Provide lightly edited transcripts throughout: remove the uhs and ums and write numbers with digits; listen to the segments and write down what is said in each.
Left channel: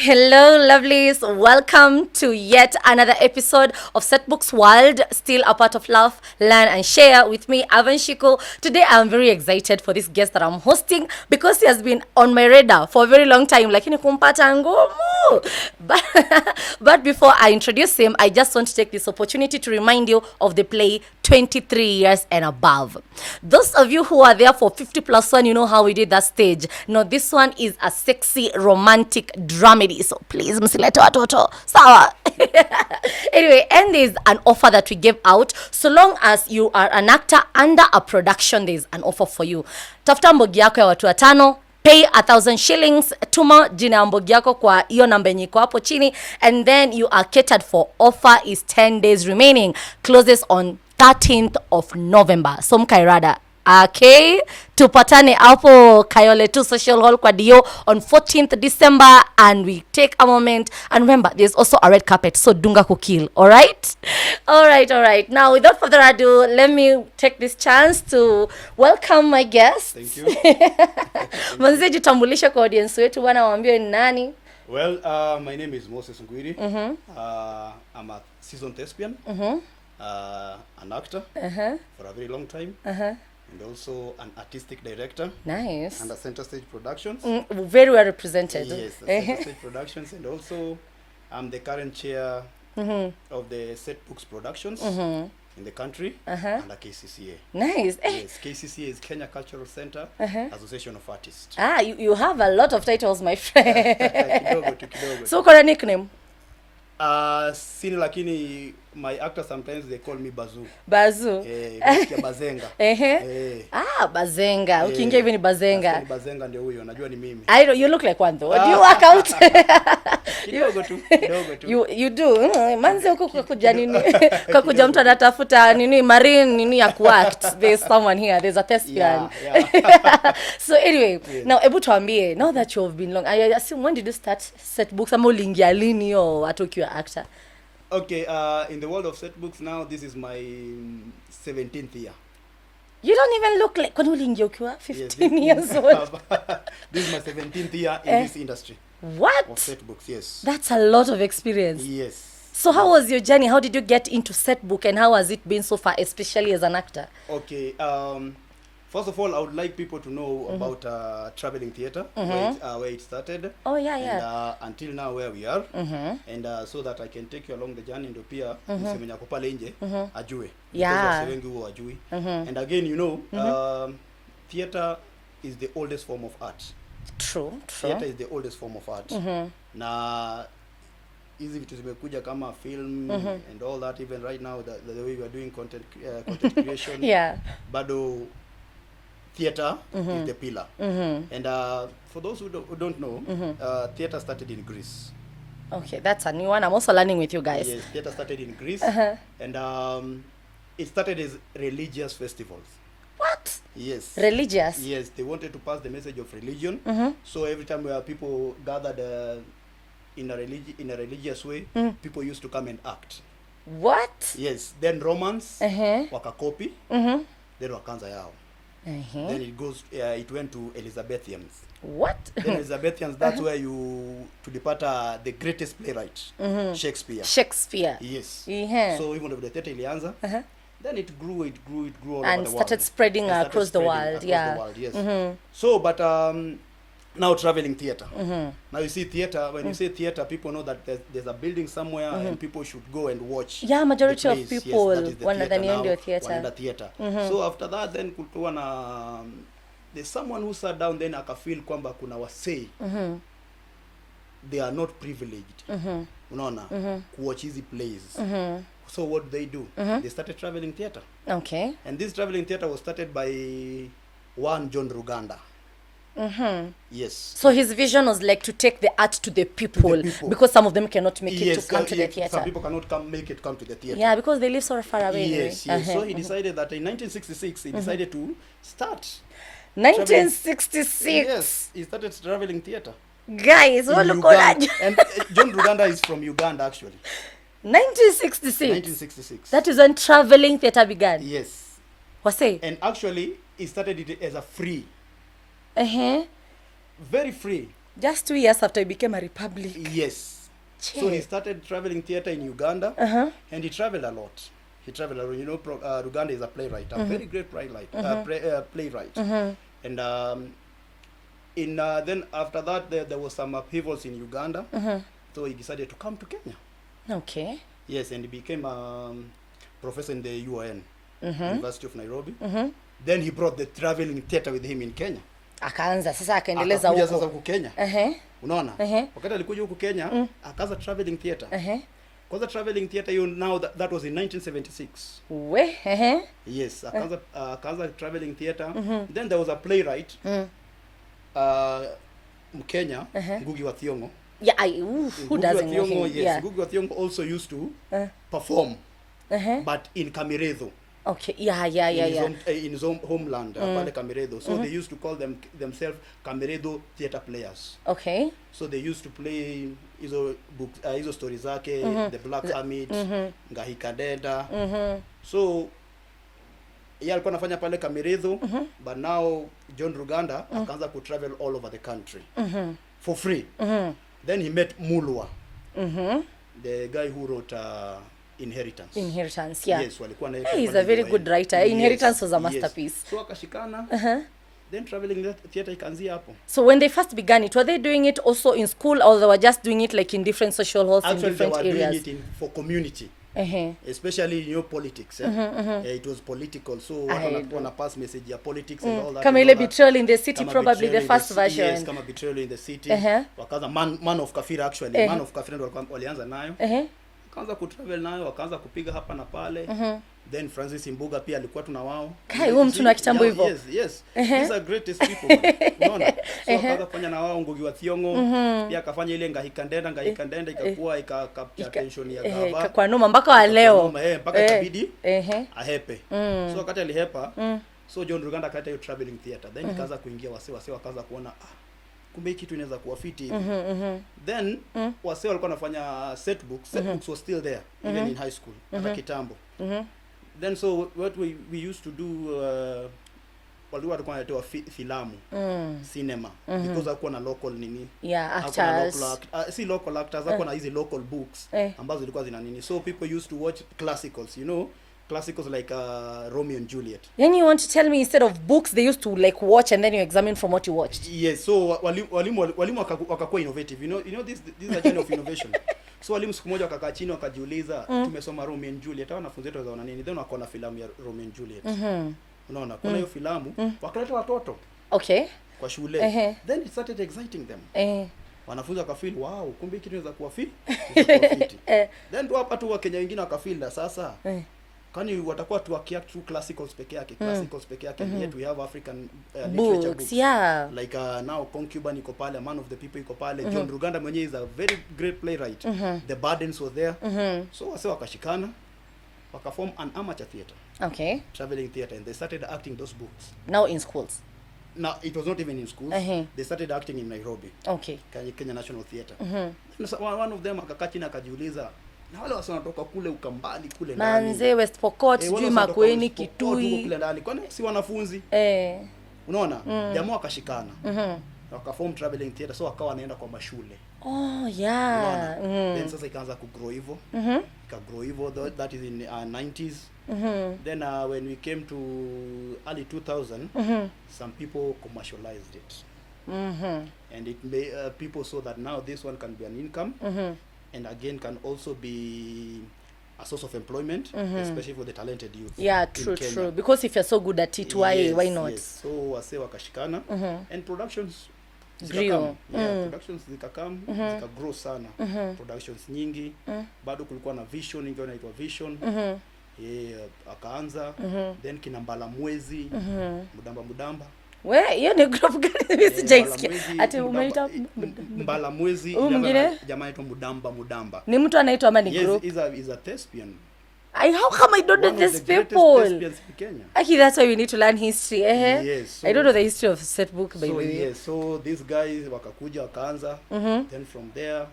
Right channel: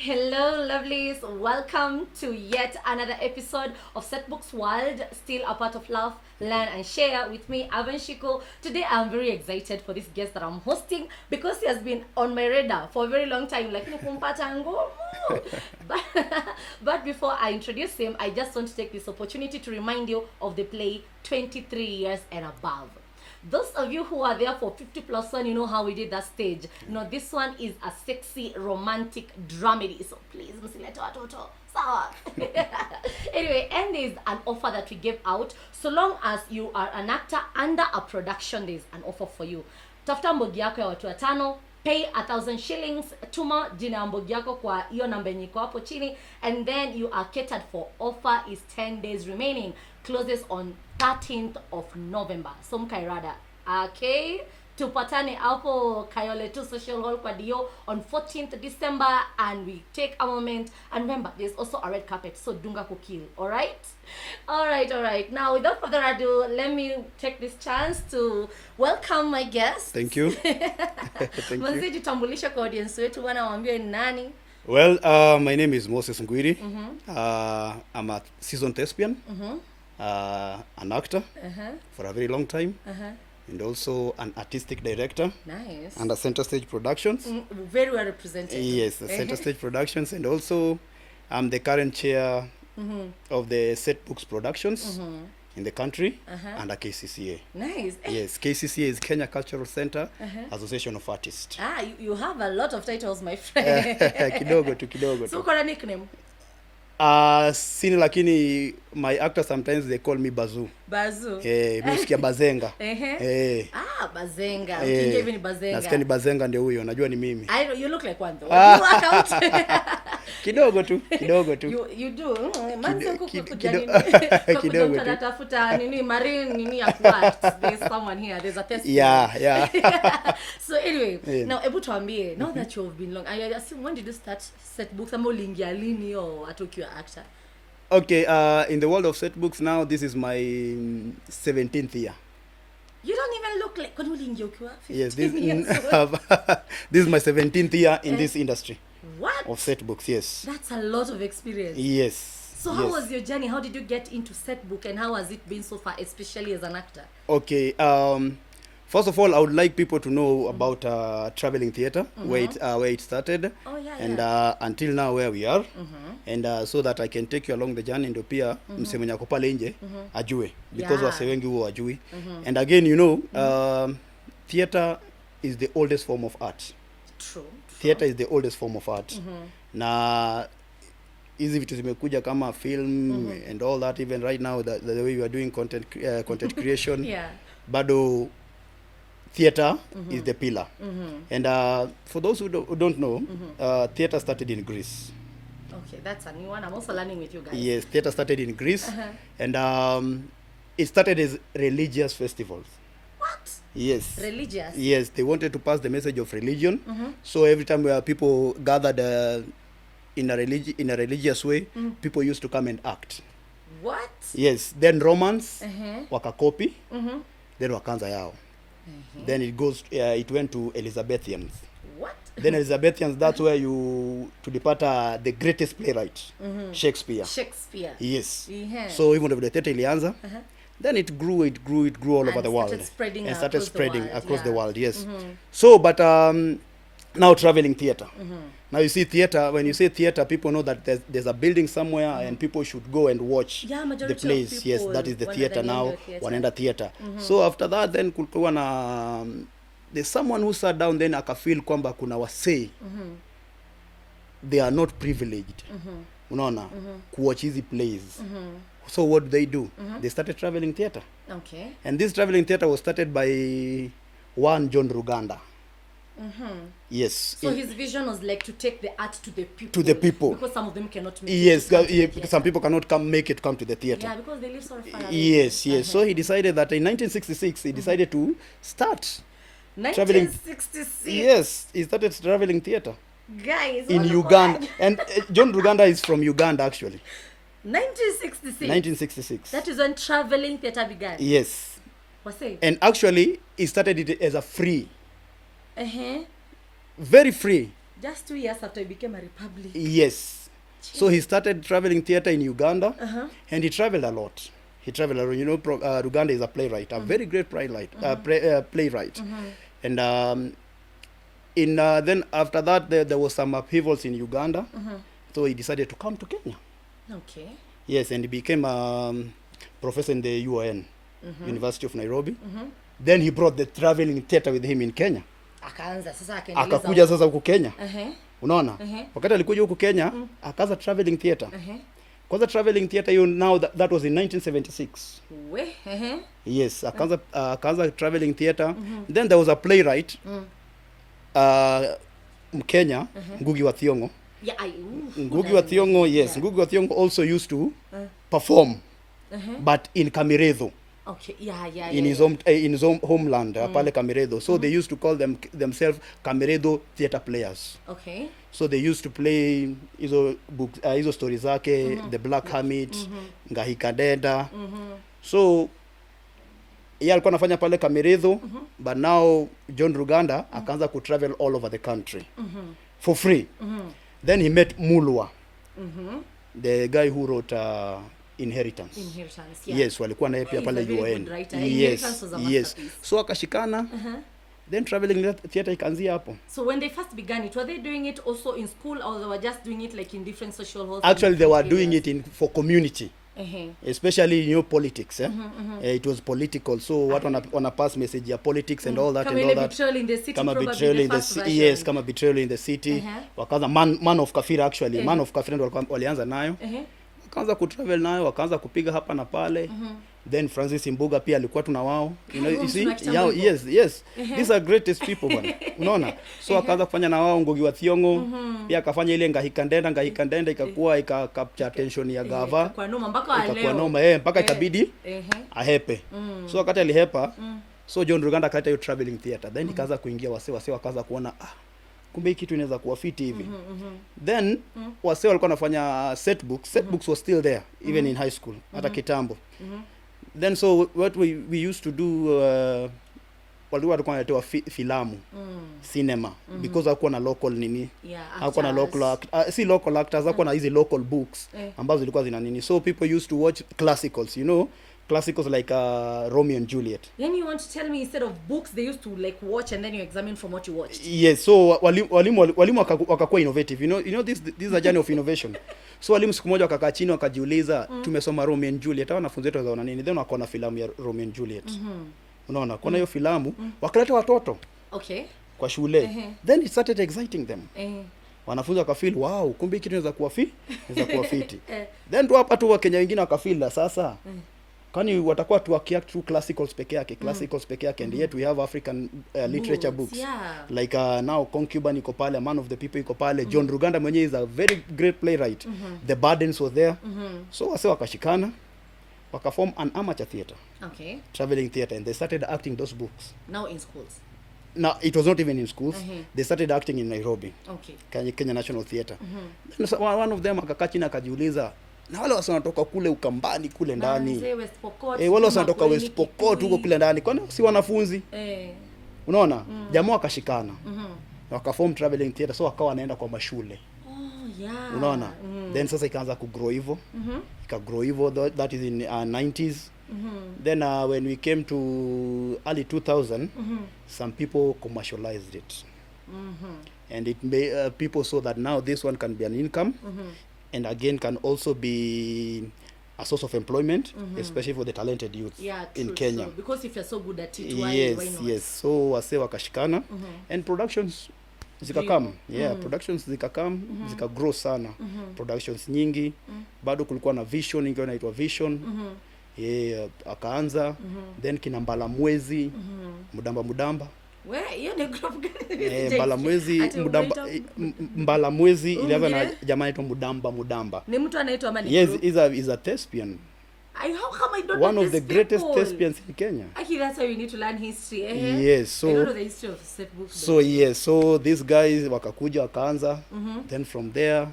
Hello, lovelies. Welcome to yet another episode of Setbooks World, still a part of Love, Learn and Share with me, Avan Shiko. Today, I'm very excited for this guest that I'm hosting because he has been on my radar for a very long time. Like, but, but before I introduce him, I just want to take this opportunity to remind you of the play 23 years and above. Those of you who are there for 50 plus one, you know how we did that stage. No, this one is a sexy, romantic dramedy. So please, msilete watoto. Sawa. Anyway, and there's an offer that we gave out. So long as you are an actor under a production, there's an offer for you. Tafuta mbogi yako ya watu watano. Pay 1,000 shillings, tuma jina ya mbogi yako kwa hiyo namba yenye iko hapo chini, and then you are catered for. Offer is 10 days remaining, closes on 13th of November. So mkairada. Okay, tupatane hapo Kayole 2 Social Hall kwa Dio on 14th December, and we take a moment, and remember there's also a red carpet, so dunga kukil. All right. Now without further ado, let me take this chance to welcome my guest. Thank you. Manze jitambulisha kwa audience wetu, bwana waambie ni nani. Well, my name is Moses Ngwiiri. I'm a seasoned thespian, an actor for a very long time, and also an artistic director. Nice. Under Center Stage Productions. Very well represented. Yes, the Center Stage Productions, and also I'm the current chair of the Setbooks Productions in the country under Kccaa. Nice. Yes, Kccaa is Kenya Cultural Center Association of Artists. You have a lot of titles, my friend. Kidogo. So kuna nickname? Sini lakini my actor sometimes they call me Bazu. Msikia Bazenga. Bazenga. Ukiingia hivi ni Bazenga. Nasikia ni Bazenga ndio huyo, najua ni mimi. I know you look like one though. You work out. Kidogo tu. You do. Manzi huko kukuja nini? Kukuja mtu anatafuta nini marine nini ya kuact. There's someone here. There's a test. Yeah. So anyway, now ebu tuambie, now that you have been long, I assume when did you start Setbooks? Ama uliingia lini or atokiwa actor? Okay, in the world of Setbooks now, this is my 17th year. You don't even look like when uliingia ukiwa 15 years old. This is my 17th year in this industry. What? Of Setbooks, yes. That's a lot of experience. Yes. So how was your journey? How did you get into Setbook, and how has it been so far, especially as an actor? Okay, first of all, I would like people to know about traveling theater, where it started. Oh, yeah. And until now where we are. And so that I can take you along the journey, ndio pia mse mwenye pale nje ajue, because wase wengi huwa ajui. And again, you know, theater is the oldest form of art. True. Theater is the oldest form of art. Na hizi vitu zimekuja kama film and all that, even right now the way we are doing content creation. Bado theater is the pillar. And for those who don't know, theater started in Greece. Okay, that's a new one. I'm also learning with you guys. Yes, theater started in Greece. And it started as religious festivals. What? Yes. Religious? Yes, they wanted to pass the message of religion. So every time where people gathered in a religious way, people used to come and act. What? Yes, then Romans wakakopi, then wakanza yao. Then it went to Elizabethans. What? Then Elizabethans, that's where you tulipata the greatest playwright, Shakespeare. Yes. So even though the theater ilianza, then it grew all over the world. And started spreading across the world. Yes. So, but now traveling theater. Now you see theater, when you say theater, people know that there's a building somewhere and people should go and watch. Yeah, majority of people. Yes, that is the theater now. Wanaenda theater. So after that, then kulikuwa na there's someone who sat down then akafeel kwamba kuna wasee they are not privileged. Unaona? Kuwatch hizi plays. So what do? They started traveling theater. Okay. And this traveling theater was started by one John Ruganda. Yes. So his vision was like to take the art to the people. Because some of them cannot make it to come to the theater. Some people cannot come to the theater. Yeah, because they live so far away. Yes. So he decided that in 1966 he decided to start 1966. Yes, he started traveling theater. Guys, in Uganda. And John Ruganda is from Uganda actually. 1966. That is when traveling theater began. Yes. Wase? And actually he started it as a free. Very free. Just 2 years after he became a republic. Yes. Che. So he started traveling theater in Uganda, and he traveled a lot. You know, Uganda is a playwright, a very great playwright. And then after that, there was some upheavals in Uganda, so he decided to come to Kenya. Okay. Yes, and he became a professor in the UON, University of Nairobi. Then he brought the traveling theater with him in Kenya. Akaanza sasa akaendeleza huko. Sasa huko Kenya. Unaona? Wakati alikuja huko Kenya, akaanza traveling theater. Kwanza traveling theater, you know, that was in 1976. Yes, akaanza traveling theater. Then there was a playwright, Mkenya, Ngugi wa Thiong'o. Yeah, Ngugi wa Thiong'o, yes. Yeah. Ngugi wa Thiong'o also used to perform, but in Kamiredho. Okay, in his homeland, pale Kamiredho. So they used to call themselves Kamiredho theater players. Okay. So they used to play hizo books, hizo stories zake, The Black Hermit, Ngahikadenda. So yeye alikuwa anafanya pale Kamiredho, but now John Ruganda akaanza ku travel all over the country for free. Then he met Mulwa, the guy who wrote Inheritance, yeah. Yes, walikuwa naye pale. He's a very good writer. Yes, Inheritance was a masterpiece. Yes. So akashikana. Then traveling theater ikaanzia hapo. So when they first began it, were they doing it also in school, or they were just doing it like in different social halls? Actually, they were doing it for community. Especially, you know, politics. It was political, so what on a pass message, politics and all that. Kama ile Betrayal in the City, probably the first version. Yes, kama Betrayal in the City. Wakaanza Man of Kafira, actually. Man of Kafira ndio walianza nayo. Wakaanza kutravel nayo, wakaanza kupiga hapa na pale. Then Francis Imbuga pia alikuwa tuna wao. Yes. These are greatest people, man. Unaona? So wakaanza kufanya na wao Ngugi wa Thiong'o. Pia akafanya ile Ngahikandenda ikakuwa ikacapture attention ya gava. Kwa noma mpaka wa leo. Mpaka ikabidi ahepe. So wakati alihepa, so John Ruganda akaita hiyo traveling theater. Then ikaanza kuingia wase wakaanza kuona kumbe kitu inaweza kuwa fiti hivi. Then wase walikuwa wanafanya Setbooks. Setbooks was still there even in high school hata kitambo. Then so what we used to do, walikuwa wanatoa filamu, cinema, because hakuwa na local nini, hakuwa na local si local actors, hakuwa na hizi local books ambazo zilikuwa zina nini. So people used to watch classicals, you know, classicals like Romeo and Juliet. Then you want to tell me instead of books they used to like watch and then you examine from what you watched? Yes, so walimu wakakuwa innovative, you know this is a journey of innovation. So walimu siku moja wakakaa chini wakajiuliza, tumesoma Romeo and Juliet, wanafunzi wetu wanaona nini? Then wakaona filamu ya Romeo and Juliet. Unaona, kuna hiyo filamu, wakaleta watoto. Okay. Kwa shule. Then it started exciting them. Wanafunzi wakafeel, wow, kumbe kitu inaweza kuwa fiti. Then tu hapa tu Wakenya wengine wakafeel sasa. Kwani watakuwa tu wakiact through classicals peke yake, and yet we have African literature books. Yeah. Like now Concubine iko pale, Man of the People iko pale, John Ruganda mwenyewe is a very great playwright. The Burdens was there. So wase wakashikana, wakaform an amateur theater. Okay. Traveling theater, and they started acting those books. Now in schools? No, it was not even in schools. They started acting in Nairobi. Okay. Kenya National Theatre. One of them akakaa chini akajiuliza, na wale wasa wanatoka kule Ukambani kule ndani. Manze, West Pokot, West Pokot huko kule ndani. Kwani si wanafunzi? Unaona? Jamaa wakashikana. Wakaform traveling theater, so wakawa wanaenda kwa mashule. Oh, yeah. Unaona? Then sasa ikaanza kugrow hivyo. Ikagrow hivyo, that is in 90s. Then when we came to early 2000, some people commercialized it. And it people saw that now this one can be an income, and again can also be a source of employment, especially for the talented youth. Yeah, true, true. Because if you're so good at it, why not? Yes. So wase wakashikana, and productions zikakam. Yeah, productions zikakam, zikagrow sana. Productions nyingi, bado kulikuwa na Vision, ingine inaitwa Vision. Akaanza, then kina Mbalamwezi, Mudamba. We, hiyo ni group gani Mbalamwezi, Mbalamwezi, ile jamaa anaitwa Mudamba. Ni mtu anaitwa ama ni group? Yes, is a thespian. How come I don't know these people? One of the greatest thespians in Kenya. Actually, that's why we need to learn history. Yes. So, I don't know the history of Setbooks. So yes, so these guys wakakuja wakaanza, then from there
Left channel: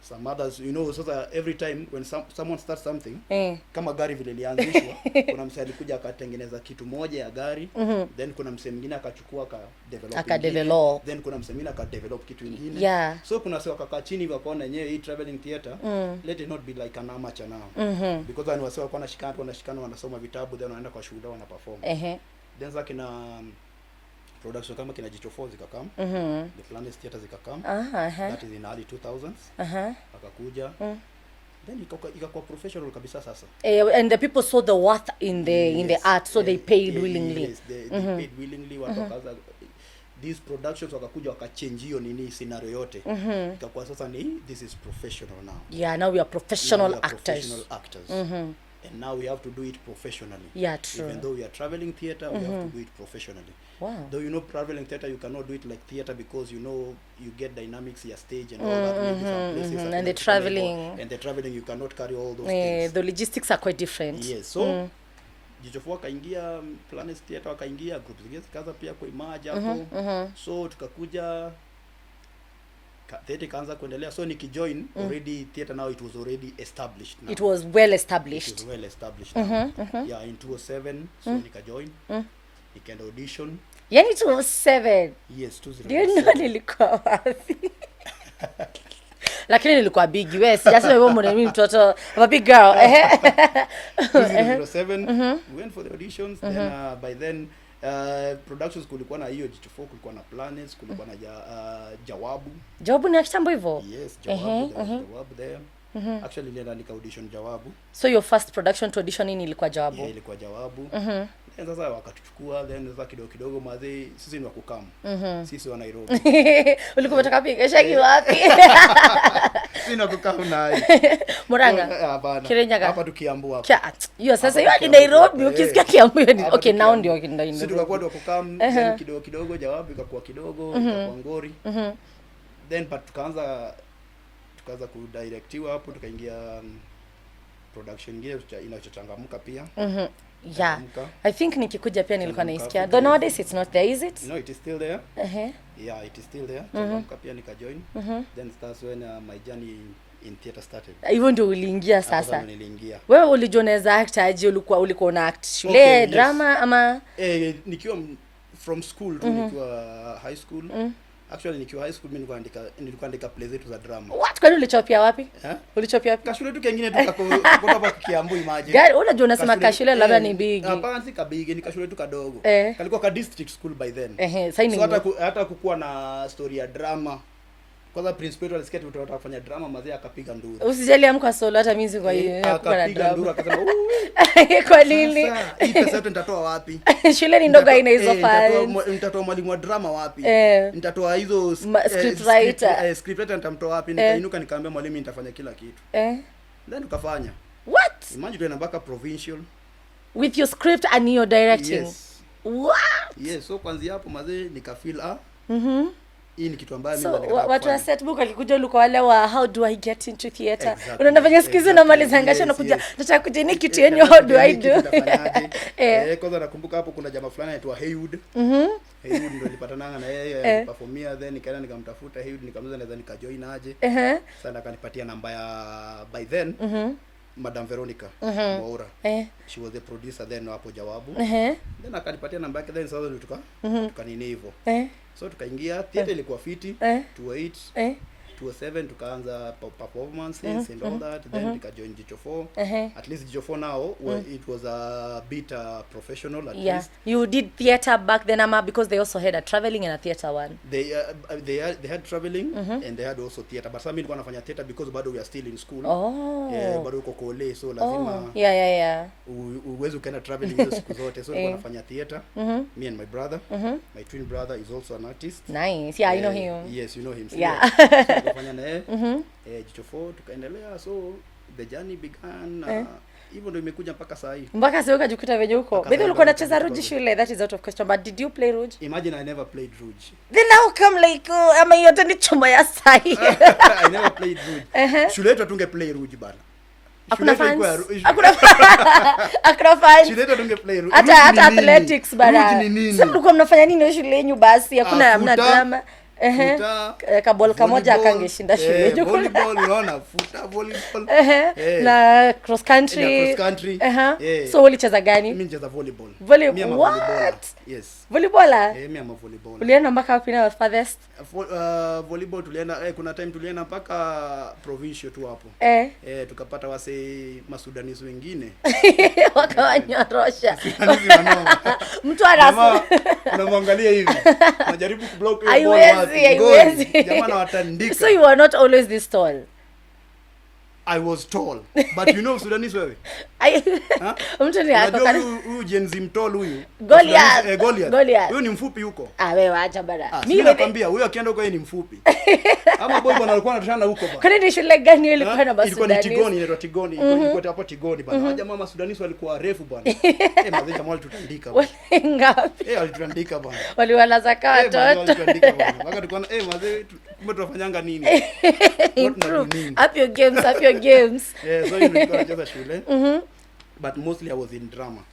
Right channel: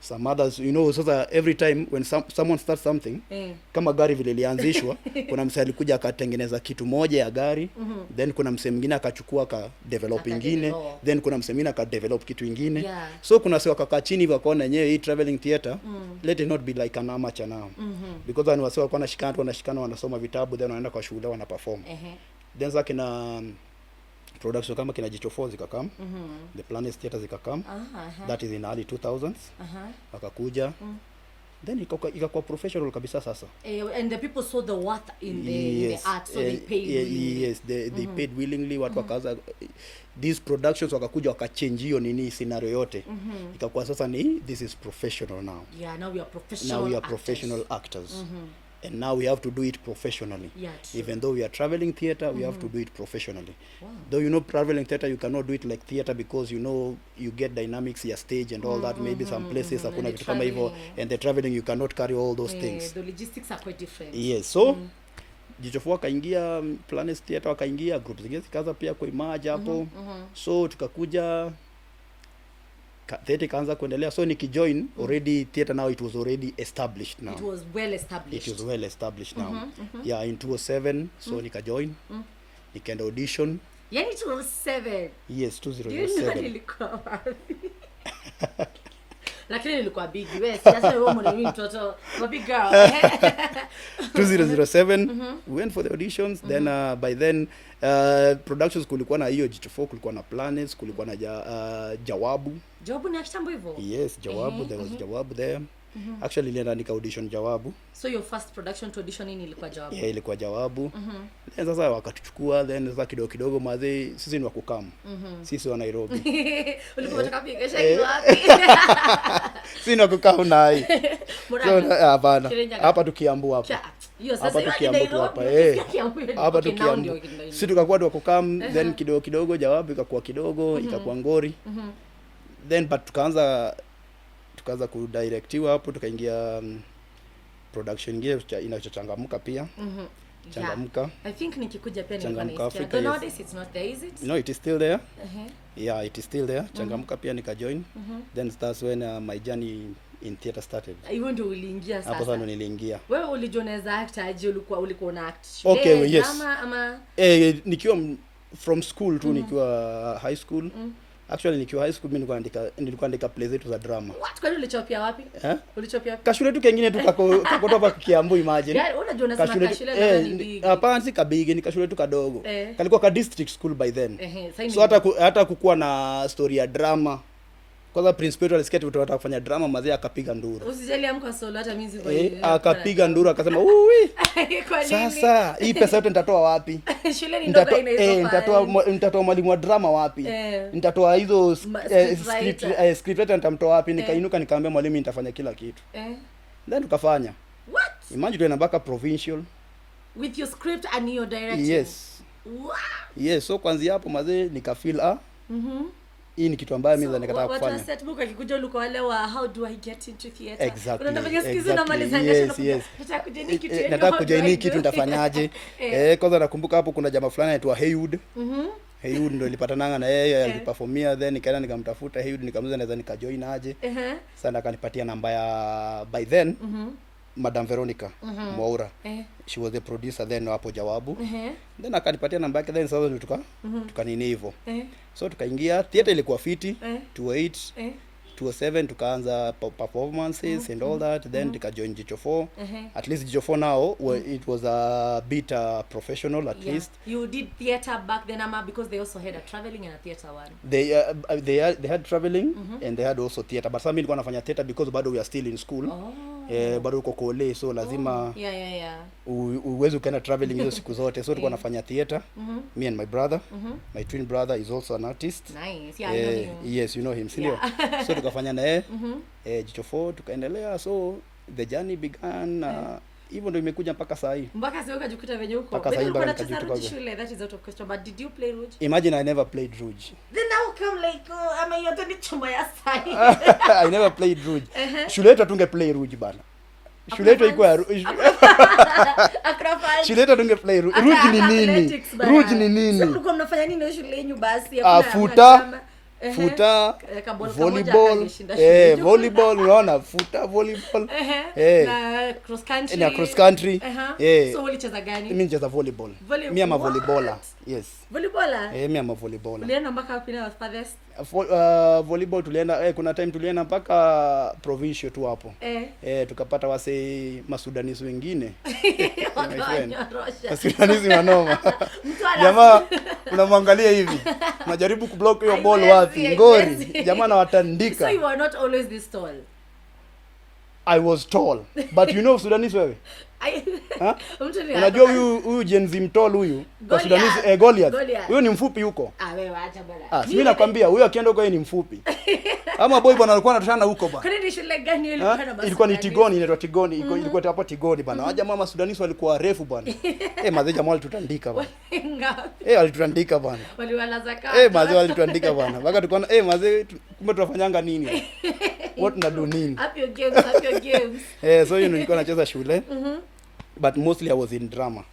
some others, you know, so that every time when someone starts something, kama gari vile lianzishwa, kuna msee alikuja akatengeneza kitu moja ya gari, then kuna msee mwingine akachukua ka develop ingine, then kuna msee mwingine aka develop kitu ingine. So kuna sio akakaa chini wakaona yenyewe hii traveling theater, let it not be like an amateur now. Because then wasio wako wanashikana wanasoma vitabu, then wanaenda kwa shule wana perform. Then zake na production kama kina Jichofo zikakam, the Planet Theater zikakam, that is in early 2000s, wakakuja, then ikakuwa professional kabisa sasa. And the people saw the worth in the art, so they paid willingly. Yes, they paid willingly. Watu wakaanza these productions wakakuja wakachange hiyo nini scenario yote. Ikakuwa sasa ni this is professional now. Yeah, now we are professional actors. And now we have to do it professionally. True. Even though we are traveling theater, we have to do it professionally. Wow. Though you know traveling theater, you cannot do it like theater because you know you get dynamics, your stage and all that. Maybe some places and the traveling. And the traveling you cannot carry all those things. The logistics are quite different. Yes. So Jichofo wakaingia, Planet Theater wakaingia, groups zingine zikaanza pia kuimaja hapo. So tukakuja theater kaanza kuendelea, so nikijoin already theater now it was already established now. It was well established. It was well established now. Yeah, in 2007 so nikajoin, nikaenda audition. Yani 2007? Yes, 2007. Ndio nilikuwa wapi? Lakini nilikuwa big, yes. Just wewe mimi mtoto, I'm a big girl. 2007 we went for the auditions, then by then productions kulikuwa na hiyo Jichofo, kulikuwa na Planets, kulikuwa na Jawabu. Jawabu ni kitambo hivyo? Yes, Jawabu, there was Jawabu there. Actually nilienda nika audition Jawabu. So your first production to audition in ilikuwa Jawabu? Yeah, ilikuwa Jawabu. Then sasa wakatuchukua, then sasa kidogo mazee sisi ni wa kukam. Sisi wa Nairobi. Ulikuwa unataka piga shaki wapi? Sisi ni wa kukam na hii. Muranga. Hapana. Hapa tukiambu hapa. Hiyo sasa hiyo ni Nairobi, ukisikia Kiambu ni okay, now ndio ndio. Sisi tukakuwa wa kukam, then kidogo Jawabu ikakuwa kidogo, ikakuwa Ngori. Then but tukaanza kudirectiwa hapo, tukaingia production ingine inachochangamka pia. Yeah, I think nikikuja pia nilikuwa naisikia. Though nowadays it's not there, is it? No, it is still there. Yeah, it is still there. Changamka pia nikajoin. Then that's when my journey in theater started. Hivyo ndio uliingia sasa. Hapo niliingia. Wewe ulijioneza act aje? Ulikuwa una act shule, drama ama nikiwa from school tu, nikiwa high school. Actually nikiwa high school mimi nilikuwa andika plays zetu za drama. What? Kwani ulichopia wapi? Ulichopia wapi? Kashule tu kingine tu kutoka Kiambu, imagine. Gari unajua unasema kashule labda ni big. Hapana, si kabigi, ni kashule tu kadogo. Kalikuwa ka district school by then. So hata kukua na story ya drama. Kwanza principal alisikia tu tunataka kufanya drama, mazee akapiga nduru. Usijali amka solo, hata mimi kwa hiyo. Akapiga nduru akasema, "Uwi." Kwa nini? Sasa hii pesa yote nitatoa wapi? Shule ni ndogo ina hizo file. Nitatoa mwalimu wa drama wapi? Nitatoa hizo script writer nitamtoa wapi? Nikainuka nikaambia mwalimu nitafanya kila kitu. Then tukafanya. What? Imagine tuna mpaka provincial with your script and your directing. Yes. What? Yes, so kwanza hapo mazee nikafeel hii ni kitu ambayo mimi ndo nikataka kufanya. Watu wa Setbook alikuja ulikuwa wale wa how do I get into theater? Exactly. Unafanya skizi na mali zangasha unakuja nataka kujeni kitu yenye how do I do? Nitafanyaje? Kwanza nakumbuka hapo kuna jamaa fulani anaitwa Haywood. Haywood ndio nilipatananga na yeye aliperformia, then nikaenda nikamtafuta Haywood, nikamuuliza naweza nikajoin aje. Sasa akanipatia namba ya by then Madam Veronica Mwaura. She was the producer then hapo Jawabu. Then akanipatia namba yake, then sasa tukanini hivyo. So tukaingia theater, ilikuwa fiti 28 2007 tukaanza performances and all that. Then tukajoin Jichofo. At least Jichofo now it was a bit professional at least. You did theater back then, Ama, because they also had a traveling and a theater one. They had traveling and they had also theater, but some nilikuwa nafanya theater because bado we are still in school. Bado uko kole, so lazima uweze ukaenda traveling hizo siku zote, so nilikuwa nafanya theater. Me and my brother, my twin brother is also an artist. Nice. Yeah, I know him. Yes, you know him. Yeah. So tukafanya naye Jichofo, tukaendelea, so the journey began. Hivyo ndio imekuja mpaka saa hii. Mpaka sasa ukajikuta venye huko. Wewe ulikuwa unacheza Rouge shule, that is out of question, but did you play Rouge? Imagine I never played Rouge. Then how come like ama yote ni chuma ya sai? I never played Rouge. Shule yetu tunge play Rouge bana. Shule yetu ilikuwa akrofa. Shule yetu tunge play Rouge. Hata athletics bana. Rouge ni nini? Sasa mlikuwa mnafanya nini shule yenu basi? Hakuna drama. futa kabol kamoja akangeshinda shule. Volleyball unaona, futa volleyball. Na cross country. Na cross country. So ulicheza gani? Mimi nicheza volleyball. Mimi am a volleyballer. Yes. Volleyballer? Mimi am a volleyballer. Ulienda mpaka wapi na farthest? Volleyball tulienda kuna time tulienda mpaka provincial tu hapo. Tukapata wase Masudanisi wengine. Wakawanyorosha. Masudanisi wanoma. Mtu anafu. Unamwangalia hivi. Najaribu kublock hiyo ball wapi. Ngoi. Jamaa anawatandika. So you were not always this tall? I was tall. But you know Sudanese wewe? Mtu ni unajua huyu Gen Z mtall huyu. Goliath. Huyu ni mfupi huko. Wewe acha bana. Mimi nakwambia huyu akienda huko yeye ni mfupi. Ama boy bwana alikuwa anatoshana huko bwana. Kwani ni shule gani ilikuwa na basi? Ilikuwa ni Tigoni, inaitwa Tigoni. Ilikuwa hapo Tigoni bwana. Waja mama Sudanese walikuwa refu bwana. Mazee jamaa walitutandika bwana. Ngapi? Walitutandika bwana. Waliwalaza watoto. Mazee walitutandika bwana. Mpaka tukaona mazee tunafanyanga nini? What tunadu nini? Up your games. So nilikuwa nacheza shule. But mostly I was in drama.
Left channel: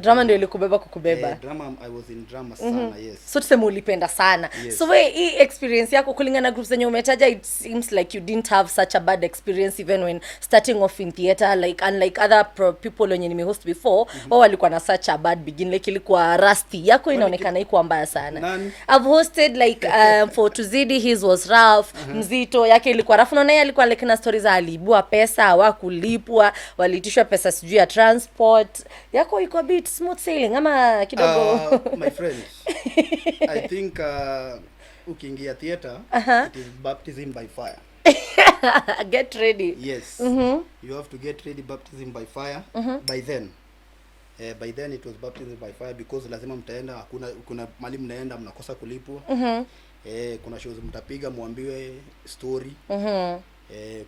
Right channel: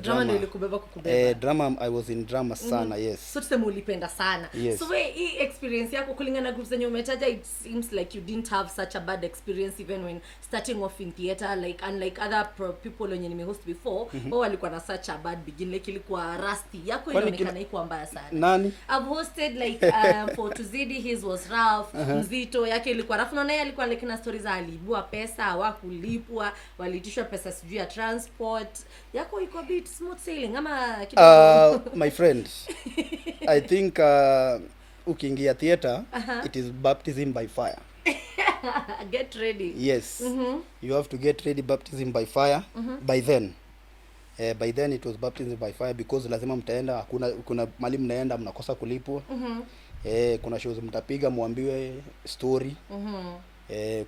Drama ndio ilikubeba kukubeba. Drama I was in drama sana, yes. So tuseme ulipenda sana. Yes. So hii experience yako kulingana na groups zenye umetaja, it seems like you didn't have such a bad experience even when starting off in theater, like unlike other people wenye nimehost before, wao walikuwa na such a bad beginning, like ilikuwa rusty. Yako inaonekana iko mbaya sana. Nani? I've hosted like for Tuzidi, his was rough. Mzito yake ilikuwa rough, na yeye alikuwa like na stories za alibua pesa, hawakulipwa, waliitishwa pesa sijui ya transport. Yako iko a bit smooth sailing ama kidogo? My friend, I think ukiingia theater, it is baptism by fire. Get ready. Yes. You have to get ready, baptism by fire. By then it was baptism by fire because lazima mtaenda, kuna mali mnaenda mnakosa kulipwa. Kuna shows mtapiga muambiwe story.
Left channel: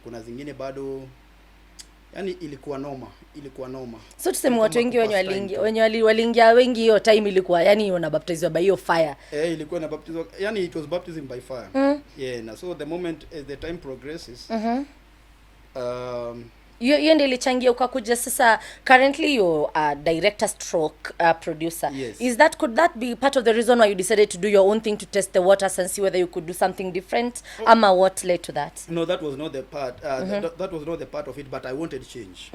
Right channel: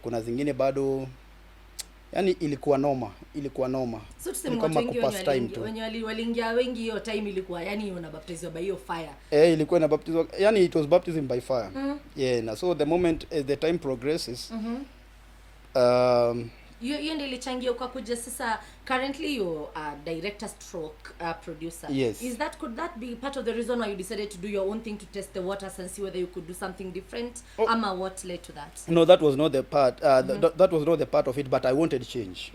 Kuna zingine bado, yani ilikuwa noma. So tuseme watu wengi wenye waliingia wengi hiyo time ilikuwa yani unabaptizwa by hiyo fire. Ilikuwa inabaptizwa, yani it was baptism by fire. Na so the moment as the time progresses, hiyo ndio ilichangia ukakuja sasa currently you director stroke producer. Yes. Could that be part of the reason why you decided to do your own thing to test the waters and see whether you could do something different? Ama what led to that? No, that was not the part. That was not the part of it, but I wanted change.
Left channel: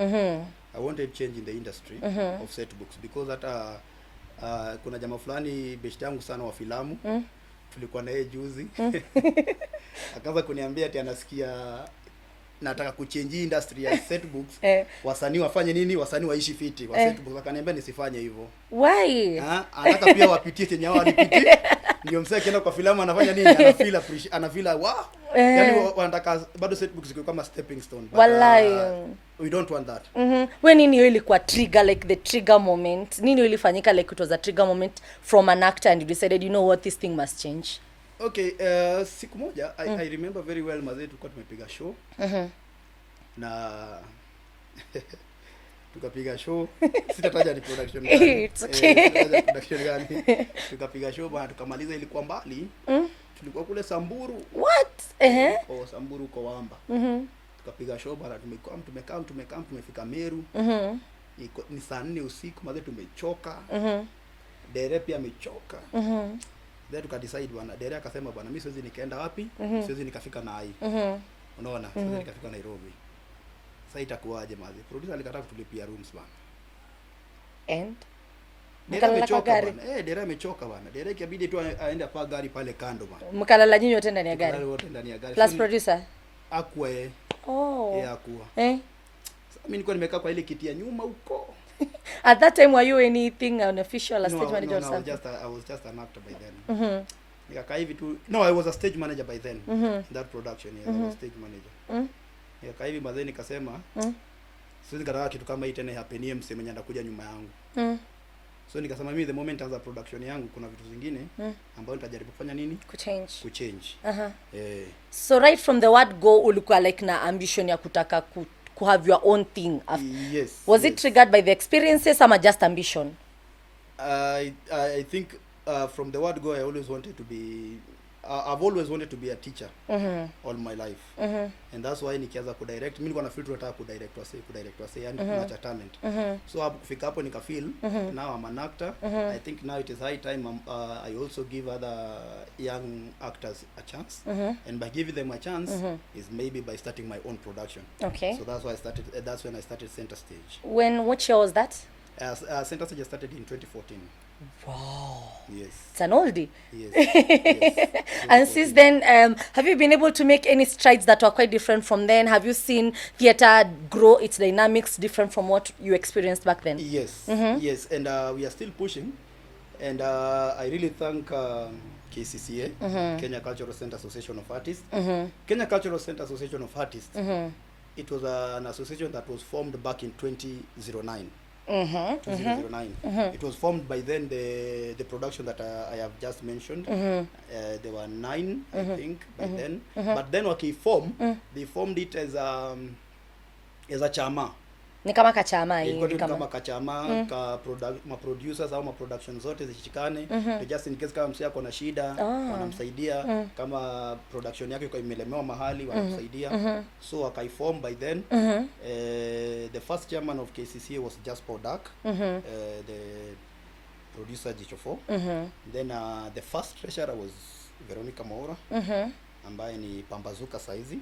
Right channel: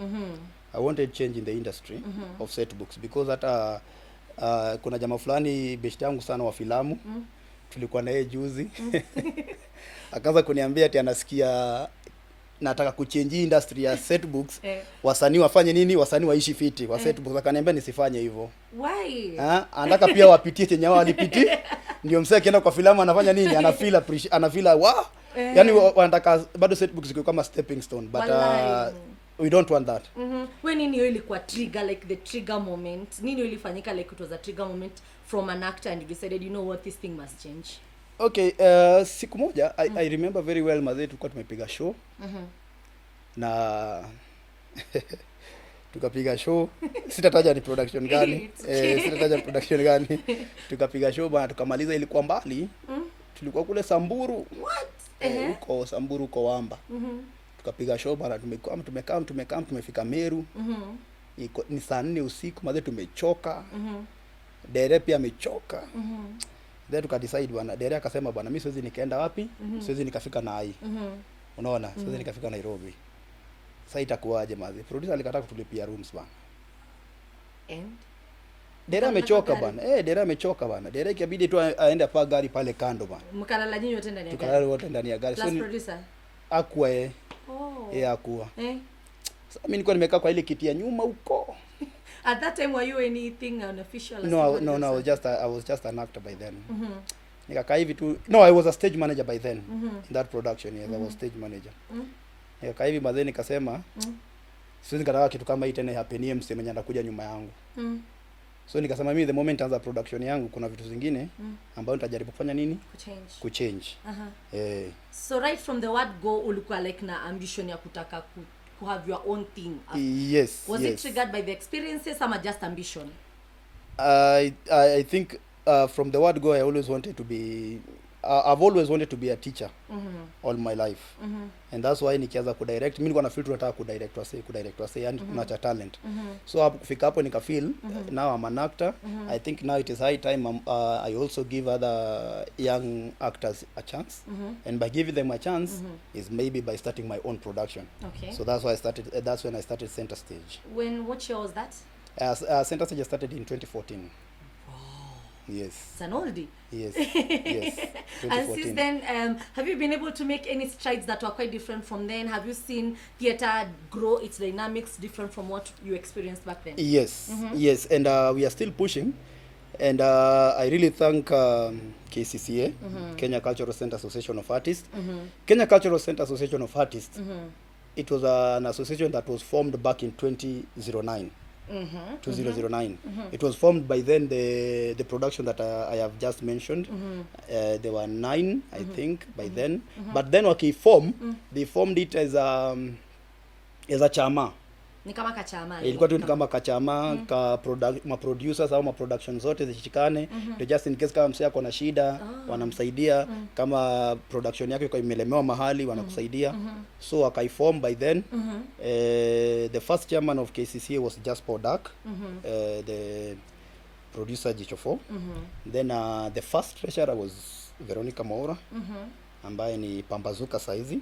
I wanted change in the industry of Setbooks because that kuna jamaa fulani best yangu sana wa filamu. Tulikuwa naye juzi. Akaanza kuniambia ati anasikia nataka kuchange industry ya Setbooks. Wasanii wafanye nini? Wasanii waishi fiti wa Setbooks. Akaniambia nisifanye hivyo. Why? Anataka pia wapitie chenye wao walipiti. Ndio msee akienda kwa filamu anafanya nini? Anafeel wow. Yani wanataka bado Setbooks iko kama stepping stone, but we don't want that. When nini ilikuwa trigger, like the trigger moment? Nini ilifanyika like it was a trigger moment from an actor and you decided, you know what, this thing must change? Okay, siku moja I remember very well mazee tulikuwa tumepiga show. Na tukapiga show, sitataja ni production gani. Sitataja ni production gani. Tukapiga show bana, tukamaliza ilikuwa mbali. Tulikuwa kule Samburu. What? Kwa Samburu kwa Wamba. Tukapiga show bana, tumekaa tumefika Meru. Ni saa 4 usiku mazee tumechoka. Dere pia amechoka. Then tukadecide bwana, Dere akasema bwana mimi siwezi nikaenda wapi? Siwezi nikafika na hai. Unaona? Siwezi nikafika Nairobi. Sasa itakuwaje mazee? Producer alikataa kutulipia rooms bwana. And Dere amechoka bwana. Dere amechoka bwana. Dere ikabidi tu aende pa gari pale kando bwana. Mkalala nyinyi wote ndani ya gari. Mkalala wote ndani ya gari. Plus producer. Hakuwa hakuwa. Sasa mimi nilikuwa nimekaa kwa ile kiti ya nyuma huko. At that time were you anything unofficial as no, I was just an actor by then. Nikakaa hivi tu. No, I was a stage manager by then. In that production, yes, I was stage manager. Nikakaa hivi baadaye nikasema siwezi nikataka kitu kama hii tena happen mse mwenye anakuja nyuma yangu. So nikasema mimi the moment anza production yangu kuna vitu zingine ambayo nitajaribu kufanya nini? Kuchange. So right from the word go ulikuwa like na ambition ya kutaka to have your own thing. Yes. Was it triggered by the experiences or just ambition? I think from the word go I always wanted to be I've always wanted to be a teacher all my life, and that's why nikianza kudirect mimi nilikuwa na feel tunataka kudirect wase yani kuna cha talent, so kufika hapo nika feel now I'm an actor. I think now it is high time I also give other young actors a chance, and by giving them a chance is maybe by starting my own production. Okay. So that's why that's when I started Center Stage. What year was that? Center Stage started in 2014. Wow. Yes. It's an oldie. Yes. Yes. And since then, have you been able to make any strides that were quite different from then? Have you seen theater grow its dynamics different from what you experienced back then? Yes. Yes. And we are still pushing. And I really thank Kccaa, Kenya Cultural Center Association of Artists. Kenya Cultural Center Association of Artists, it was an association that was formed back in 2009. 2009. It was formed by then the production that I have just mentioned. There were 9, I think, by then. But then they formed it as a chama. Ni kama Kccaa ilikuwa tu kama Kccaa ma producers au ma production zote zishikane to just in case kama msee ako na shida wanamsaidia, kama production yake iko imelemewa mahali wanamsaidia. So akaiform by then. The first chairman of Kccaa was just Podak, the producer Jichofo. Then the first treasurer was Veronica Maura, ambaye ni pambazuka saizi.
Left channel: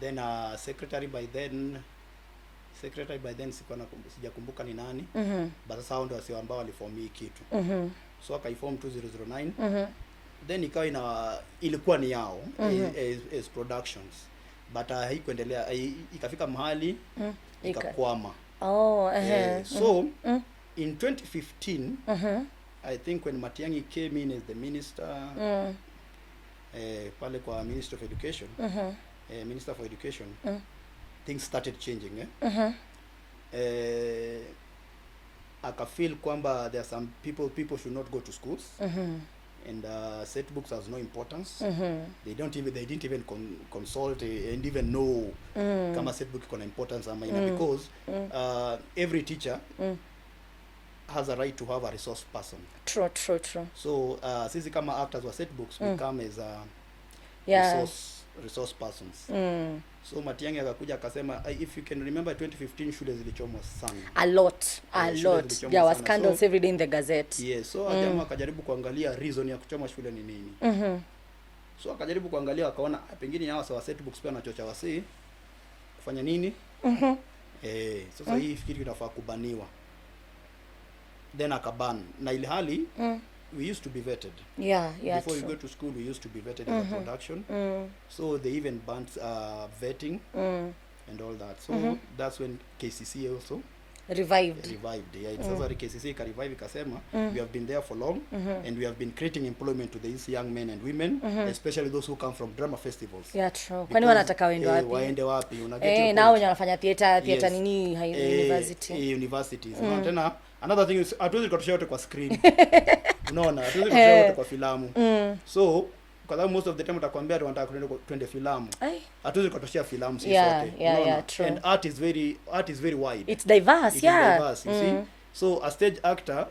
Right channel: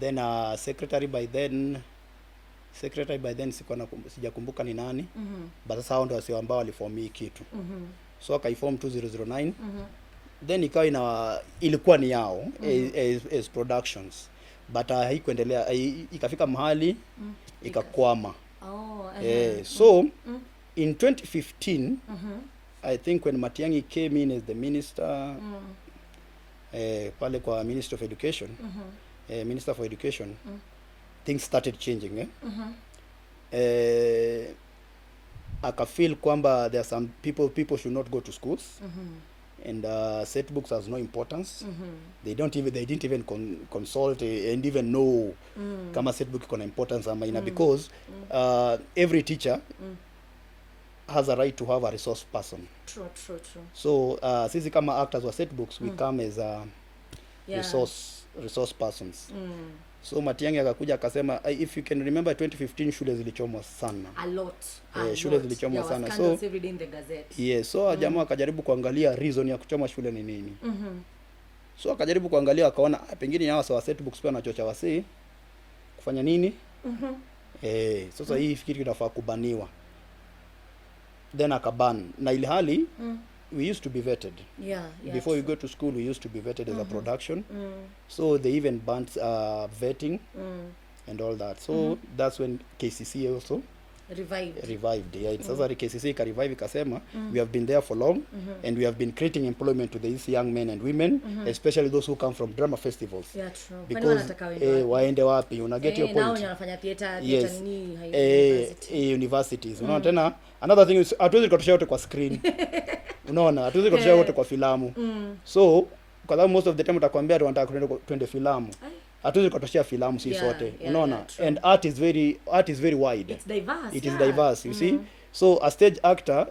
Then secretary by then sijakumbuka ni nani, but sasa hao ndio wasio ambao waliform hii kitu. So akaiform 2009. Then ikawa ilikuwa ni yao as productions, but haikuendelea, ikafika mahali ikakwama. So in 2015 I think when Matiang'i came in as the minister, pale kwa Minister of Education, Minister for Education, things started changing. Aka feel kwamba there are some people should not go to schools, and Setbooks has no importance. They didn't even consult and even know kama Setbook iko na importance ama ina, because every teacher has a right to have a resource person. True. So sisi kama actors wa Setbooks we come as a resource persons. So Matiang'i akakuja akasema, if you can remember 2015 shule zilichomwa sana. A lot. There was scandals every day in the Gazette. Yes, so jamaa akajaribu kuangalia reason ya kuchoma shule ni nini. So akajaribu kuangalia akaona pengine hawa sawa Setbooks pia wanachocha wasee kufanya nini? Sasa hii fikiri inafaa kubaniwa. Then akaban. Na ile hali we used to be vetted. Before you go to school, we used to be vetted as a production. So they even banned vetting and all that. So that's when Kccaa also revived. Sasa Kccaa ka revive ikasema, we have been there for long, and we have been creating employment to these young men and women, especially those who come from drama festivals. True. Kwani wanataka waende wapi? Unaget hiyo nao wanafanya theater nini universities. Unaona tena another thing is hatuwezi kutoshea wote kwa screen. Unaona hatuwezi kutoshea wote kwa filamu. So kwa sababu most of the time utakwambia tunataka twende filamu. Hatuwezi kutoshea filamu sisi sote. Unaona, and art is very wide. It's diverse. It is diverse, you see. So a stage actor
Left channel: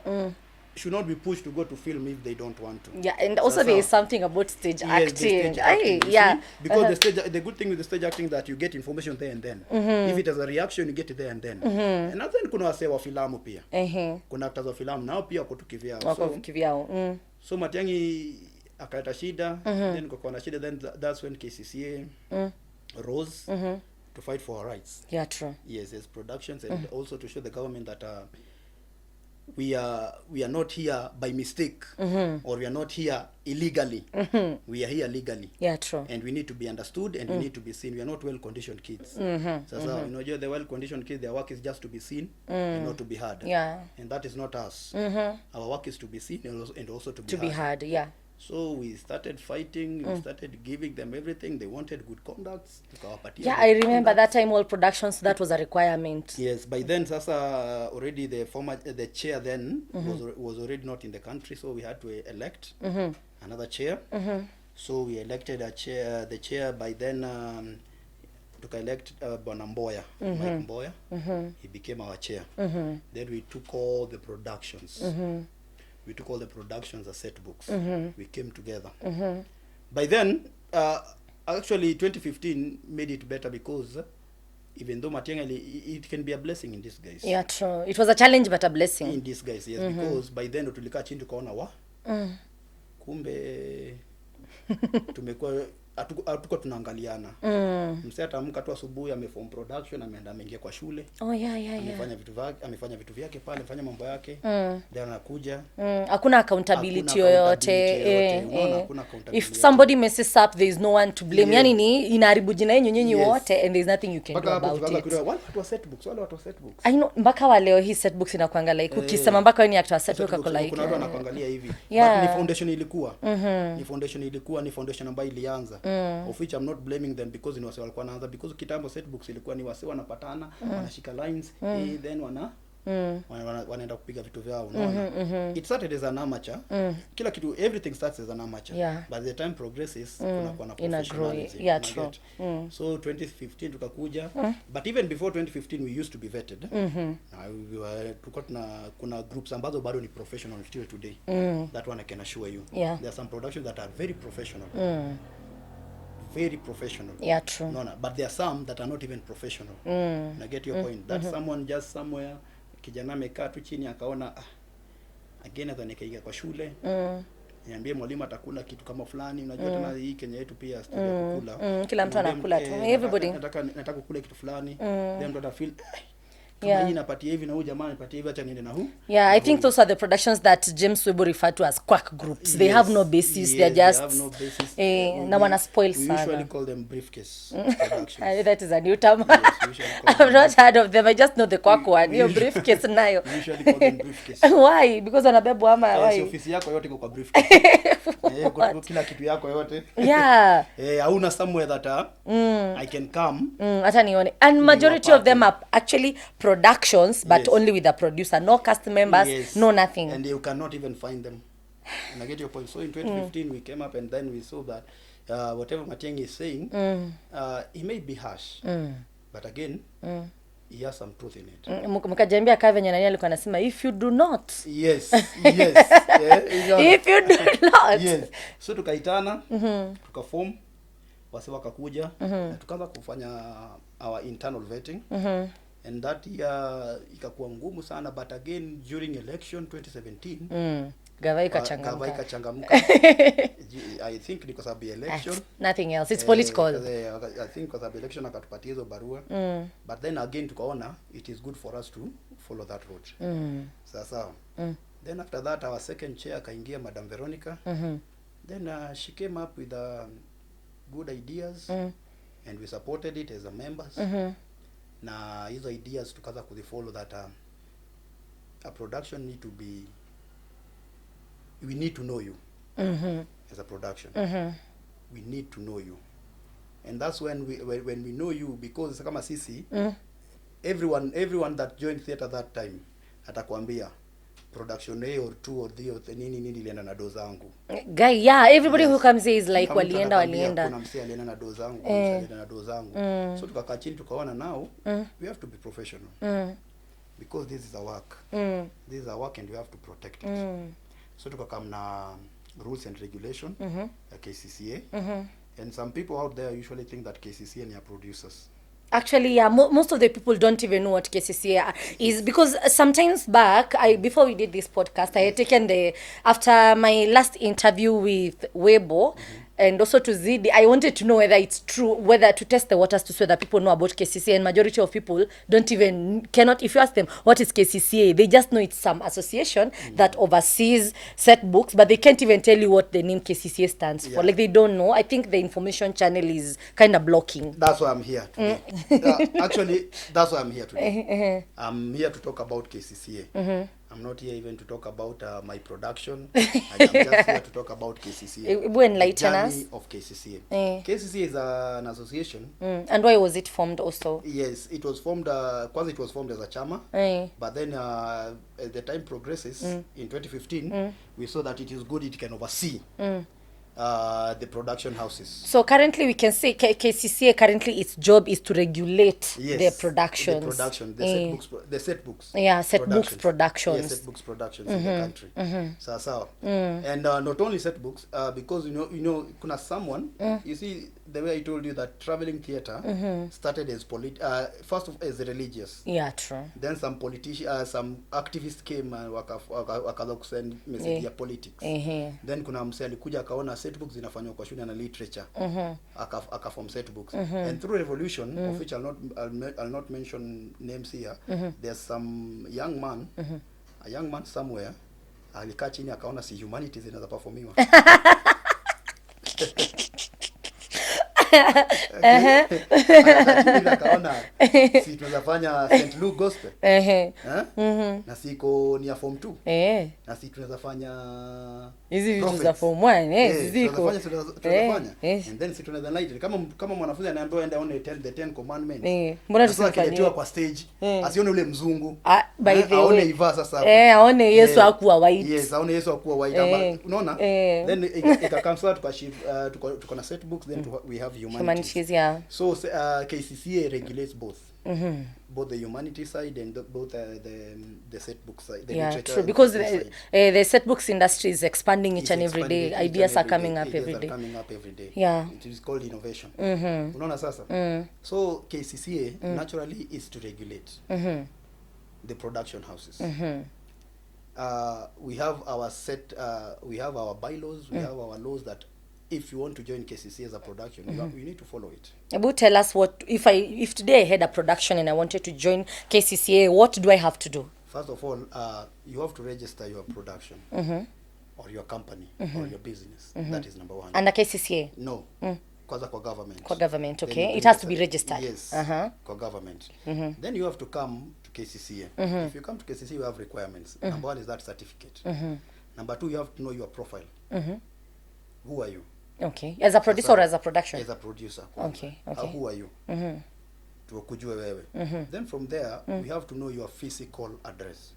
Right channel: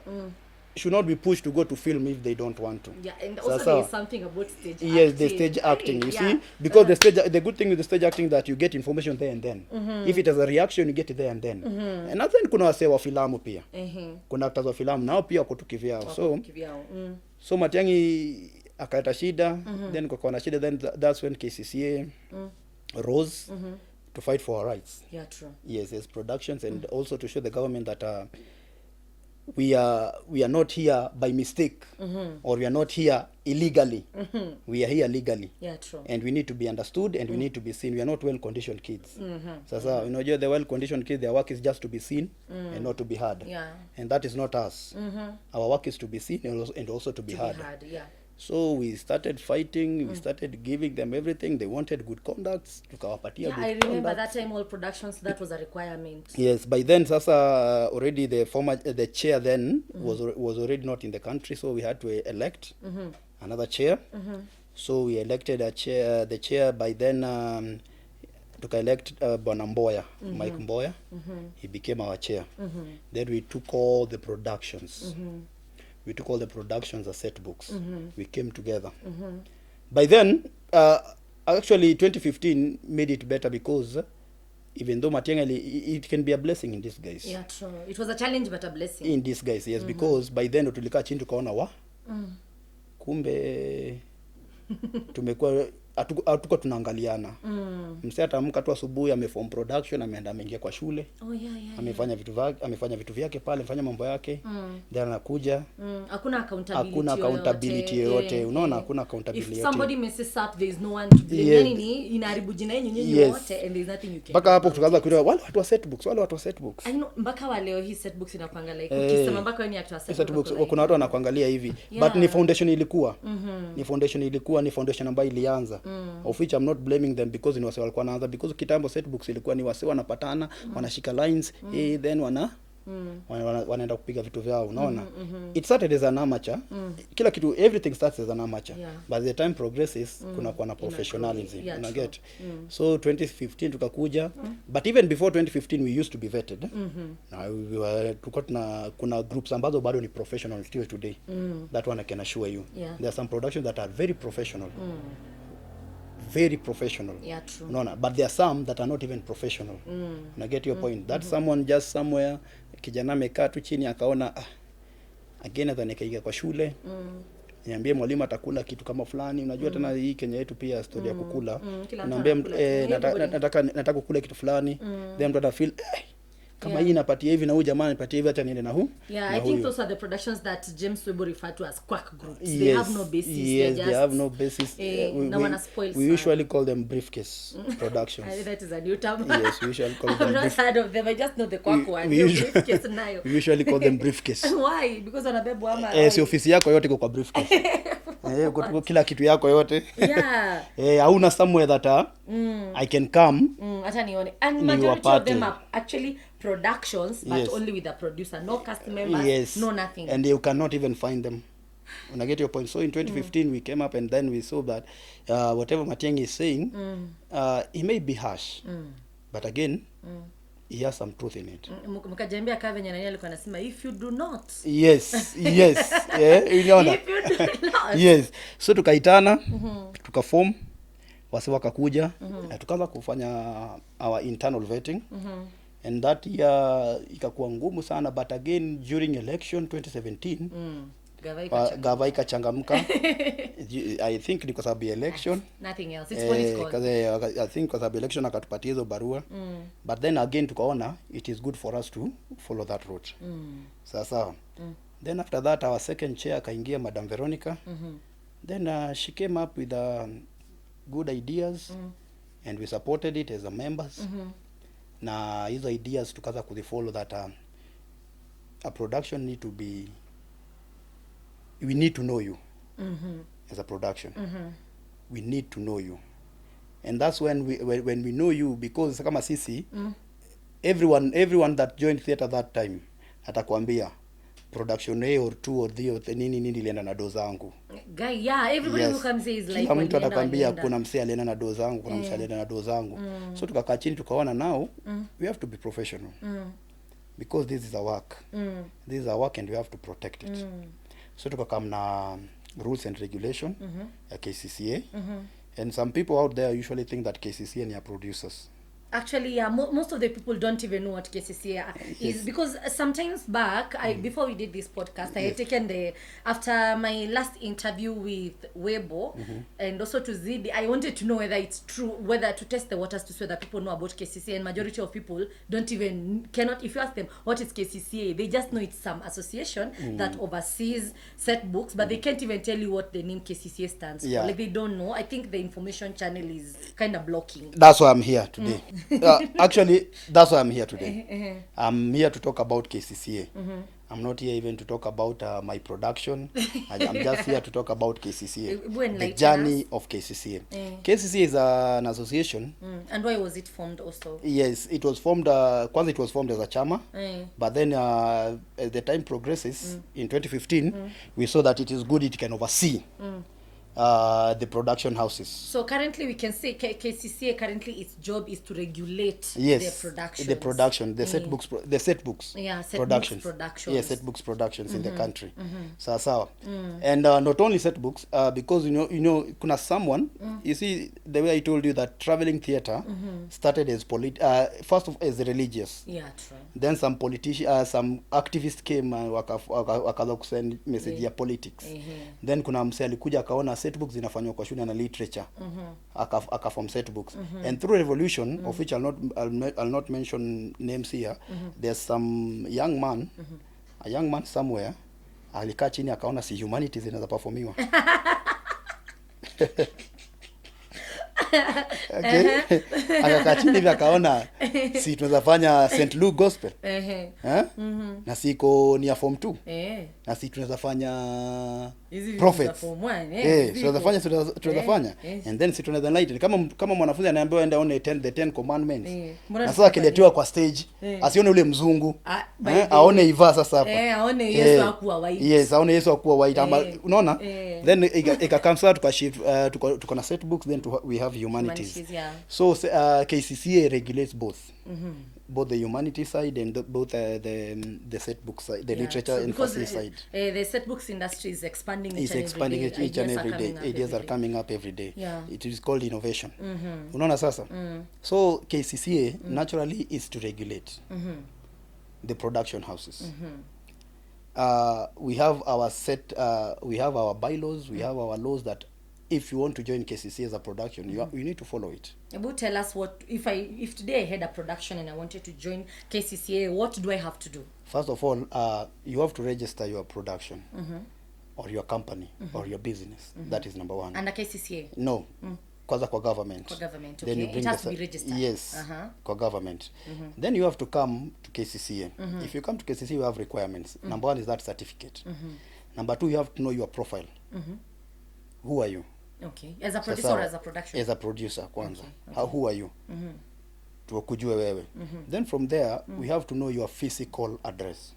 should not be pushed to go to film if they don't want to. And also there is something about stage acting. Yes, the stage acting, you see? Because the good thing with the stage acting that you get information there and then. If it has a reaction, you get it there and then. And then kuna wase wa filamu pia. Kuna actors wa filamu nao pia wako tukivyao. So Matiang'i akaita shida, then kwa shida, then that's when Kccaa rose to fight for our rights. True. Yes, as productions, and also to show the government that we are not here by mistake, or we are not here illegally. We are here legally. True. And we need to be understood, and we need to be seen. We are not well-conditioned kids. So you know, the well-conditioned kids, their work is just to be seen and not to be heard. And that is not us. Our work is to be seen and also to be heard. So we started fighting, we started giving them everything. They wanted good conducts. I remember that time all productions, that was a requirement. Yes, by then sasa already the chair then was already not in the country, so we had to elect another chair. So we elected the chair by then elect Bwana Mboya, Mike Mboya. He became our chair. Then we took all the productions. We took all the productions as Setbooks. We came together. By then, actually 2015 made it better because even though Matiang'i, it can be a blessing in disguise. Yeah, true. It was a challenge but a blessing. In disguise, yes, because by then tulikaa chini tukaona kumbe tumekuwa hatuko tunaangaliana. Msee atamka tu asubuhi ameform production, ameenda ameingia kwa shule. Amefanya vitu vyake pale, amefanya mambo yake. Then anakuja. Hakuna accountability yoyote. Unaona, hakuna accountability. If somebody messes up, there is no one to blame. Yani ni inaharibu jina yenu nyinyi wote and there is nothing you can do about it. Mpaka hapo tukaanza kuelewa wale watu wa Setbooks. I know, mpaka wa leo hii Setbooks inakuanga like ukisema mpaka wewe ni actor wa Setbooks uko like. Kuna watu wanakuangalia hivi. But ni foundation ilikuwa. Ni foundation ambayo ilianza. Of which I'm not blaming them because ni wase walikuwa wanaanza, because kitambo Setbooks ilikuwa ni wase wanapatana, wanashika lines, then wanaenda kupiga vitu vyao, unaona. It started as an amateur. Kila kitu, everything starts as an amateur. But the time progresses, kuna na professionalism. So 2015 tukakuja, but even before 2015 we used to be vetted. Kuna groups ambazo bado ni professional still today. That one I can assure you. There are some productions that are very professional. Very professional. Yeah, true. No, but there are some that are not even professional. I get your point. That someone just somewhere, kijana amekaa tu chini akaona again atanikiga kwa shule. Niambie mwalimu atakula kitu kama fulani. Unajua tena hii Kenya yetu pia story ya kukula. Kila mtu anakula tu. Everybody. Nataka kukula kitu fulani. Then mtu ata feel kama hii napatia hivi na huyu jamaa anapatia hivi, hata niende na huu. I think those are the productions that James Webo referred to as quack groups. They have no basis. They're just they have no basis. Na wana spoil sana. We usually call them briefcase productions. That is a new term. Yes, we usually call them. I've not heard of them. I just know the quack one. Your briefcase nayo. We usually call them briefcase. Why? Because wanabebwa ama si ofisi yako yote iko kwa briefcase. Kila kitu yako yote. Hauna somewhere that I can come. Hata nione. And majority of them are actually productions, but only with a producer, no cast members, no nothing. And you cannot even find them. And I get your point. So in 2015 we came up and then we saw that whatever Matiang'i is saying, he may be harsh, but again, he has some truth in it. Mkajambia kaa venye nani alikuwa anasema if you do not. Yes. If you do not. Yes. So tukaitana, tukaform, wase wakakuja, na tukaanza kufanya our internal vetting. And that year ikakuwa ngumu sana, but again during election 2017 gava ikachangamka. I think ni kwa sababu ya election, nothing else, it's political. I think kwa sababu election akatupatia hizo barua. But then again tukaona it is good for us to follow that route. Sasa then after that our second chair akaingia Madam Veronica. Then she came up with good ideas and we supported it as a members. Na hizo ideas tukaanza kuzifollow that a production need to be, we need to know you as a production. We need to know you, and that's when we know you, because kama sisi everyone that joined theater that time atakwambia production A or 2 or 3 or nini ilienda na doza zangu. Guy, everybody who comes here is like walienda. Kuna msee alienda na doza zangu, kuna msee alienda na doza zangu. So tukakaa chini tukaona now we have to be professional. Because this is a work. This is a work and we have to protect it. So tukakam na rules and regulation ya Kccaa. And some people out there usually think that Kccaa ni producers. Actually, most of the people don't even know what Kccaa is, because sometimes back, before we did this podcast, I had taken after my last interview with Webo, and also to Zidi, I wanted to know whether it's true, whether to test the waters to see whether people know about Kccaa, and majority of people cannot, if you ask them, what is Kccaa, they just know it's some association that oversees Setbooks, but they can't even tell you what the name Kccaa stands for. Like, they don't know. I think the information channel is kind of blocking. That's why I'm here today. Actually, that's why I'm here today. I'm here to talk about Kccaa. I'm not here even to talk about my production. I'm just here to talk about Kccaa. The journey of Kccaa. Kccaa is an association. And why was it formed also? Yes, it was formed, it was formed as a chama. But then as the time progresses, in 2015, we saw that it is good, it can oversee the production houses. So currently we can say KCCA currently its job is to regulate Yes, the productions. the production, the setbooks. Yeah, Setbooks productions. Yeah, Setbooks productions in the country. Sawa. And not only Setbooks, because you know, kuna someone, you see, the way I told you that traveling theater started as first of as religious. Yeah, true. Then some some activists came and wakaanza kusend message ya politics. Then kuna msee alikuja akaona Setbooks zinafanywa kwa shule na literature. Akaform Setbooks. And through revolution, of which I'll not mention names here, there's some young man, a young man somewhere, alikaa chini akaona si humanities zinaweza performiwa. Akaona si tunaweza fanya St. Luke Gospel. Na siko ni ya form 2. Na si tunaweza fanya hizi vitu za form 1 tunaweza fanya and then si tunaweza enlighten kama mwanafunzi anaambiwa aende aone the 10 commandments. Sasa akiletewa kwa stage asione ule mzungu, aone Iva sasa hapo. Aone Yesu hakuwa white. Yes, aone Yesu hakuwa white. Unaona? Then ikakamsa tukashift tuko na Setbooks, then we have humanities. Yeah. So KCCA regulates both. Both the humanities side and both the Setbooks side, the literature. True, because the Setbooks industry is expanding each and every day. Ideas are coming up every day. Ideas are coming up every day. Yeah. It is called innovation. Unaona sasa? So KCCA naturally is to regulate the production houses. We have our bylaws, we have our laws that if you want to join KCCA as a production, you need to follow it. About tell us what if today I had a production and I wanted to join KCCA, what do I have to do? First of all, you have to register your production or your company or your business. That is number one. Under KCCA? No. Kwanza kwa government. Kwa government, okay. It has to be registered. Yes. Kwa government. Then you have to come to KCCA. If you come to KCCA, you have requirements. Number one is that certificate. Number two, you have to know your profile. Who are you? Okay. As a producer or as a production? As a producer kwanza. Okay. Who are you? Tukujue wewe. Then from there, we have to know your physical address.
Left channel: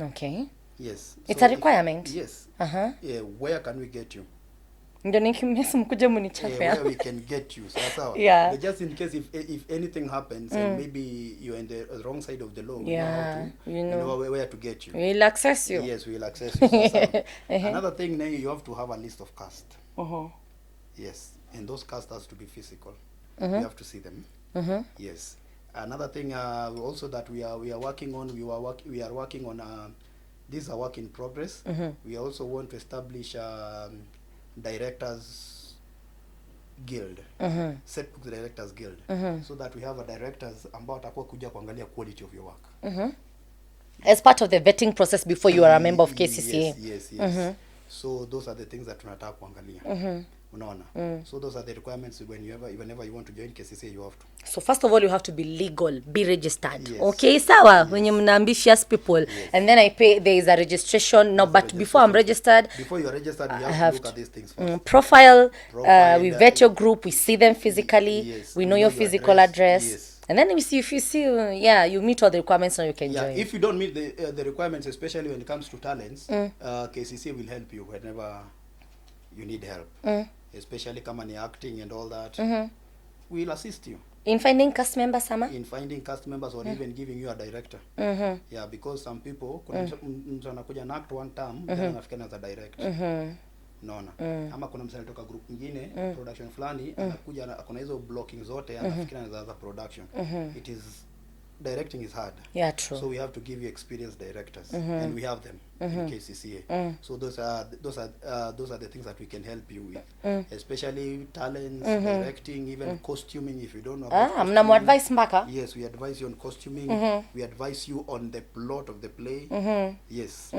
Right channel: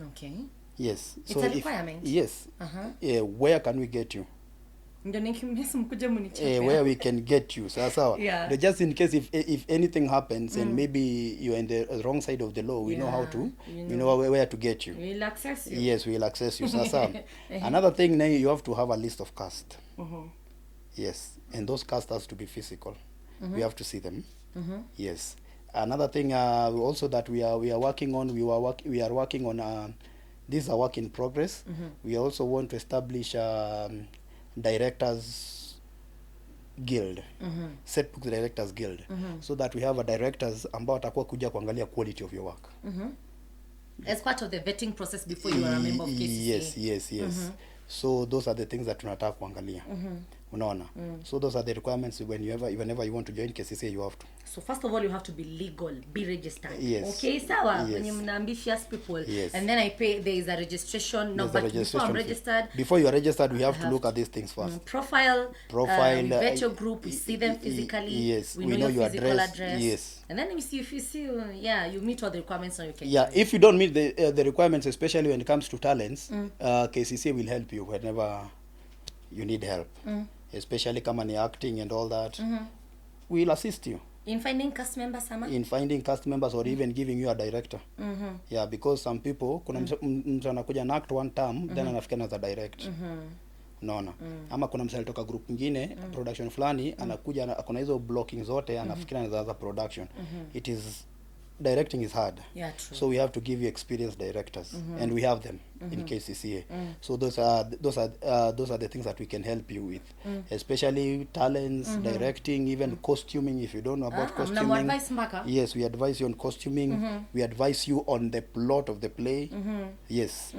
Okay. Yes. It's a requirement? Yes. Where can we get you? Ndio nikimesa mkuja munichape. Where we can get you. So yeah. Just in case if anything happens and maybe you're in the wrong side of the law, we know how to, you know where to get you. We'll access you. Yes, we'll access you. So another thing now, you have to have a list of cast. Yes, and those cast has to be physical. We have to see them. Yes. Another thing also that we are working on, we are working on this is a work in progress. We also want to establish directors guild, Setbooks directors guild, so that we have a directors ambao atakuwa kuja kuangalia quality of your work. As part of the vetting process before you are a member of KCCA. Yes. So those are the things that tunataka kuangalia. Unaona? So those are the requirements whenever you want to join KCCA, you have to. So first of all, you have to be legal, be registered. Yes. Okay, sawa, when you're ambitious people. Yes. And then there is a registration. No, but before I'm registered. Before you're registered, we have to look at these things first. Profile, we vet your group, we see them physically. Yes. We know your physical address. Yes. And then if you see, you meet all the requirements, and you can join. If you don't meet the requirements, especially when it comes to talents, KCCA will help you whenever you need help. Especially kama ni acting and all that. We'll assist you. In finding cast members, Sama? In finding cast members or even giving you a director. Yeah, because some people, kuna mtu anakuja na act one term, then anafika as a director. Unaona? Ama kuna msali toka group nyingine, production fulani, anakuja kuna hizo blocking zote, anafikira as a production. It is directing is hard. Yeah, true. So we have to give you experienced directors, and we have them in KCCA. So those are the things that we can help you with, especially talents, directing, even costuming. If you don't know about costuming, advice mbaka. Yes, we advise you on costuming. We advise you on the plot of the play. Yes.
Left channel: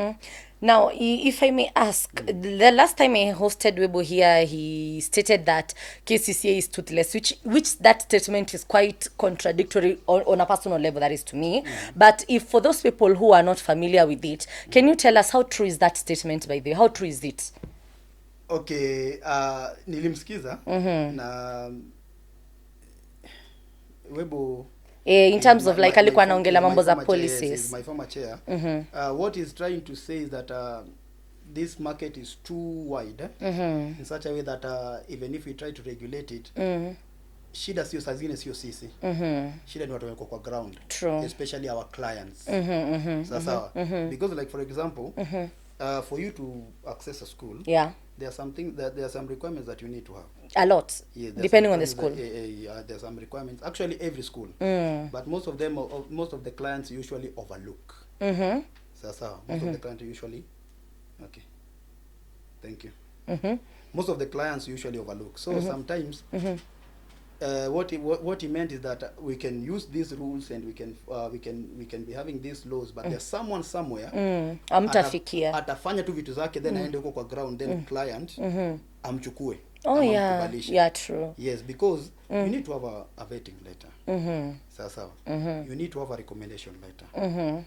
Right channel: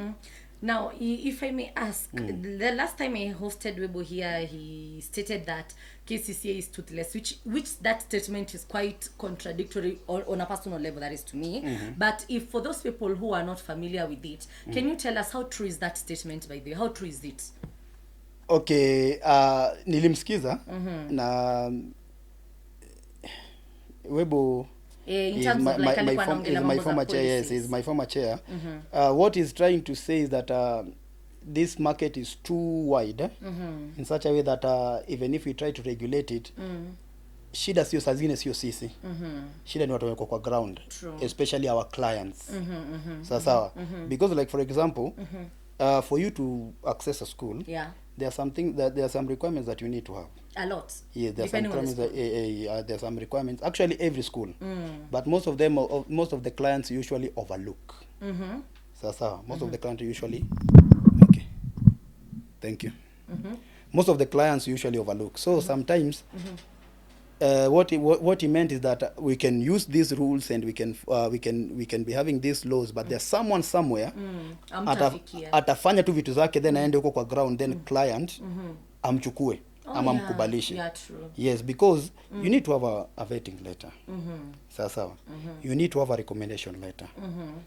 Now, if I may ask, the last time I hosted Webo here, he stated that KCCA is toothless, which that statement is quite contradictory on a personal level, that is to me. But if for those people who are not familiar with it, can you tell us how true is that statement, by the way? How true is it? Okay, nilimsikiza na Webo in terms of like alikuwa anaongelea mambo za policies. Yes, my former chair. What he's trying to say is that this market is too wide in such a way that even if we try to regulate it, shida sio saa zingine sio sisi, shida ni watu wako kwa ground. True. Especially our clients. Sawa. Because like for example, for you to access a school, yeah, there are some requirements that you need to have. A lot. Yeah, depending on the school. There are some requirements. Actually, every school. But most of the clients usually overlook. So most of the clients usually. Okay. Thank you. Most of the clients usually overlook. So sometimes, what he meant is that we can use these rules and we can be having these laws, but there's someone somewhere atafanya tu vitu zake, then aende huko kwa ground, then client amchukue. Oh yeah. Yeah, true. Yes, because you need to have a vetting letter. Sawa. You need to have a recommendation letter.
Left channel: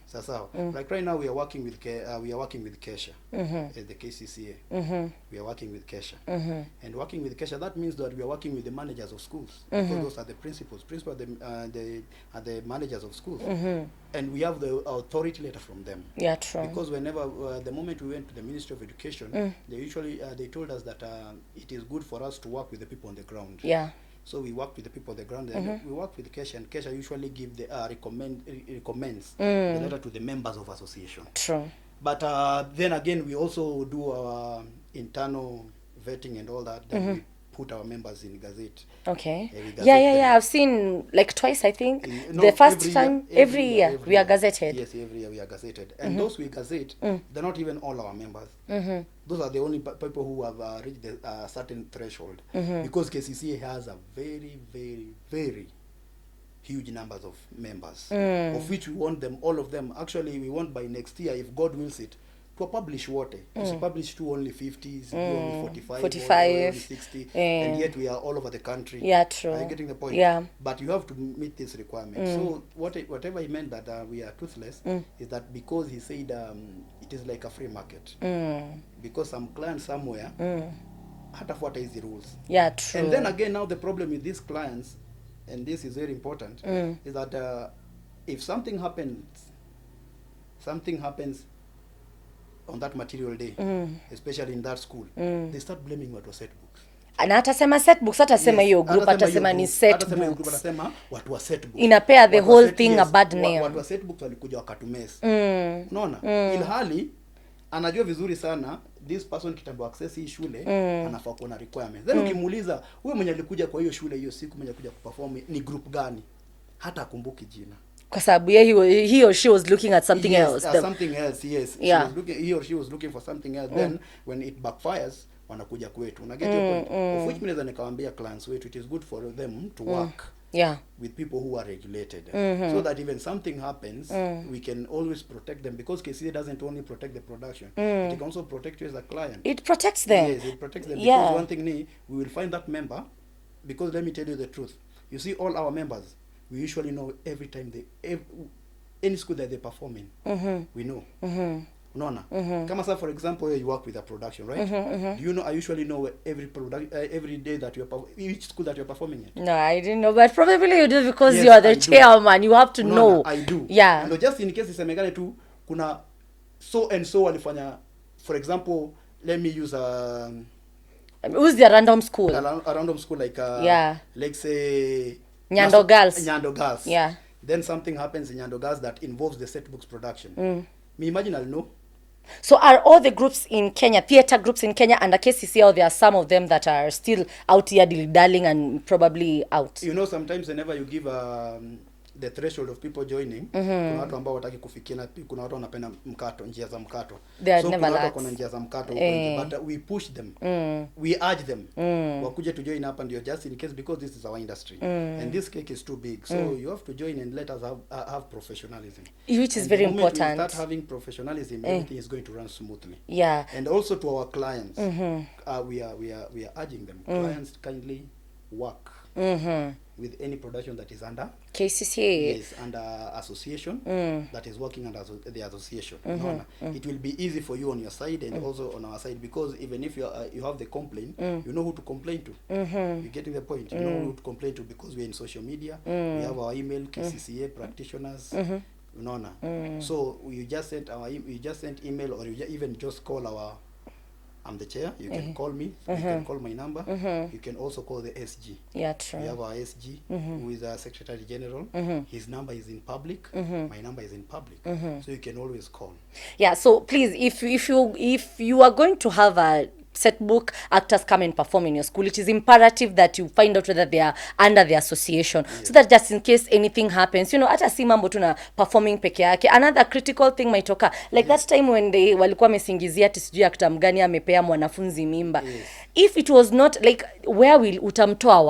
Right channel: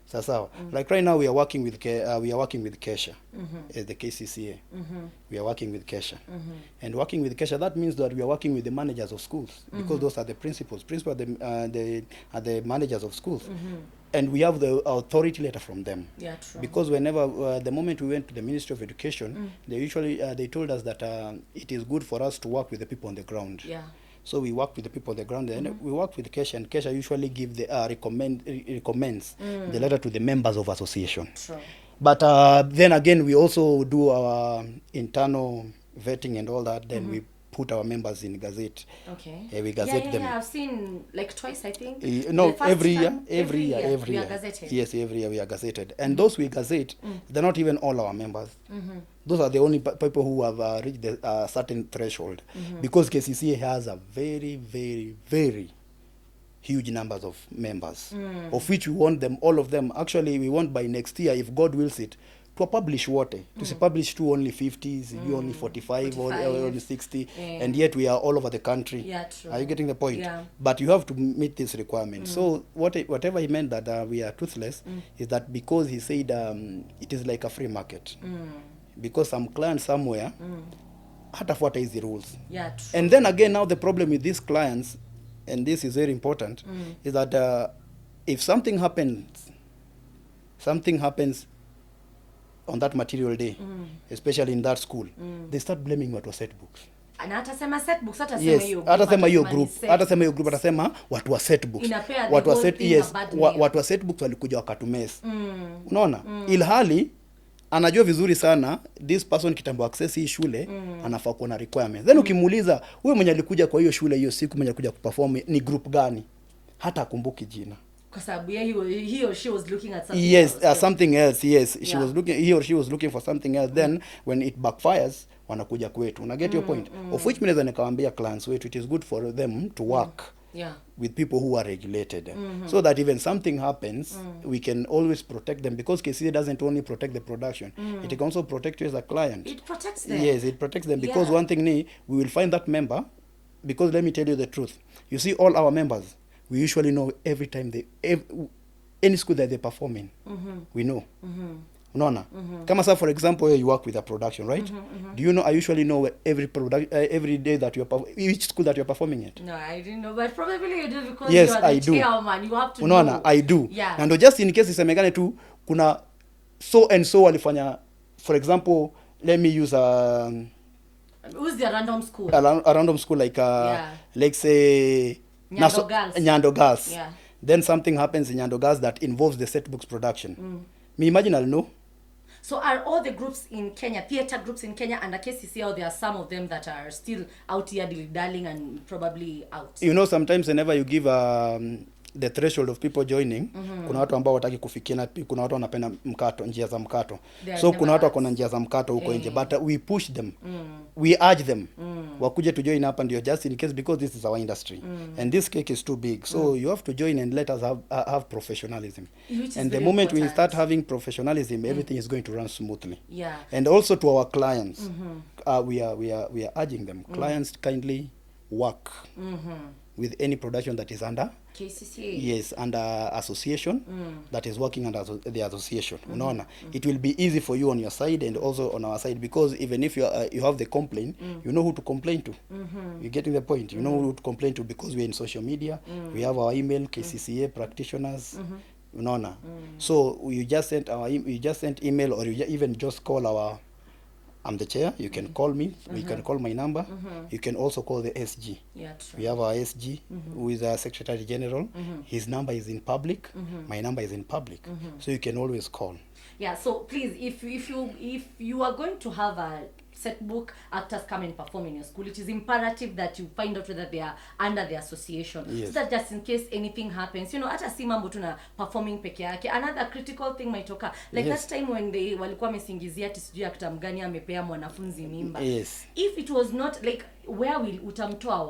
Sawa. Like right now we are working with Kccaa, the Kccaa. We are working with Kccaa. And working with Kccaa, that means that we are working with the managers of schools, because those are the principals. Principals are the managers of schools. And we have the authority letter from them. Yeah, true. Because whenever the moment we went to the Ministry of Education, they usually they told us that it is good for us to work with the people on the ground. Yeah. So we work with the people on the ground, and we work with Kccaa, and Kccaa usually give the recommends the letter to the members of association. True. But then again, we also do our internal vetting and all that. Then we put our members in Gazette. Okay. Yeah. I've seen like twice, I think. No, the first time, every year we are gazetted. Yes, every year we are gazetted. And those we gazette, they're not even all our members. Those are the only people who have reached a certain threshold. Because Kccaa has a very, very, very huge numbers of members, of which we want them, all of them. Actually, we want by next year, if God wills it, to publish what? To publish to only 50s, only 45, only 60, and yet we are all over the country. Yeah, true. Are you getting the point? Yeah. But you have to meet this requirement. So whatever he meant that we are toothless is that because he said it is like a free market. Because some client somewhere hatafuata hizi rules. Yeah, true. And then again, now the problem with these clients, and this is very important, is that if something happens on that material day, especially in that school, they start blaming watu wa Setbooks. Na atasema Setbooks, atasema hiyo group, atasema ni Setbooks. Atasema hiyo group, atasema watu wa Setbooks. Inapea the whole thing a bad name. Watu wa Setbooks walikuja wakatumesa. Unaona? Ilhali anajua vizuri sana this person kitambo access hii shule anafaa kuwa na requirements. Then ukimuuliza wewe mwenye alikuja kwa hiyo shule hiyo siku mwenye alikuja kuperform ni group gani, hata akumbuki jina. Kwa sababu he or she was looking at something else. Something else, yes. Yeah. He or she was looking for something else. Then when it backfires, wanakuja kwetu. Una get your point? Of which means nikawaambia clients wetu, it is good for them to work with people who are regulated, so that even something happens, we can always protect them, because Kccaa doesn't only protect the production, it can also protect you as a client. It protects them. Yes, it protects them, because one thing we will find that member, because let me tell you the truth, you see all our members, we usually know every time any school that they perform in, we know. Unaona? Kama sa for example you work with a production, right? Do you know, I usually know every day that each school that you're performing at? No, I didn't know, but probably you do, because you are the chairman, you have to know. I do. Yeah. And just in case isemekane tu kuna so and so walifanya, for example, let me use who's the random school? A random school like let's say Nyando Girls. Yeah. Then something happens in Nyando Girls that involves the Setbooks production. Me imagine I'll know. So are all the groups in Kenya, theater groups in Kenya under Kccaa, or there are some of them that are still out here dilly-dallying and probably out? You know, sometimes whenever you give the threshold of people joining, kuna watu ambao wataki kufikia, na kuna watu wanapenda mkato, njia za mkato. So kuna watu wako na njia za mkato huko nje, but we push them. We urge them wakuje to join hapa, ndio just in case, because this is our industry and this cake is too big. So you have to join and let us have professionalism. Which is and very important. The moment important. we start having professionalism, everything is going to run smoothly. Yeah. And also to our clients, we are urging them, clients, kindly work with any production that is under Kccaa. Yes, under association that is working under the association. It will be easy for you on your side and also on our side, because even if you have the complaint, you know who to complain to. You're getting the point. You know who to complain to, because we're in social media. We have our email, Kccaa practitioners. So you just send email, or you even just call our I'm the chair. You can call me. You can call my number. You can also call the SG. Yeah, true. We have our SG, who is our Secretary General. His number is in public. My number is in public. So you can always call. Yeah, so please, if you are going to have a Setbook actors come and perform in your school, it is imperative that you find out whether they are under the association, so that just in case anything happens, hata si mambo tuna performing peke yake, another critical thing might occur, like that time when they walikuwa mesingizia ati sijui actor mgani amepea mwanafunzi mimba. If it was not like, where will utamtoa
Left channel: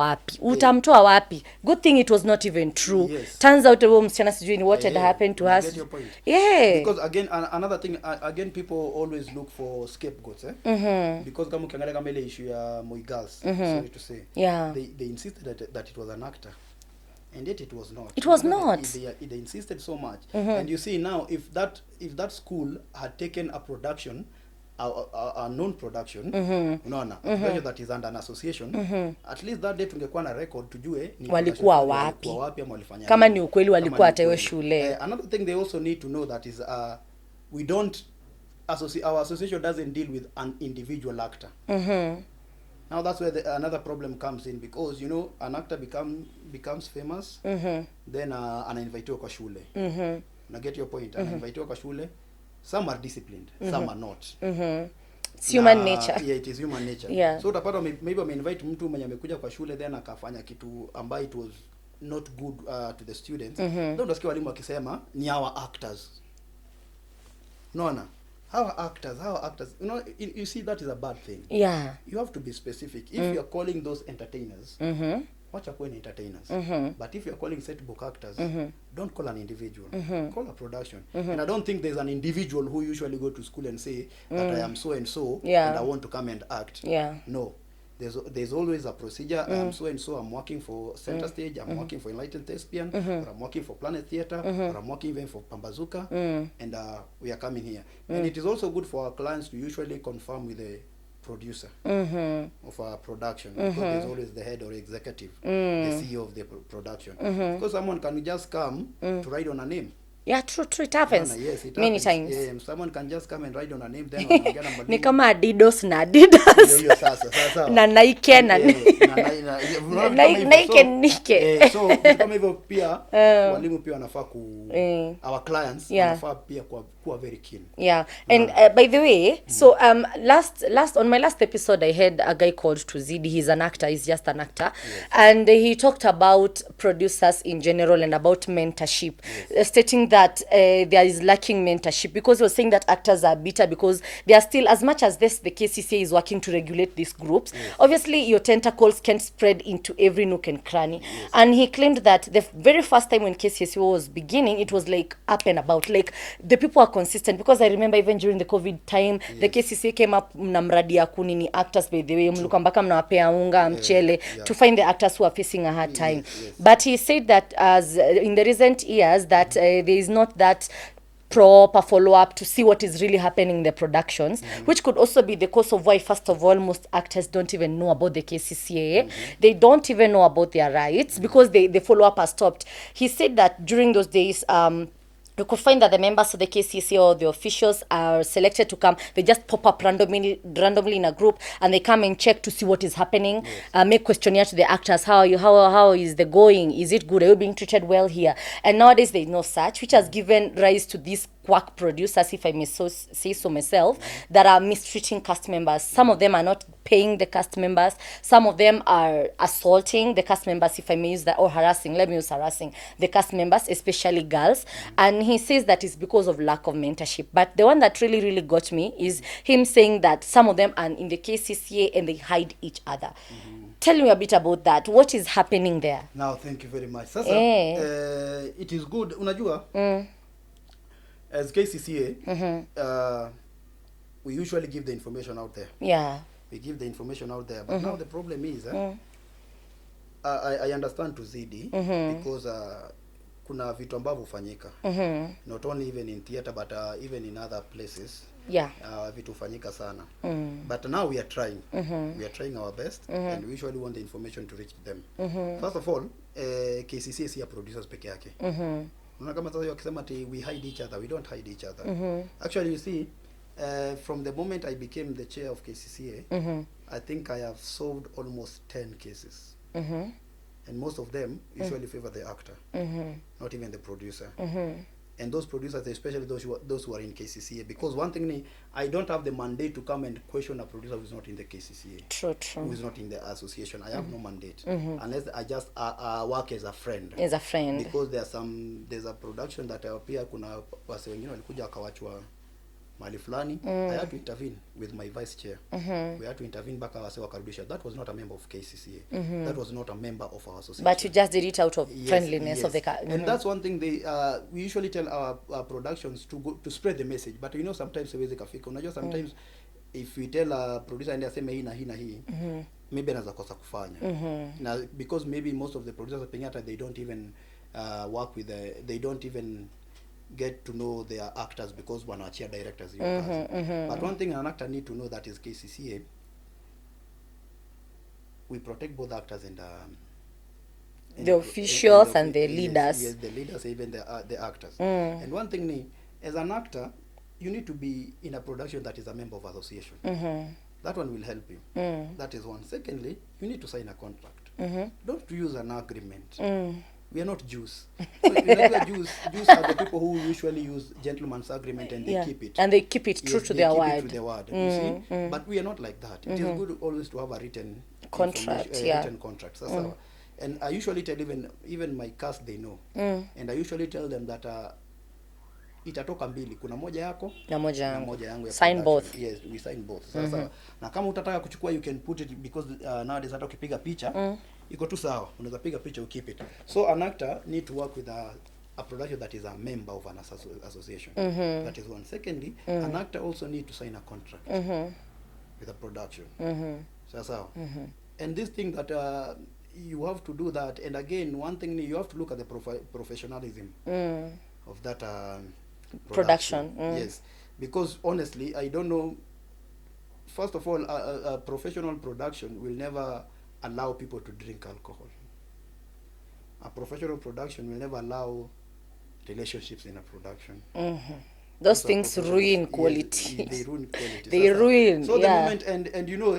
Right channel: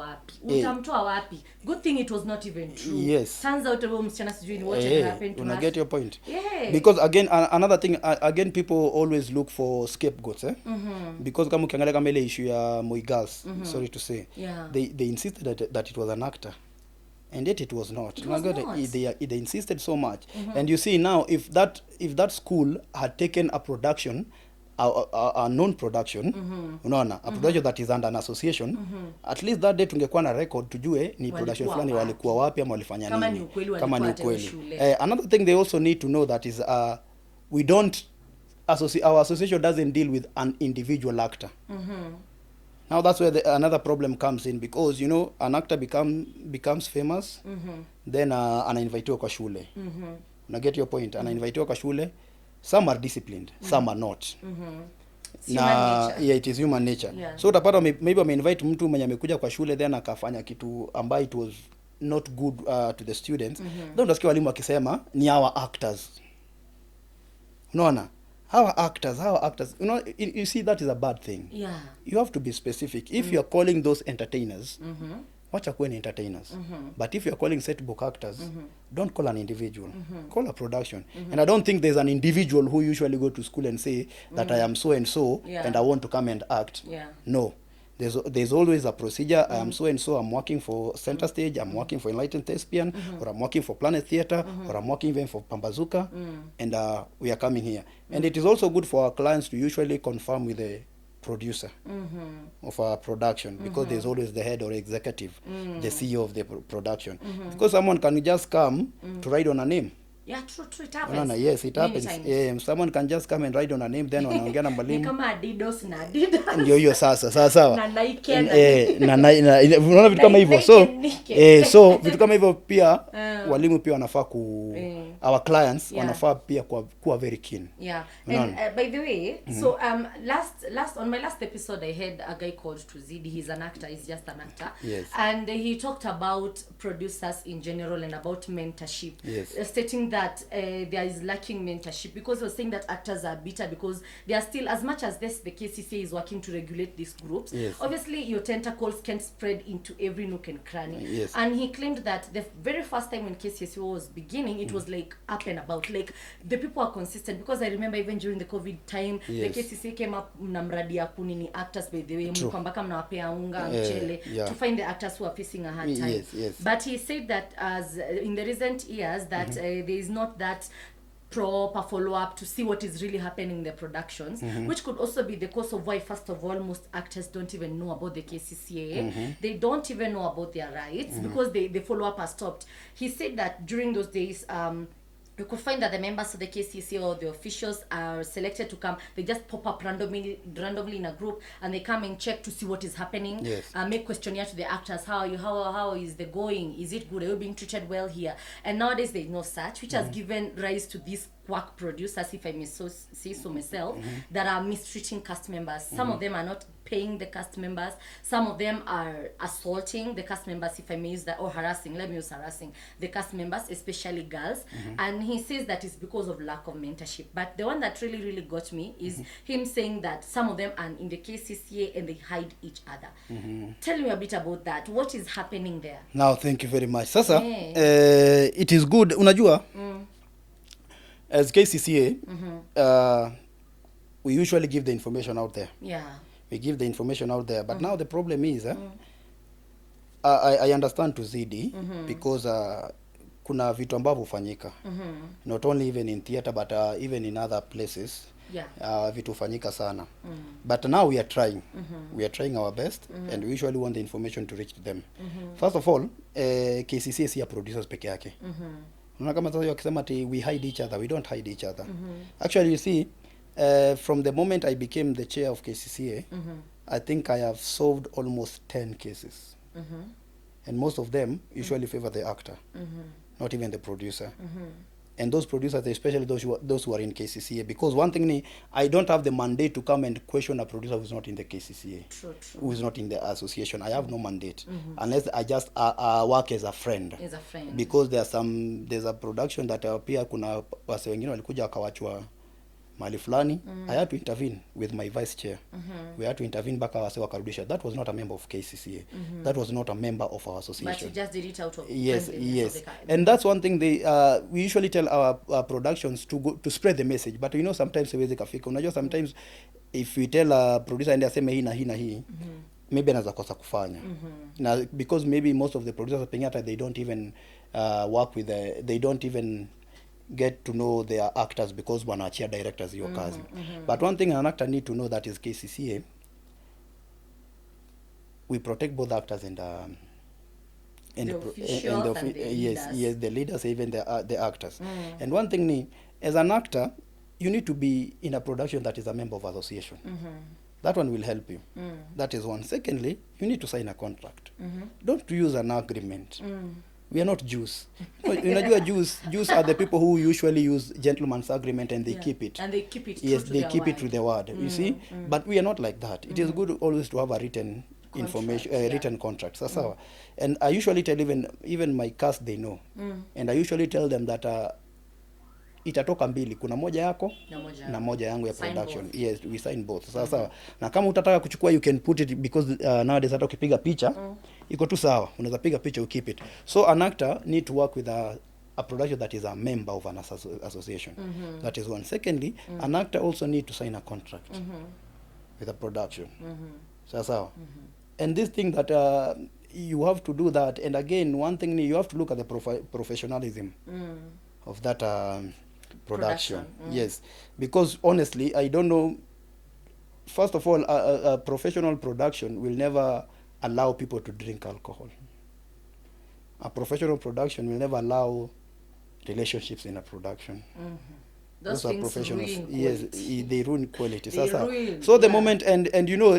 wapi? Good thing it was not even true. Turns out msichana sijui ni what had happened to us. I get your point. Because again, another thing, again, people always look for scapegoats, because kama ukiangalia kama ile issue ya Moi Girls, sorry to say, they insisted that it was an actor, and yet it was not. It was not. They insisted so much. And you see now, if that school had taken a production, a non-production, unaona, a production that is under an association, at least that day tungekuwa na record tujue ni walikuwa wapi ama walifanya nini. Kama ni ukweli walikuwa hata hiyo shule. Another thing they also need to know that is we don't our association doesn't deal with an individual actor. Now that's where another problem comes in, because an actor becomes famous, then anainvitiwa kwa shule. Na get your point. Anainvitiwa kwa shule. Some are disciplined, some are not. It's human nature. Yeah, it is human nature. So utapata maybe invite mtu mwenye amekuja kwa shule, then akafanya kitu ambayo it was not good to the students. Then utasikia walimu wakisema ni our actors. Unaona? Our actors. You see, that is a bad thing. You have to be specific. If you are calling those entertainers, wacha kuwe ni entertainers. But if you are calling Setbook actors, don't call an individual. Call a production. And I don't think there's an individual who usually go to school and say that I am so and so, and I want to come and act. No. There's always a procedure. I am so and so, I'm working for Center Stage, I'm working for Enlightened Thespian, or I'm working for Planet Theatre, or I'm working even for Pambazuka, and we are coming here. And it is also good for our clients to usually confirm with the producer of our production, because there's always the head or executive, the CEO of the production. Because someone can just come to write on a name. Yeah, true, it happens. Yes, it many happens. times. Someone can just come and write on a name, then wanaongea na mwalimu. Ni kama Adidas na Adidas. Hiyo sasa. Na Nike na unaona vitu kama hivyo. So vitu kama hivyo pia walimu pia wanafaa our clients wanafaa pia kuwa very keen. And by the way, so last on my last episode I had a guy called Tuzidi. He's an actor, he's just an actor. And he talked about producers in general and about mentorship, stating that there is lacking mentorship, because he was saying that actors are bitter because they are still, as much as the KCCA is working to regulate these groups, obviously your tentacles can spread into every nook and cranny. And he claimed that the very first time when KCCA was beginning, it was like up and about, like the people are consistent, because I remember even during the COVID time, the KCCA came up na mradi ya kunini actors, by the way, mlikuwa mpaka mnawapea unga mchele to find the actors who are facing a hard time. But he said that as in the recent years that there is not that proper follow-up to see what is really happening in the productions, which could also be the cause of why, first of all, most actors don't even know about the KCCA. They don't even know about their rights, because the follow-up has stopped. He said that during those days, you could find that the members of the KCCA or the officials are selected to come. They just pop up randomly in a group, and they come and check to see what is happening. Make questionnaire to the actors. How are you? How is the going? Is it good? Are you being treated well here? And nowadays there is no such, which has given rise to these quack producers, if I may say so myself, that are mistreating cast members. Some of them are not paying the cast members. Some of them are assaulting the cast members, if I may use that, or harassing. Let me use harassing the cast members, especially girls. And he says that it's because of lack of mentorship. But the one that really, really got me is him saying that some of them are in the KCCA and they hide each other. Tell me a bit about that. What is happening there? Now, thank you very much. Sasa, it is good. Unajua, as KCCA, we usually give the information out there. We give the information out there. But now the problem is, I understand Tuzidi, because kuna vitu ambavyo hufanyika. Not only even in theater, but even in other places. Vitu hufanyika sana. But now we are trying. We are trying our best, and we usually want the information to reach them. First of all, KCCA si ya producers peke yake. Unaona kama sasa wakisema ati we hide each other, we don't hide each other. Actually, you see, From the moment I became the chair of Kccaa, I think I have solved almost 10 cases. And most of them usually favor the actor, not even the producer. And those producers, especially those who are in Kccaa, because one thing, I don't have the mandate to come and question a producer who's not in the Kccaa, True. who's not in the association. I have no mandate, unless I just work as a friend. As a friend. Because there's a production that pia kuna wase wengine walikuja wakawachwa mali fulani. I had to intervene with my vice chair. We had to intervene mpaka wase wakarudisha. That was not a member of Kccaa. That was not a member of our association. But you just did it out of friendliness of the and that's one thing we usually tell our productions to spread the message. But sometimes siwezi kafika. Unajua sometimes if we tell a producer and aseme hii na hii na hii, maybe anaweza kosa kufanya. Now because maybe most of the producers pengine they don't even work with they don't even get to know their actors because wanaachia directors your kazi. But one thing an actor need to know that is Kccaa, we protect both actors and the officials and the leaders. Yes, the leaders, even the actors. And one thing, as an actor, you need to be in a production that is a member of association. That one will help you. That is one. Secondly, you need to sign a contract. Don't use an agreement. We are not Jews. Jews are the people who usually use gentleman's agreement and they keep it. And they keep it true to their word. They keep it to their word. You see? But we are not like that. It is good always to have a written contract, written contract. And I usually tell even my cast, they know. And I usually tell them that itatoka mbili, kuna moja yako na moja yangu ya sign production. Both. Yes, we sign both. Sasa na kama utataka kuchukua, you can put it, because nowadays hata ukipiga picha iko tu sawa, unaweza piga picha, you keep it. So an actor need to work with a production that is a member of an association. That is one. Secondly, an actor also need to sign a contract with a production. Sasa and this thing that you have to do that. And again, one thing, you have to look at the professionalism of that production. Yes, because honestly, I don't know. First of all, a professional production will never allow people to drink alcohol. A professional production will never allow relationships in a production. Those things ruin quality. Yes, they ruin quality. They ruin. So the moment, and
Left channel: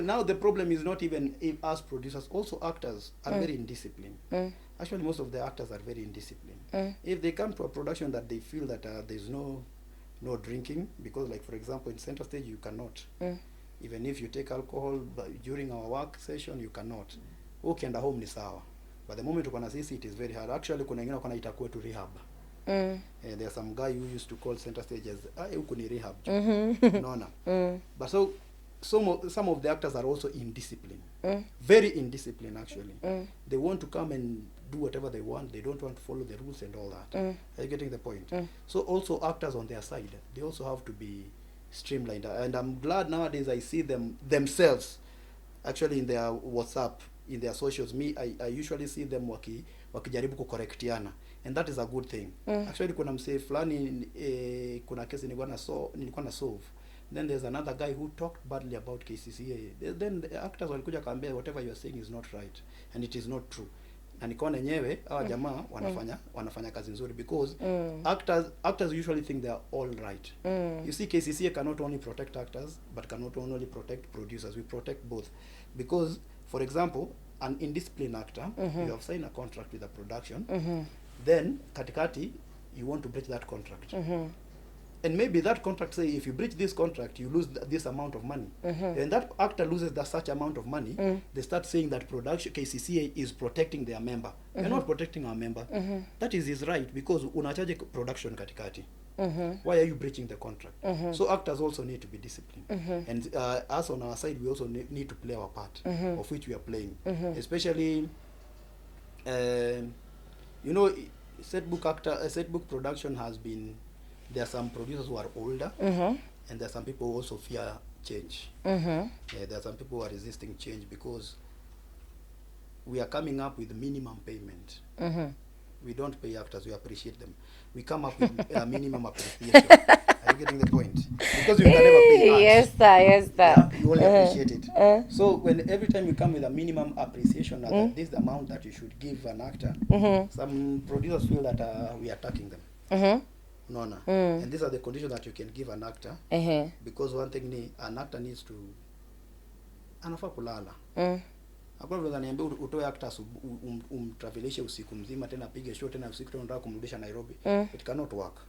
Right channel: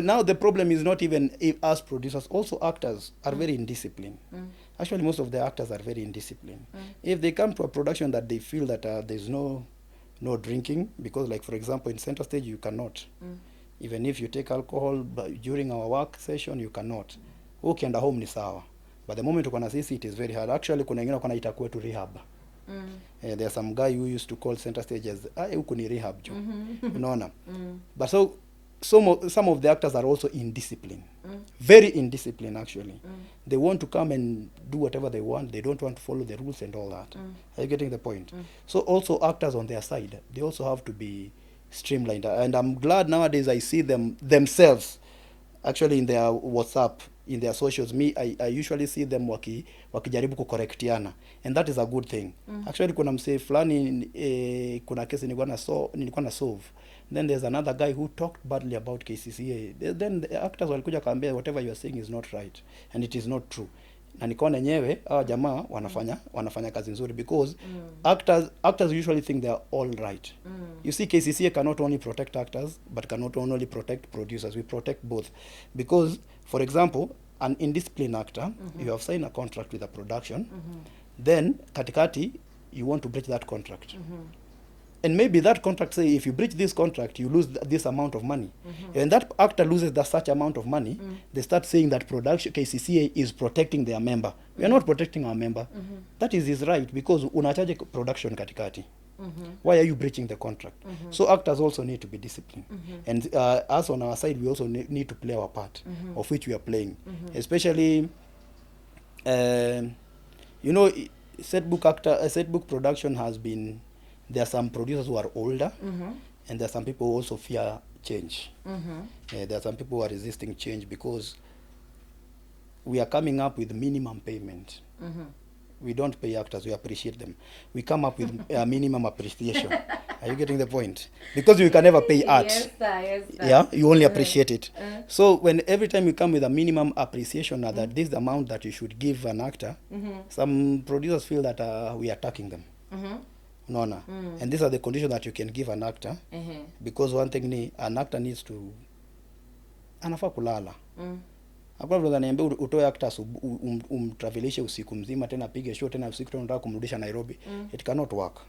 now the problem is not even us producers, also actors are very indisciplined. Actually, most of the actors are very indisciplined. If they come to a production that they feel that there's no drinking, because like for example in center stage you cannot, even if you take alcohol during our work session you cannot. Ukienda home ni sawa, but the moment ukona sisi it is very hard. Actually kuna wengine wakona itakuwa to rehab. There's some guy who used to call center stage as huku ni rehab. Unaona? But so some of the actors are also indisciplined. Very indisciplined actually. They want to come and do whatever they want. They don't want to follow the rules and all that. Are you getting the point? So also actors on their side, they also have to be streamlined. And I'm glad nowadays I see them themselves actually in their WhatsApp, in their socials. I usually see them wakijaribu kucorrectiana, and that is a good thing. Actually kuna msee fulani kuna kesi nilikuwa na solve. Then there's another guy who talked badly about Kccaa. Then the actors walikuja kaambia whatever you are saying is not right and it is not true. Na nikaona yenyewe jamaa wanafanya kazi nzuri, because actors usually think they are all right. You see, Kccaa cannot only protect actors but cannot only protect producers. We protect both, because for example an indisciplined actor, you have signed a contract with a production, then katikati you want to breach that contract. And maybe that contract say if you breach this contract you lose this amount of money. And that actor loses such amount of money, they start saying that production Kccaa is protecting their member. We are not protecting our member. That is his right, because unachaje production katikati. Why are you breaching the contract? So actors also need to be disciplined. And us on our side, we also need to play our part, of which we are playing. Especially, Setbook production has been, there are some producers who are older, and there are some people who also fear change. There are some people who are resisting change because we are coming up with minimum payment. We don't pay actors, we appreciate them. We come up with a minimum appreciation. Are you getting the point? Because you can never pay art. Yes, sir. Yeah, you only appreciate it. So every time you come with a minimum appreciation, that this is the amount that you should give an actor, some producers feel that we are attacking them. Nona. And these are the conditions that you can give an actor. Because one thing ni an actor needs to anafaa kulala. Hakuna vile niambia utoe actors travelishe usiku mzima tena apige show tena usiku tena unataka kumrudisha Nairobi. It cannot work.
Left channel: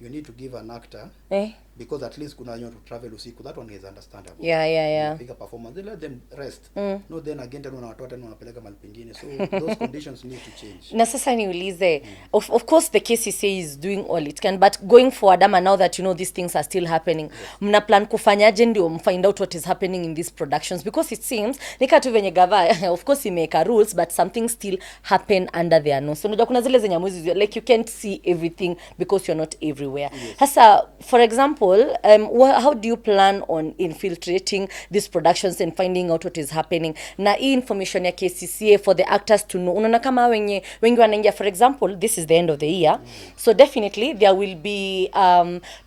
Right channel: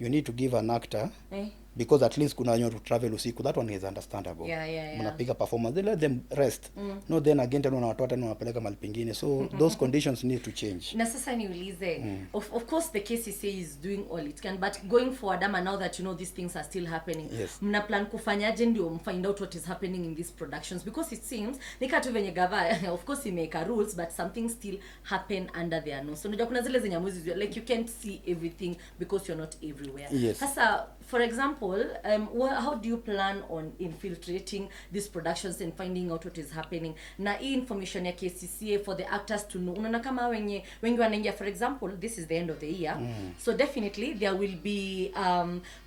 You need to give an actor because at least kuna wenye to travel usiku, that one is understandable. Piga performance, they let them rest. No, then again tena unawatoa tena unapeleka mahali pengine, so those conditions need to change. Na sasa niulize, of course the Kccaa is doing all it can, but going forward, ama now that you know these things are still happening, mna plan kufanyaje ndio find out what is happening in these productions? Because it seems nika tu venye gava of course imeka rules, but something still happen under their nose. So unajua kuna zile zenye mwezi like you can't see everything because you're not everywhere. Sasa for example, how do you plan on infiltrating these productions and finding out what is happening? Na hii information ya Kccaa for the actors to know. Unaona kama wengi wanaingia, for example, this is the end of the year. So definitely there will be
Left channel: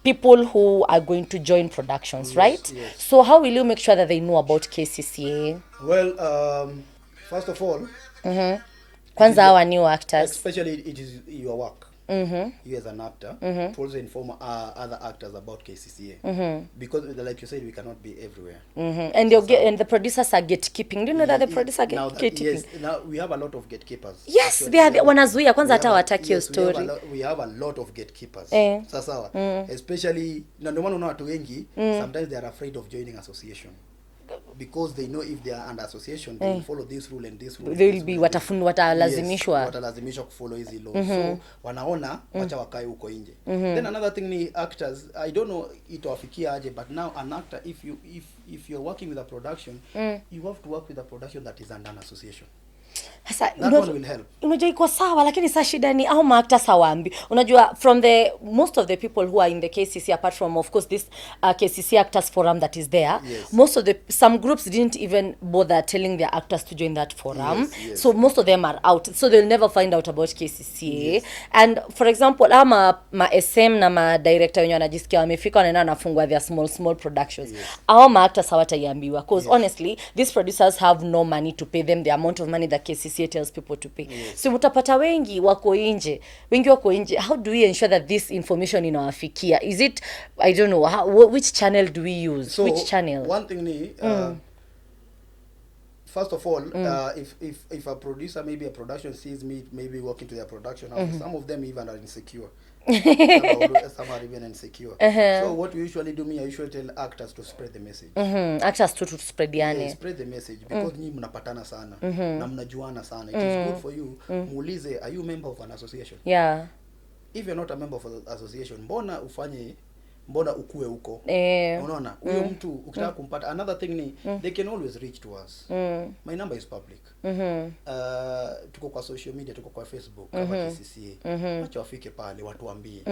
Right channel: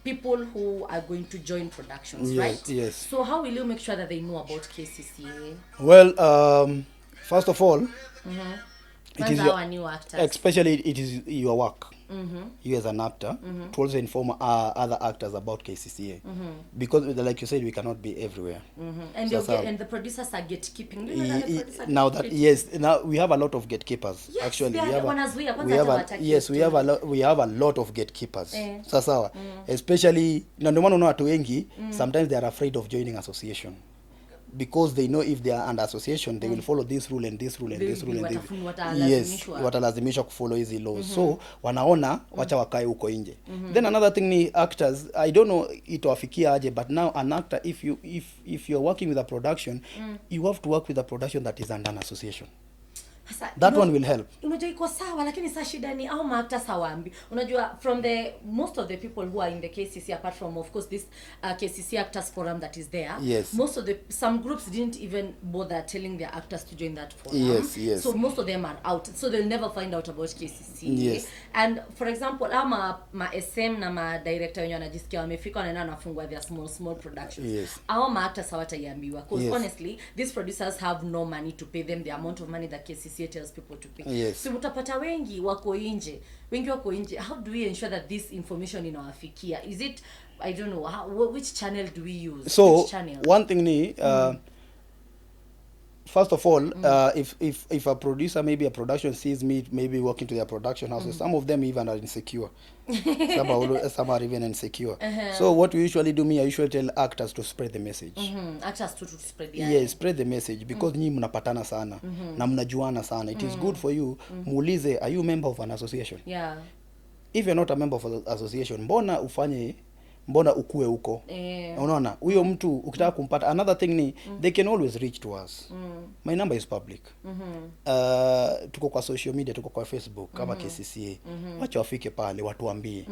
people who are going to join productions, right? So how will you make sure that they know about Kccaa? Well, first of all, Kwanza our new actors. Especially it is your work. You as an actor to also inform other actors about Kccaa. Because like you said, we cannot be everywhere. And and the producers are gatekeeping. Do you know that the producers are gatekeeping? Yes, now we have a lot of gatekeepers. Yes, actually, they are wanazuia kwanza hata wataki your story. We have a lot of gatekeepers. Sasa especially na ndio maana unaona watu wengi sometimes they are afraid of joining association. Because they know if they are under association, they will follow this rule and this rule. They will be watalazimishwa. Watalazimishwa kufollow hizi laws. So wanaona wacha wakae huko nje. Then another thing ni actors, I don't know itawafikia aje, but now an actor, if you're working with a production, you have to work with a production that is under an association. That one will help. Unajua iko sawa, lakini sasa shida ni au maakta sawaambi. Unajua from the most of the people who are in the Kccaa, apart from of course this Kccaa Actors Forum that is there, most of some groups didn't even bother telling their actors to join that forum. So most of them are out, so they'll never find out about Kccaa. And for example, ma SM na ma director wenye wanajisikia wamefika wanaenda nafungwa their small productions. Au maakta hawataiambiwa because honestly these producers have no money to pay them the amount of money that Kccaa tells people to pay. So utapata wengi wako nje. How do we ensure that this information inawafikia? Is it, I don't know, which channel do we use? So which channel? One thing ni first of all, if a producer, maybe a production sees me maybe working to their production houses, some of them even are insecure. Some are even insecure. So what we usually do, I usually tell actors to spread the message. Actors to spread the yeah, spread the message because nyinyi mnapatana sana na mnajuana sana. It is good for you. Muulize, are you a member of an association? If you're not a member of an association, mbona ukue huko? Unaona, huyo mtu ukitaka kumpata. Another thing ni they can always reach to us. My number is public. Tuko kwa social media, tuko kwa Facebook kama Kccaa. Wacha wafike pale watuambie.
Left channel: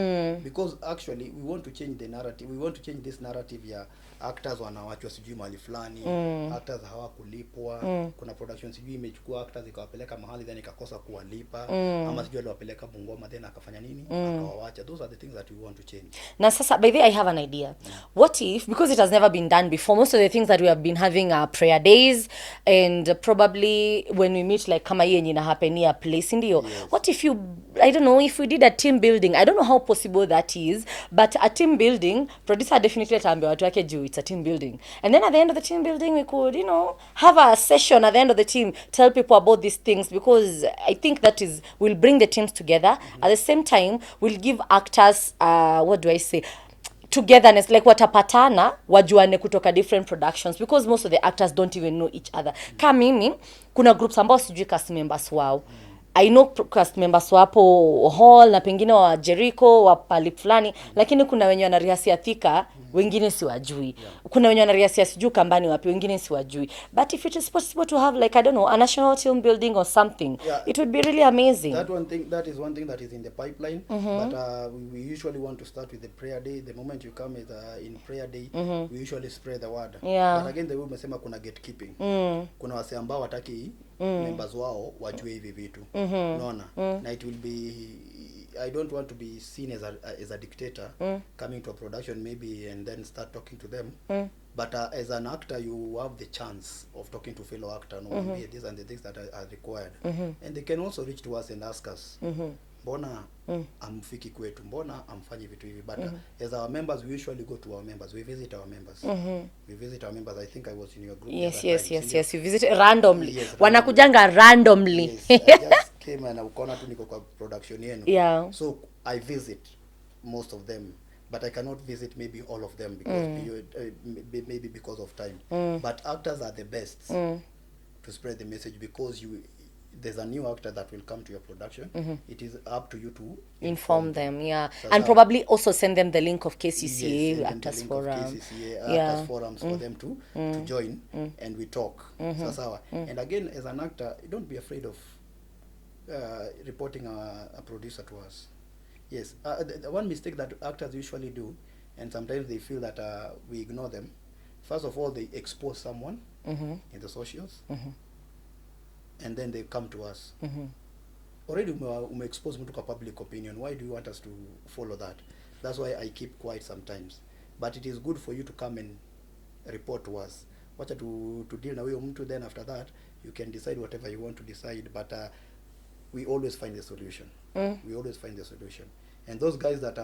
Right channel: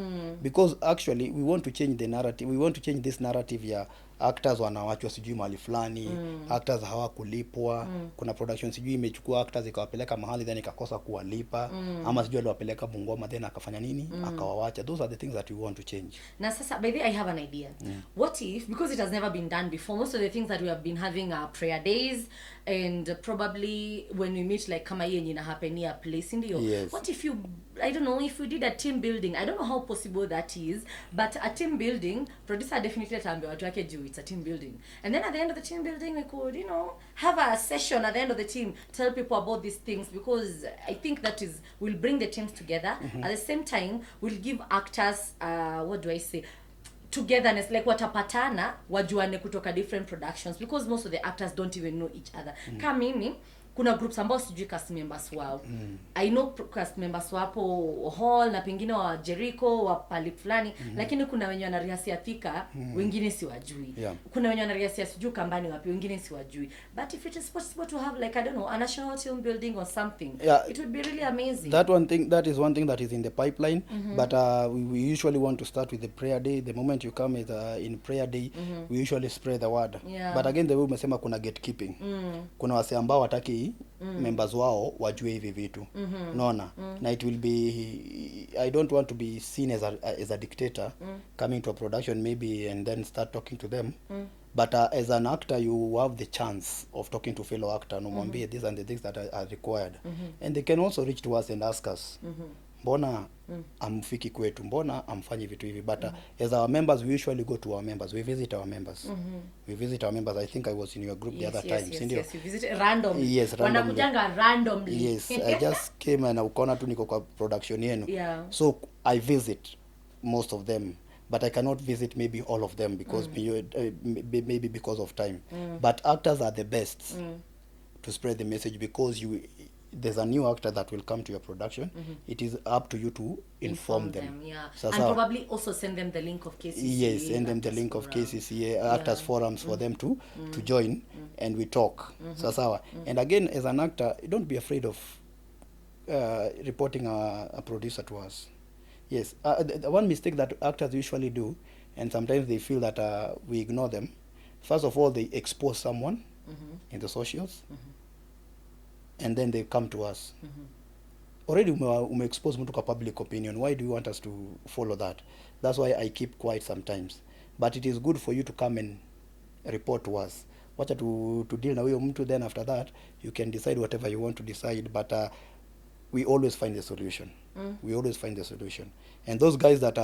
Because actually we want to change the narrative. We want to change this narrative ya actors wanawachwa sijui mahali fulani, actors hawakulipwa. Kuna production sijui imechukua actors ikawapeleka mahali then ikakosa kuwalipa, ama sijui aliwapeleka Bungoma then akafanya nini akawawacha. Those are the things that we want to change. Na sasa by the way I have an idea. What if, because it has never been done before, most of the things that we have been having are prayer days, and probably when we meet like kama hii yenye ina happen near place ndio. What if you, I don't know, if we did a team building? I don't know how possible that is, but a team building, producer definitely ataambia watu wake juu it's a team building. And then at the end of the team building, we could, have a session at the end of the team, tell people about these things, because I think that will bring the teams together. At the same time, we'll give actors, what do I say, togetherness, like watapatana, wajuane kutoka different productions, because most of the actors don't even know each other. Kama mimi, kuna groups ambao sijui cast members wao. I know cast members wapo Hall na pengine wa Jericho wa pali fulani, lakini kuna wenye wanarihasia Thika, wengine siwajui. Kuna wenye wanarihasia sijui Kambani wapi, wengine siwajui. But if it is possible to have like, I don't know, a national team building or something, it would be really amazing. That is one thing that is in the pipeline. But we usually want to start with the prayer day. The moment you come in prayer day, we usually spread the word. But again, the way umesema kuna gatekeeping. Kuna wase ambao wataki members wao wajue hivi vitu. Naona, na it will be, I don't want to be seen as a dictator coming to a production maybe and then start talking to them. But as an actor, you have the chance of talking to fellow actor, no, these and the things that are required. And they can also reach to us and ask us. mbona amfiki kwetu, mbona amfanyi vitu hivi, but as our members we usually go to our members, we visit our members. We visit our members. I think I was in your group the other time. Yes, you visit randomly. Yes, wanakujanga randomly. Yes, I just came and ukaona tu niko kwa production yenu. Yeah. So I visit most of them, but I cannot visit maybe all of them because maybe because of time. But actors are the best to spread the message, because there's a new actor that will come to your production. It is up to you to inform them. Yeah. And probably also send them the link of KCCA. Yes, send them the link of KCCA, actors forums for them to join, and we talk. Sawa. And again, as an actor, don't be afraid of reporting a producer to us. Yes. The one mistake that actors usually do, and sometimes they feel that we ignore them. First of all, they expose someone in the socials, and then they come to us. Already expose mtu kwa public opinion. Why do you want us to follow that? That's why I keep quiet sometimes. But it is good for you to come and report to us. Wacha to deal na huyo mtu, then after that you can decide whatever you want to decide, but we always find the solution. We always find the solution. And those guys that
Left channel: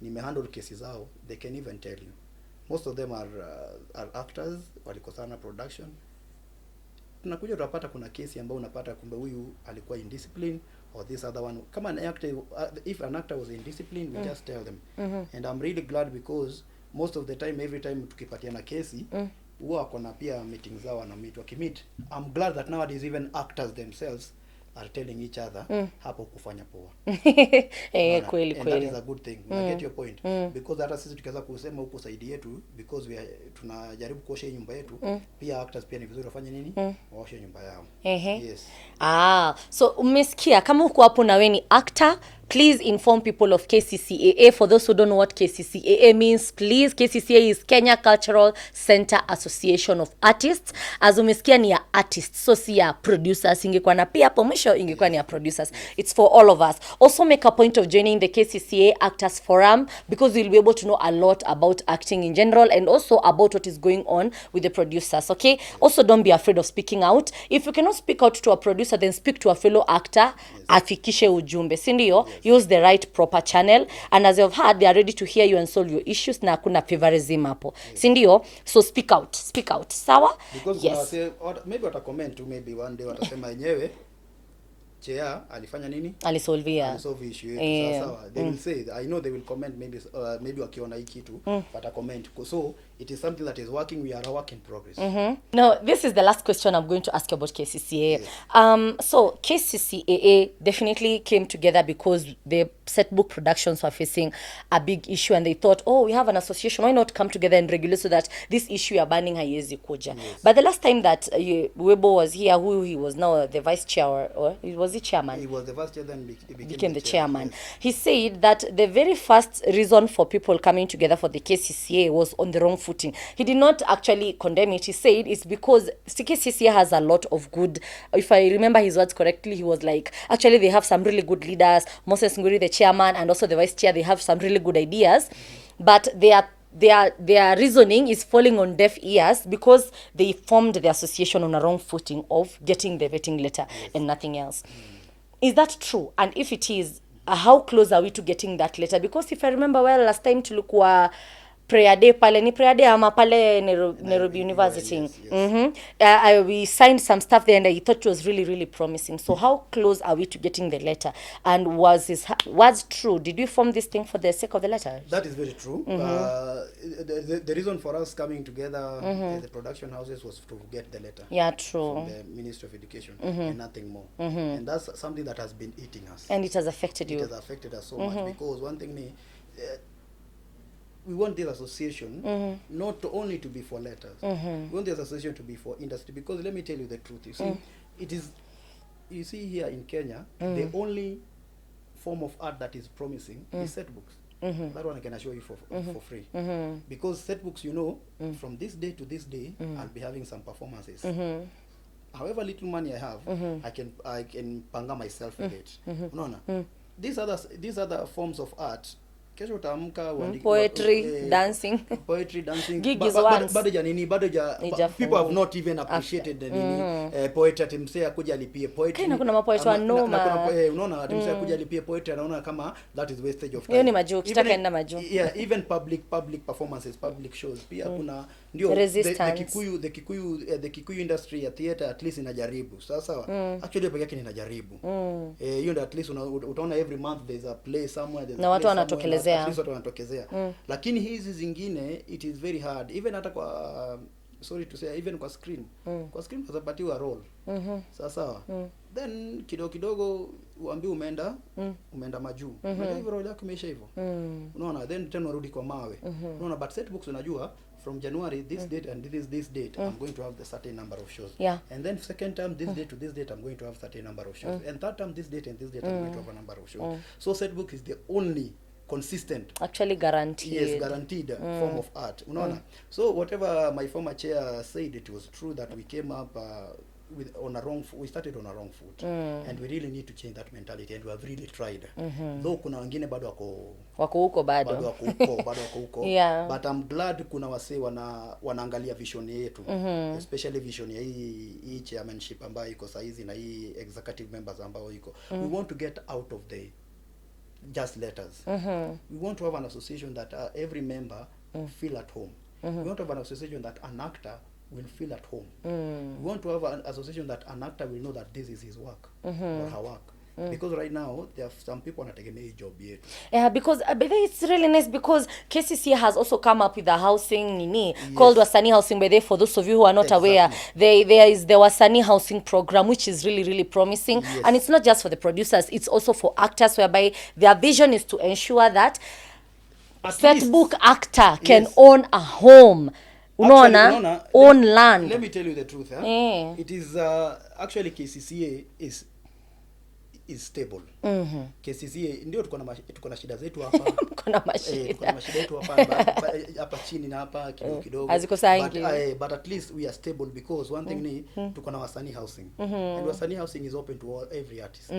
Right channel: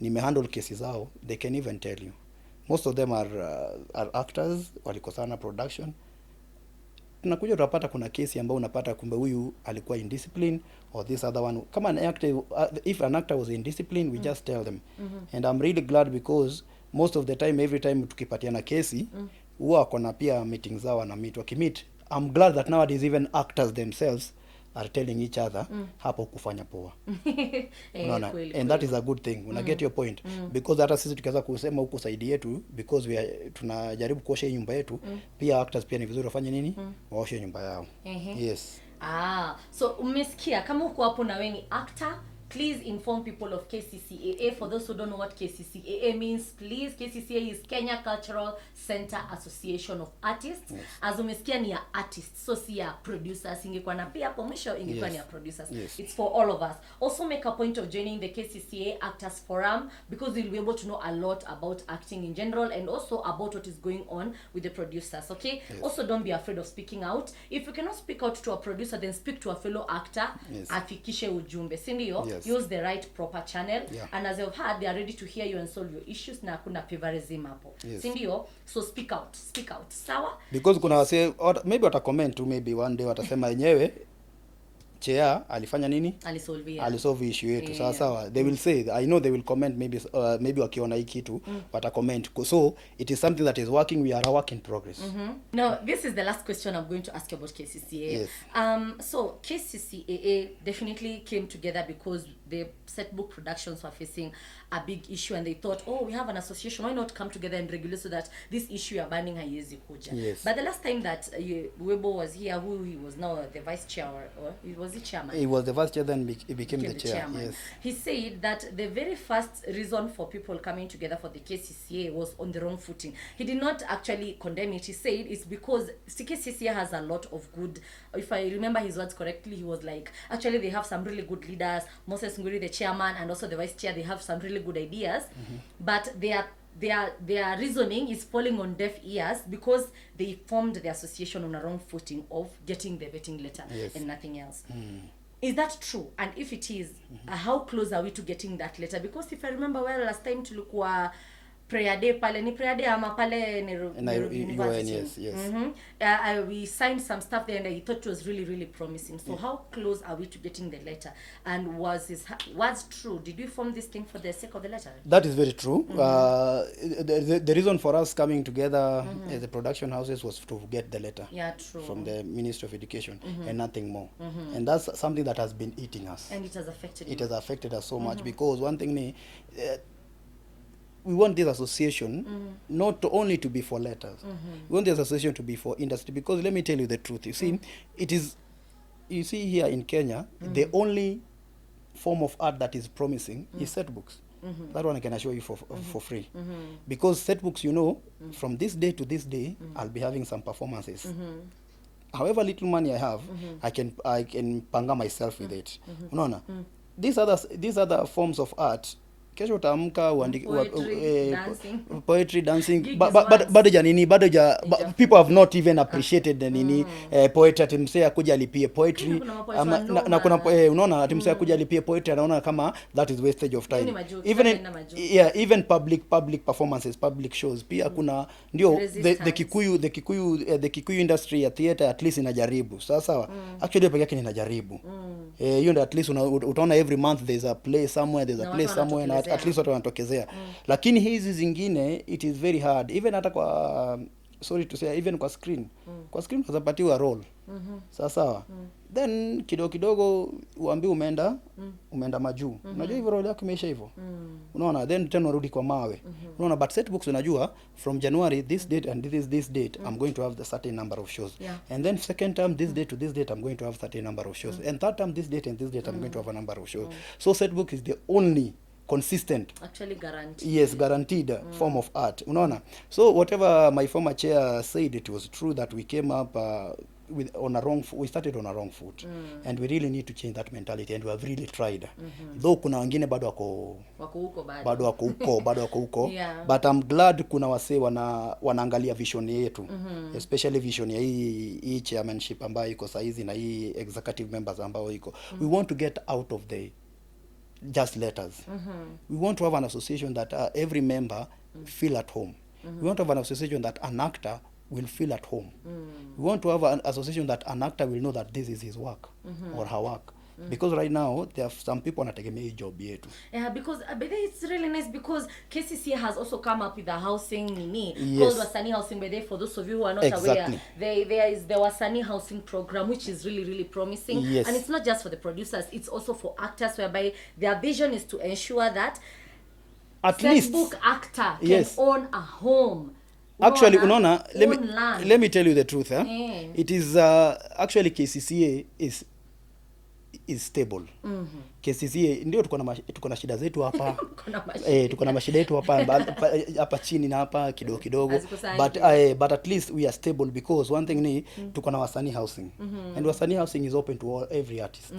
nimehandle cases zao, they can even tell you. Most of them are actors, walikosana production. Tunakuja utapata kuna kesi ambayo unapata kumbe huyu alikuwa indiscipline, or this other one. Kama an actor, if an actor was indiscipline, we just tell them. And I'm really glad, because most of the time, every time tukipatiana kesi, huwa kona pia meetings zao na meet wakimit. I'm glad that nowadays even actors themselves are telling each other hapo kufanya poa. Kweli. And that is a good thing. Una get your point? Because hata sisi tukianza kusema huko saidi yetu, because tunajaribu kuosha nyumba yetu, pia actors pia ni vizuri wafanye nini? Waoshe nyumba yao. Yes. So umesikia, kama uko hapo na wewe ni actor, please inform people of KCCAA. For those who don't know what KCCAA means, please, KCCAA is Kenya Cultural Center Association of Artists. As umesikia ni ya artists, so si ya producers. Ingekuwa na pia hapo mwisho ingekuwa ni ya producers. It's for all of us. Also make a point of joining the KCCAA Actors Forum, because you'll be able to know a lot about acting in general, and also about what is going on with the producers, okay? Also, don't be afraid of speaking out. If you cannot speak out to a producer, then speak to a fellow actor. Afikishe ujumbe, si ndio? Use the right proper channel, and as you've heard, they are ready to hear you and solve your issues, na hakuna favorism hapo, si ndio? So speak out, sawa? Because kuna wase, maybe wata comment tu, maybe one day watasema yenyewe Kccaa alifanya nini? Alisolve issue yetu. Sawa. They will say, I know they will comment, maybe wakiona hii kitu, wata comment. So it is something that is working. We are a work in progress. Now, this is the last question I'm going to ask you about KCCAA. So KCCAA definitely came together because the Setbook productions were facing a big issue, and they thought, oh, we have an association, why not come together and regulate so that this issue you are banning haiwezi kuja. But the last time that Webo was here, who he was now the vice chair, or was he chairman? He was the vice chair, then he became the chairman. Yes. He said that the very first reason for people coming together for the KCCA was on the wrong footing. He did not actually condemn it. He said it's because KCCA has a lot of good, if I remember his words correctly, he was like, actually they have some really good leaders. Moses Ngwiiri, the chairman, and also the vice chair, they have some really good ideas, but their reasoning is falling on deaf ears because they formed the association on a wrong footing of getting the vetting letter and nothing else. Is that true? And if it is, how close are we to getting that letter? Because if I remember well, last time tulikuwa prayer day pale, ni prayer day ama pale Nairobi University. We signed some stuff there, and I thought it was really, really promising. So how close are we to getting the letter? And was true? Did we form this thing for the sake of the letter? That is very true. The reason for us coming together as the production houses was to get the letter. Yeah, true. From the Ministry of Education and nothing more. And that's something that has been eating us. And it has affected you. It has affected us so much, because one thing we want this association not only to be for letters. We want this association to be for industry, because let me tell you the truth. You see, you see here in Kenya, the only form of art that is promising is Setbooks. That one I can assure you for free. Because Setbooks, you know, from this day to this day, I'll be having some performances. However little money I have, I can panga myself with it. These other forms of art kesho utaamka uandike poetry dancing bado ja nini people have not even appreciated the nini poetry ati msee akuja alipie poetry na kuna mapoetry na kuna unaona ati msee akuja alipie poetry anaona kama that is wastage of time. Ni majoke tutaenda majoke. Yeah, even public performances, public shows pia kuna ndio the Kikuyu industry ya theater at least inajaribu sawa actually peke yake inajaribu hiyo ndio at least utaona every month there's a play somewhere, there's a play somewhere, at least watu wanatokezea. Lakini hizi zingine it is very hard even hata kwa sorry to say even kwa screen unapatiwa role sawa then kidogo uambi umeenda majuu unajua hivyo role yako imeisha hivyo unaona then tena urudi kwa mawe unaona but Setbooks unajua from January this date and this date I'm going to have the certain number of shows and then second term this date to this date I'm going to have certain number of shows and third term this date and this date I'm going to have a number of shows so Setbooks is the only consistent, actually guaranteed, guaranteed form of art unaona so whatever my former chair said, it was true that we came up we started on a wrong foot and we really need to change that mentality and we have really tried though kuna wengine bado wako huko but I'm glad kuna wase wanaangalia vision yetu especially vision ya hii chairmanship ambayo iko saizi na hii executive members ambao iko we want to get out of the just letters. We want to have an association that every member feel at home. We want to have an association that an actor will feel at home. We want to have an association that an actor will know that this is his work or her work. Because right now there are some people wanategemea hii job yetu. Yeah, because but it's really nice because Kccaa has also come up with a housing called Wasanii Housing. By the way, for those of you who are not aware, there is the Wasanii Housing program, which is really promising. And it's not just for the producers, it's also for actors, whereby their vision is to ensure that a Setbook actor can own a home. Unaona, own land. Let me tell you the truth. It is actually Kccaa is stable. Kccaa ndio tuko na shida zetu hapa. Tuko na mashida yetu hapa chini na hapa kidogo. But at least we are stable because one thing ni tuko na Wasanii Housing. And Wasanii Housing is open to every artist.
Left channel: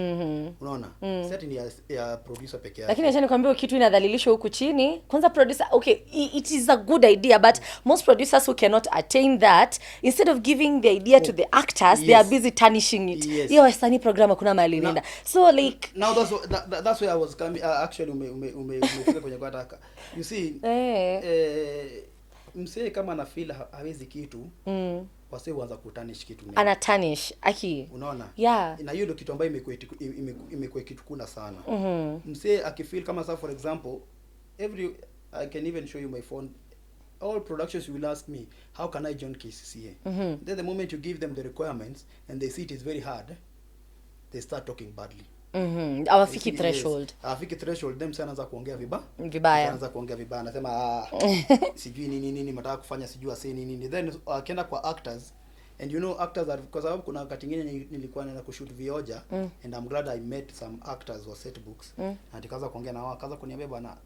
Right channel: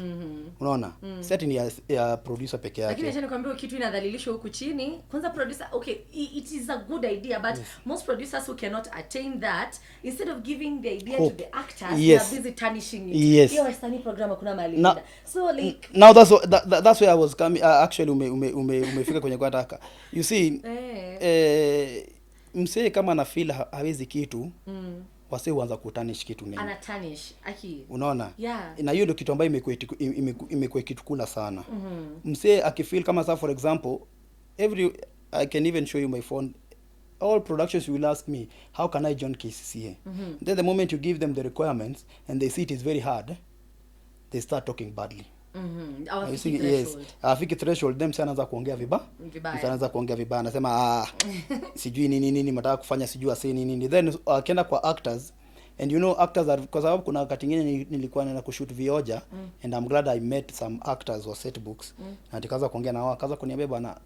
Unaona? Setting ya producer peke yake. Lakini acha nikwambie kitu inadhalilishwa huku chini. Kwanza producer, okay, it is a good idea, but most producers who cannot attain that, instead of giving the idea to the actors, they are busy tarnishing it. Hiyo Wasanii program kuna mahali nenda. So like now that's where I was coming actually umefika kwenye kwa taka you see msee kama na feel hawezi kitu wase huanza kutanish kitu mimi ana tarnish aki unaona na hiyo ndio kitu ambayo imekuwa kitu kula sana msee akifeel kama sa for example I can even show you my phone all productions will ask me how can I join Kccaa then the moment you give them the requirements and they see it is very hard they start talking badly. Awafiki threshold. Awafiki threshold them sana za kuongea vibaya. Anaanza kuongea vibaya anasema sijui nini mtaka kufanya sijui asi nini. Then akienda kwa actors and you know actors are because sababu kuna wakati mwingine nilikuwa naenda kushoot vioja and I'm glad I met some actors wa Setbooks na nikaanza kuongea na wao akaanza kuniambia bwana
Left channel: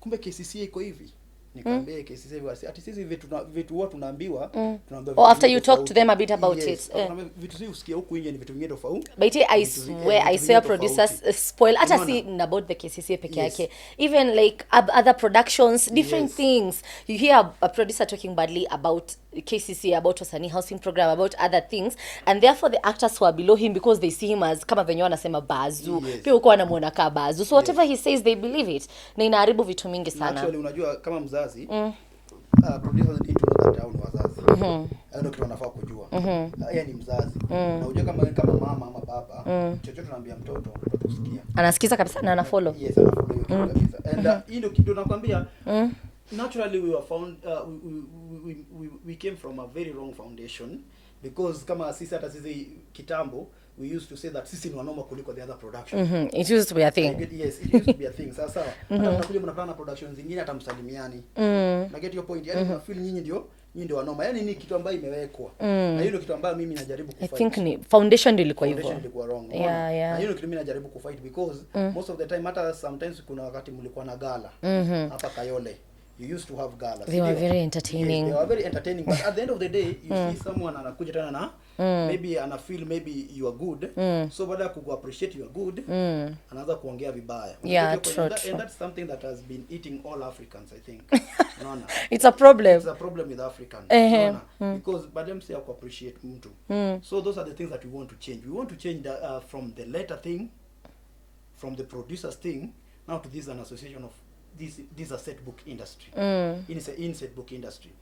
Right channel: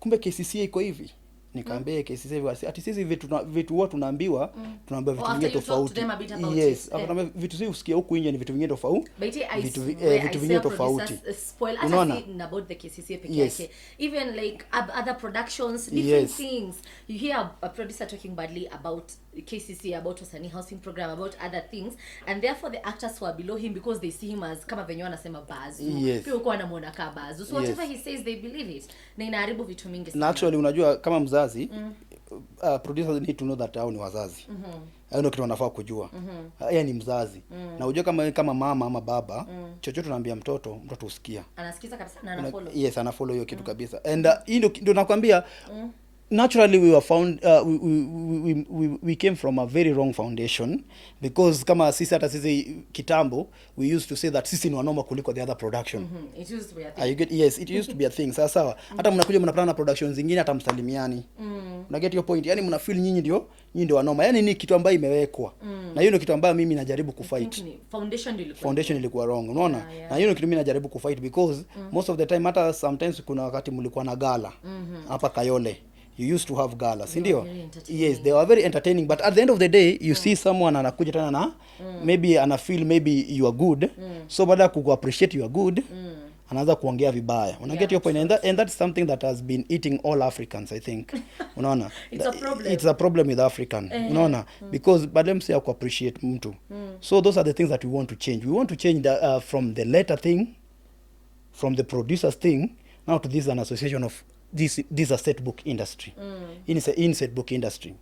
kumbe Kccaa iko hivi. Nikamwambia Kccaa ati sisi vitu huwa tunaambiwa vitu after you talk to them a bit about it vitu sisi usikia huku nje ni vitu vingine tofauti but I say producers spoil hata si about the Kccaa peke yake even like other productions different things you hear a producer talking badly about Kccaa about Wasanii Housing program about other things and therefore the actors who are below him because they see him as kama venye wanasema bazu pia uko anamuona kama bazu so whatever he says they believe it na inaharibu vitu mingi sana actually unajua kama mzazi producers need to know that hao ni wazazi ndio kitu wanafaa kujua yeye ni mzazi na unajua kama mama ama baba chochote tunaambia mtoto usikia anasikiza kabisa na ana follow ana follow hiyo kitu kabisa and ndio nakwambia naturally we were found we came from a very wrong foundation because kama sisi kitambo we used to say that sisi ni wanoma kuliko the other production it used to be a thing it used to be a thing sawa hata mnakuja mnapata na productions zingine hata msalimiani na get your point yani mna feel nyinyi ndio wanoma yani ni kitu ambayo imewekwa na hiyo ndio kitu ambayo mimi najaribu kufight I think ni foundation ilikuwa wrong unaona na hiyo ndio kitu mimi najaribu kufight because most of the time hata sometimes kuna wakati mlikuwa na gala hapa Kayole you used to have galas. They were very entertaining. Yes, they were very entertaining, but at the end of the day you see someone anakuja tena na maybe ana feel maybe you are good, so baada ya ku appreciate you are good, anaanza kuongea vibaya. Yeah, your point? And that's something that has been eating all Africans, I think. Unaona? It's a problem. It's a problem with African. Unaona? Because badem say ku appreciate mtu. So those are the things that we want to change. We want to change the, from the letter thing, from the producers thing, now to this an association of this a set book industry. In set book industry.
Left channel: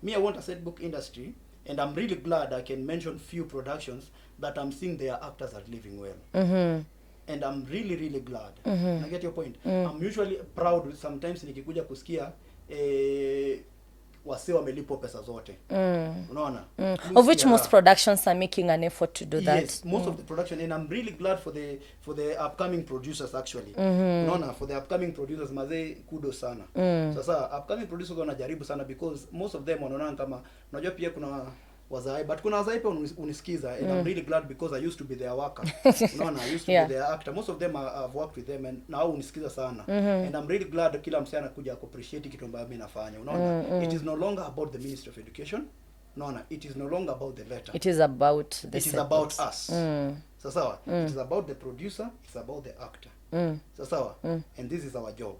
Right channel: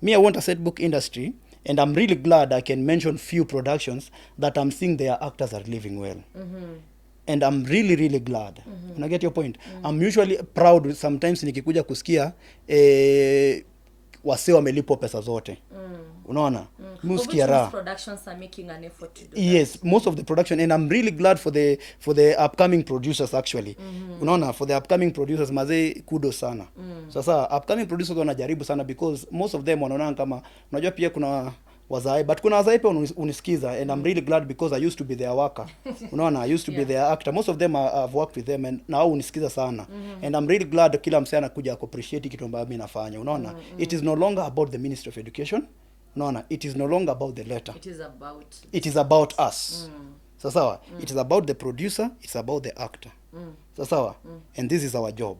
Me, I want a set book industry, and I'm really glad I can mention few productions that I'm seeing their actors are living well. And I'm really, really glad. I get your point. I'm usually proud sometimes nikikuja kusikia wase wamelipwa pesa zote. Unaona? Of which most productions are making an effort to do that. Yes, most of the production, and I'm really glad for the upcoming producers actually. Unaona, for the upcoming producers mazee kudos sana. Sasa upcoming producers wanajaribu sana because most of them wanaona kama unajua pia kuna wazai, but kuna wazai pia unisikiza, and I'm really glad because I used to be their worker. Unaona, I used to be their actor. Most of them I've worked with them, and now unisikiza sana. And I'm really glad kila msee anakuja appreciate kitu ambacho mimi nafanya. Unaona, it is no longer about the Ministry of Education. Unaona, it is no longer about the letter. It is about us. Sawa. It is about the producer, it's about the actor. Sawa. And this is our job.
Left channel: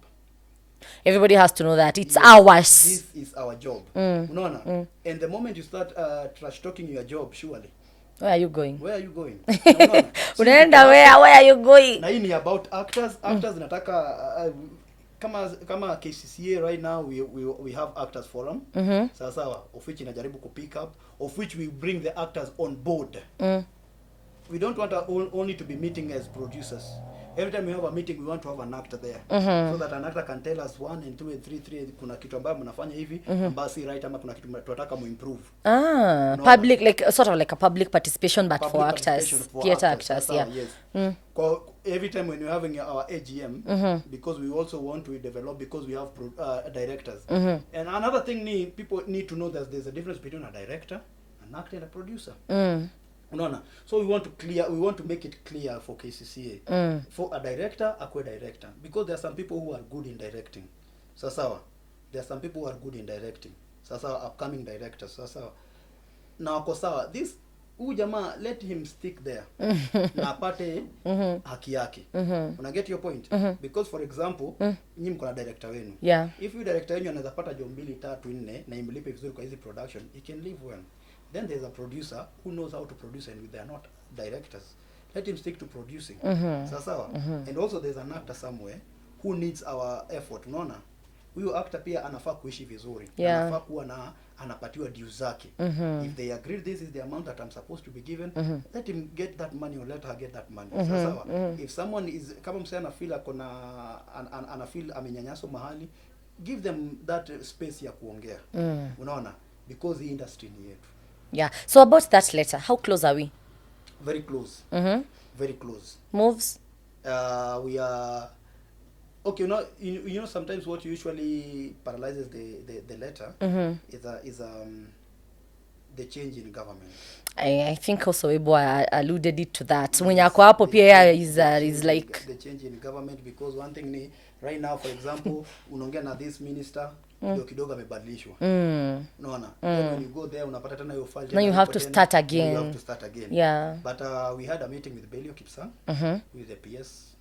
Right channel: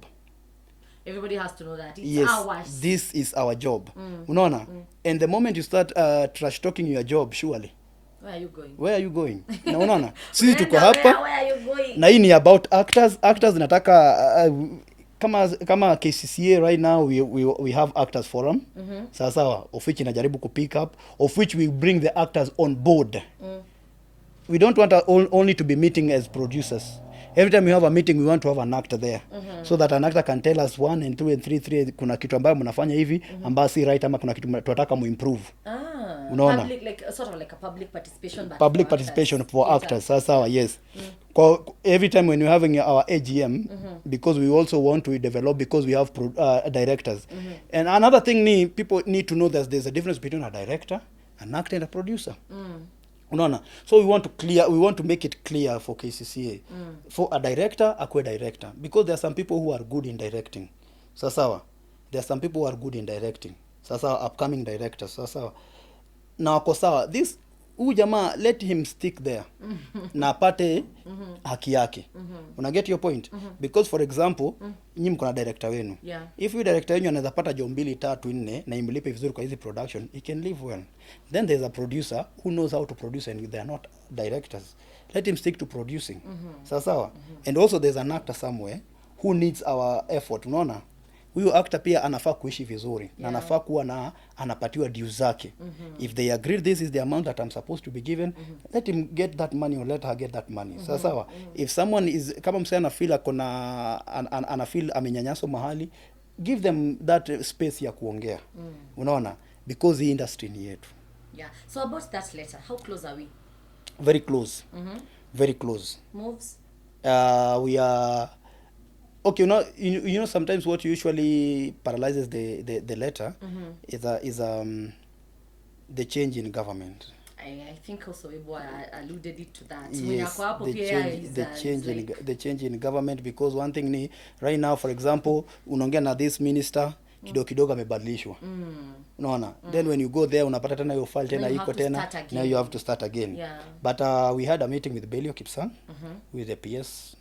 Everybody has to know that it's ours. This is our job. Unaona? And the moment you start trash talking your job, surely where are you going? Where are you going? Unaona? Where are you going? Na hii ni about actors. Actors nataka kama Kccaa right now we have actors forum. Sawa, of which inajaribu ku pick up, of which we bring the actors on board. We don't want only to be meeting as producers. Every time we have a meeting, we want to have an actor there, so that an actor can tell us 1 and 2 and 3 kuna kitu ambayo mnafanya hivi ambayo si right, ama kuna kitu tunataka muimprove. Public, like sort of like a public participation, but public for participation actors. for actors. Sawa, yes. Every time when we're having our AGM, because we also want to develop, because we have directors. And another thing people need to know that there's a difference between a director, an actor, and a producer. Unaona? So we want to make it clear for Kccaa. For a director, akwe director, because there are some people who are good in directing. Sawa. There are some people who are good in directing. Sawa, upcoming directors. Sawa. Na wako sawa. This jamaa, let him stick there. Na apate haki yake. Una get your point? Because for example, nyinyi mko na director wenu. If you director wenu anaweza pata job 2, 3, 4 na imlipe vizuri kwa hizi production, he can live well. Then there's a producer who knows how to produce, and they are not directors. Let him stick to producing. Sawa. And also there's an actor somewhere who needs our effort. Unaona? Huyo actor pia anafaa kuishi vizuri. Anafaa kuwa anapatiwa dues zake. If they agree this is the amount that I'm supposed to be given, let him get that money, or let her get that money. Sawa. If someone is kama msana feel ana feel amenyanyaso mahali, give them that space ya kuongea. Unaona? Because the industry ni yetu. Yeah. So about that letter, how close are we? Very close. Very close. Moves? We are okay. You know sometimes what usually paralyzes the letter is the change in government. I think also Ebo alluded it to that. When yako hapo pia is like the change in government, because one thing ni right now, for example, unaongea na this minister kidogo amebadilishwa. Unaona? Then when you go there unapata tena hiyo file tena, you have to start again. You have to start again. Yeah. But we had a meeting with Kccaa with the PS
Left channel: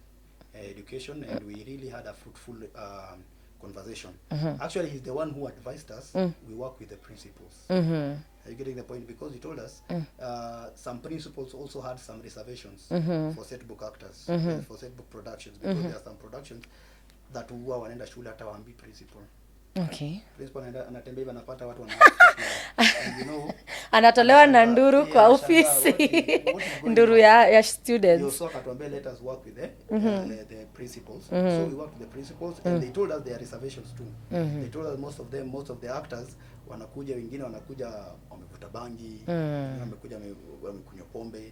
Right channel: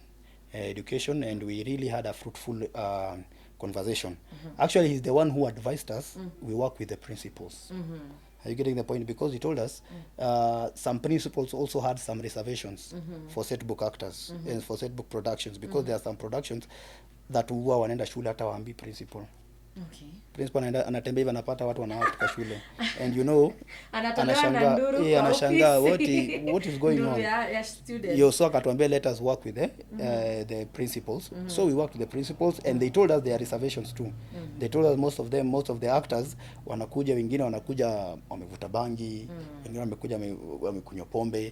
education, and we really had a fruitful conversation. Actually, he's the one who advised us. We work with the principals. Are you getting the point? Because he told us some principals also had some reservations for set book actors and for set book productions, because there are some productions that huwa wanaenda shule hata waambi principal. Okay. Principal anatembea hivi anapata watu wanaanza shule. And you know, anatolewa na nduru kwa office. What is going nduru on? ya students. Yo, so akatuambia let us work with the principals. So we worked with the principals, and they told us there are reservations too. They told us most of the actors wanakuja, wengine wanakuja wamevuta bangi, wengine wamekuja wamekunywa pombe.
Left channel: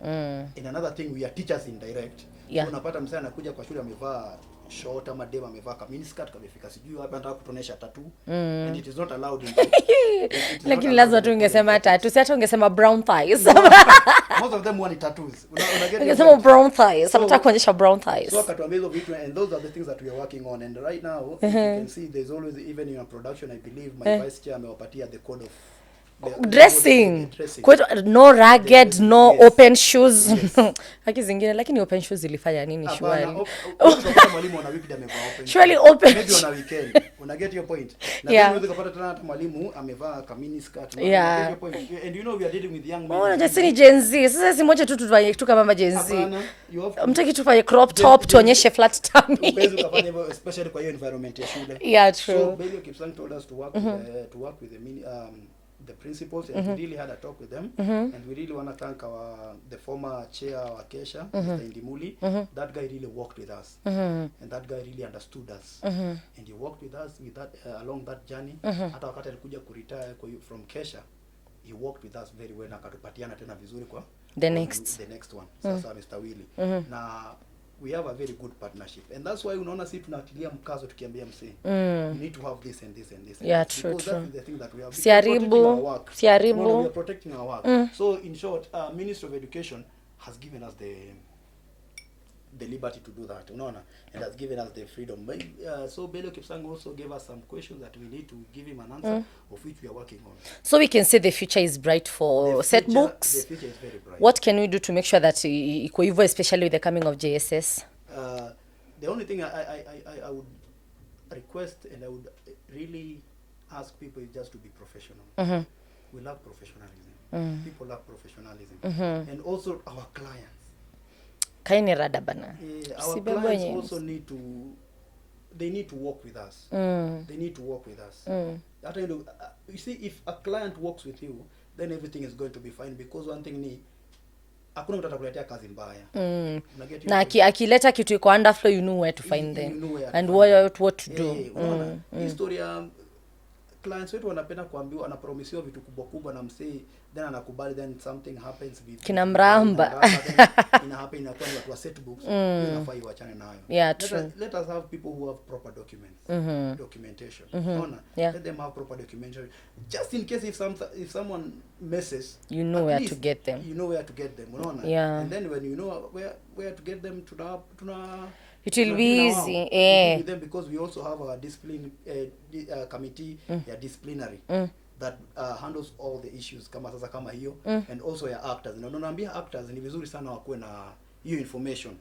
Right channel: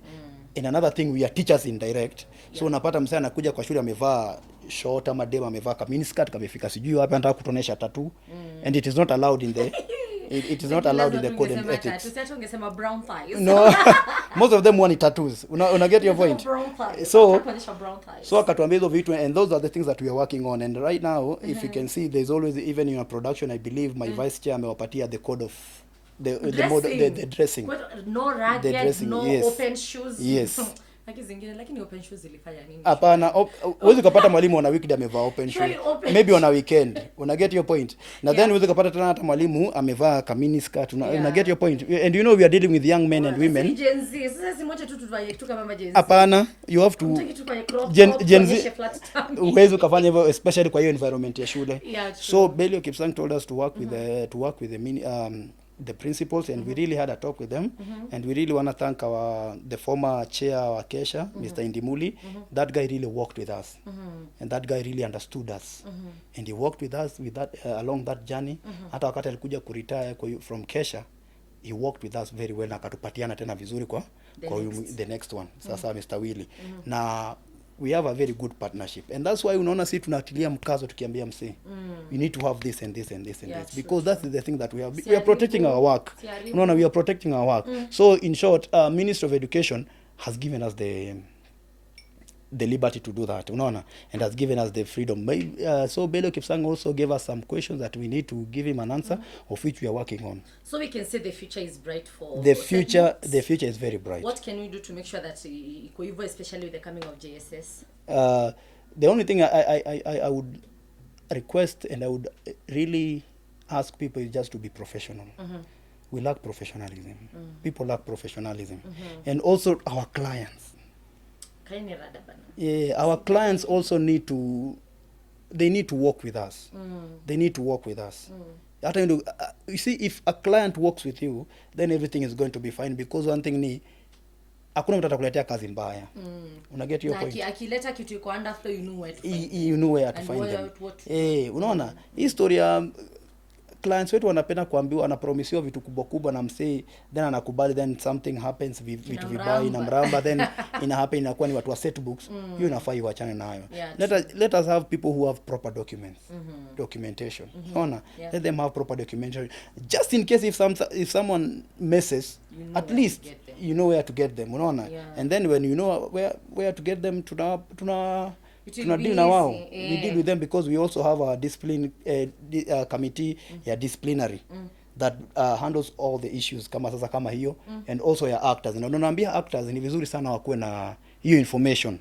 And another thing, we are teachers in direct. So unapata msana anakuja kwa shule amevaa short ama dem amevaa ka miniskirt kamefika sijui wapi, anataka kutonesha tattoo, and it is not allowed in the it is not allowed. Lazima tungesema tattoo, si hata ungesema brown thighs. No. most of them want tattoos. Una get your Some point? brown thighs. So, Nataka kuonyesha brown thighs. So akatuambia hizo vitu, and those are the things that we are working on. And right now, if you can see, there's always, even in a production, I believe my vice chair amewapatia the code of dressing. Dressing. No ragged, dressing, no yes. Open shoes. Yes. Haki zingine, lakini open shoes ilifanya nini? Hapana, huwezi kupata mwalimu on a weekday amevaa open Surely shoes. open Maybe on a weekend. Una get your point? Na then huwezi kupata tena hata mwalimu amevaa kamini skirt. Una get your point? And you know we are dealing with young men and women. Sisi ni Gen Z. Sasa si moja tu tufanye tu kama Gen Z. Hapana, you have to. Mtaki tufanye crop top tuonyeshe flat tummy. Huwezi kufanya hivyo, especially kwa hiyo environment ya shule. Yeah, true. So Belio Kipsang told us to work with the principals, and we really had a talk with them, and we really want to thank the former chair wa Kccaa, Mr. Indimuli. That guy really worked with us, and that guy really understood us, and he worked with us with that along that journey. Hata wakati alikuja kuretire from Kccaa, he worked with us very well, na akatupatiana tena vizuri kwa the next one. Sasa Mr. Willy. Na we have a very good partnership, and that's why unaona sisi tunatilia mkazo tukiambia msee you need to have this and this and this, yeah, because true. that's the thing that we are protecting our work. No, we are protecting our work. So in short, Ministry of Education has given us the liberty to do that, unaona, and has given us the freedom. So Belio Kipsang also gave us some questions that we need to give him an answer, of which we are working on. So we can say the future is bright for Setbooks. The future is very bright. What can we do to make sure that iko hivyo, especially with the coming of JSS? The only thing I would request, and I would really ask people, is just to be professional. We lack professionalism. People lack professionalism. And also our clients. Kaini rada bana. Yeah, our clients also need to work with us. They need to work with us. You see, if a client works with you, then everything is going to be fine, because one thing ni hakuna mtu atakuletea kazi mbaya. Una get your point? Na akileta kitu iko underflow, you know where to find them. You know where to and find what to do. Unaona? Hii story ya clients wetu wanapenda kuambiwa, wanapromisiwa vitu kubwa kubwa na msee, then anakubali, then something happens, kina mramba then ina happen, inakuwa ni watu wa Setbooks. You unafaa iwachane nayo. Let us have people who have proper documents, documentation. Unaona? Let them have proper documentation, just in case if someone messes, you know where to get them. You know where to get them. Unaona? And then when you know where to get them, it will be easy. We deal with them, because we also have a discipline committee, disciplinary, that handles all the issues kama hiyo, and also ya actors. Na naambia actors ni vizuri sana wakuwe na hiyo information.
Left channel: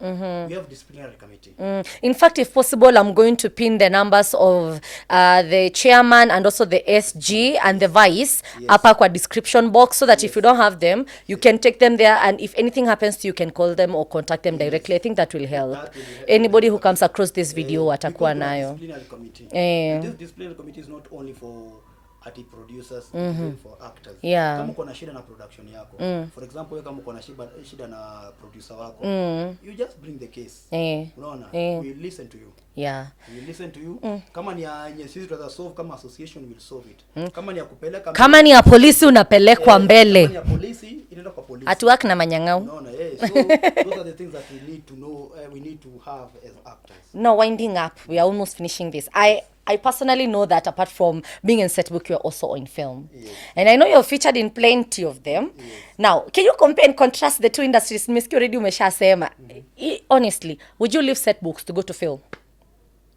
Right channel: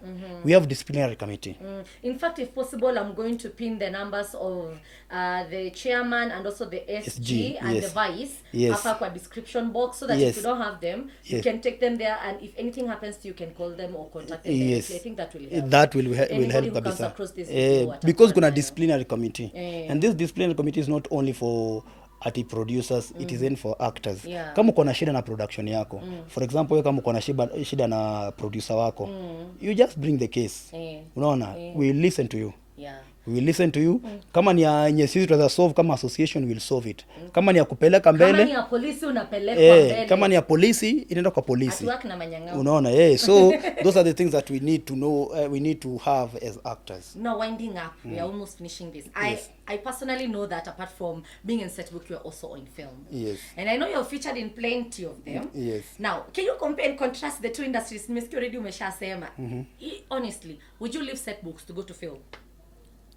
We have disciplinary committee. In fact, if possible, I'm going to pin the numbers of the chairman and also the SG and the vice up kwa description box, so that if you don't have them, you can take them there, and if anything happens to you, can call them or contact them directly. I think that will help. That will help. Anybody who comes across this video, because kuna disciplinary committee, and this disciplinary committee is not only for producers, it is in for actors. Kama uko na shida na production yako, for example, wewe kama uko na shida na producer wako, you just bring the case. Unaona? We listen to you. We listen to you. Kama ni yenye sisi tutaweza solve kama association, will solve it. Kama ni ya kupeleka mbele, kama ni ya polisi unapelekwa mbele. Kama ni ya polisi inaenda kwa polisi. Atuwak na manyang'au. Unaona? So those are the things that we need to know, we need to have as actors. Now, winding up, we are almost finishing this. I personally know that apart from being in Setbook, you are also on film. And I know you're featured in plenty of them. Now, can you compare and contrast the two industries? Miski already umeshasema. Honestly, would you leave Setbooks to go to film?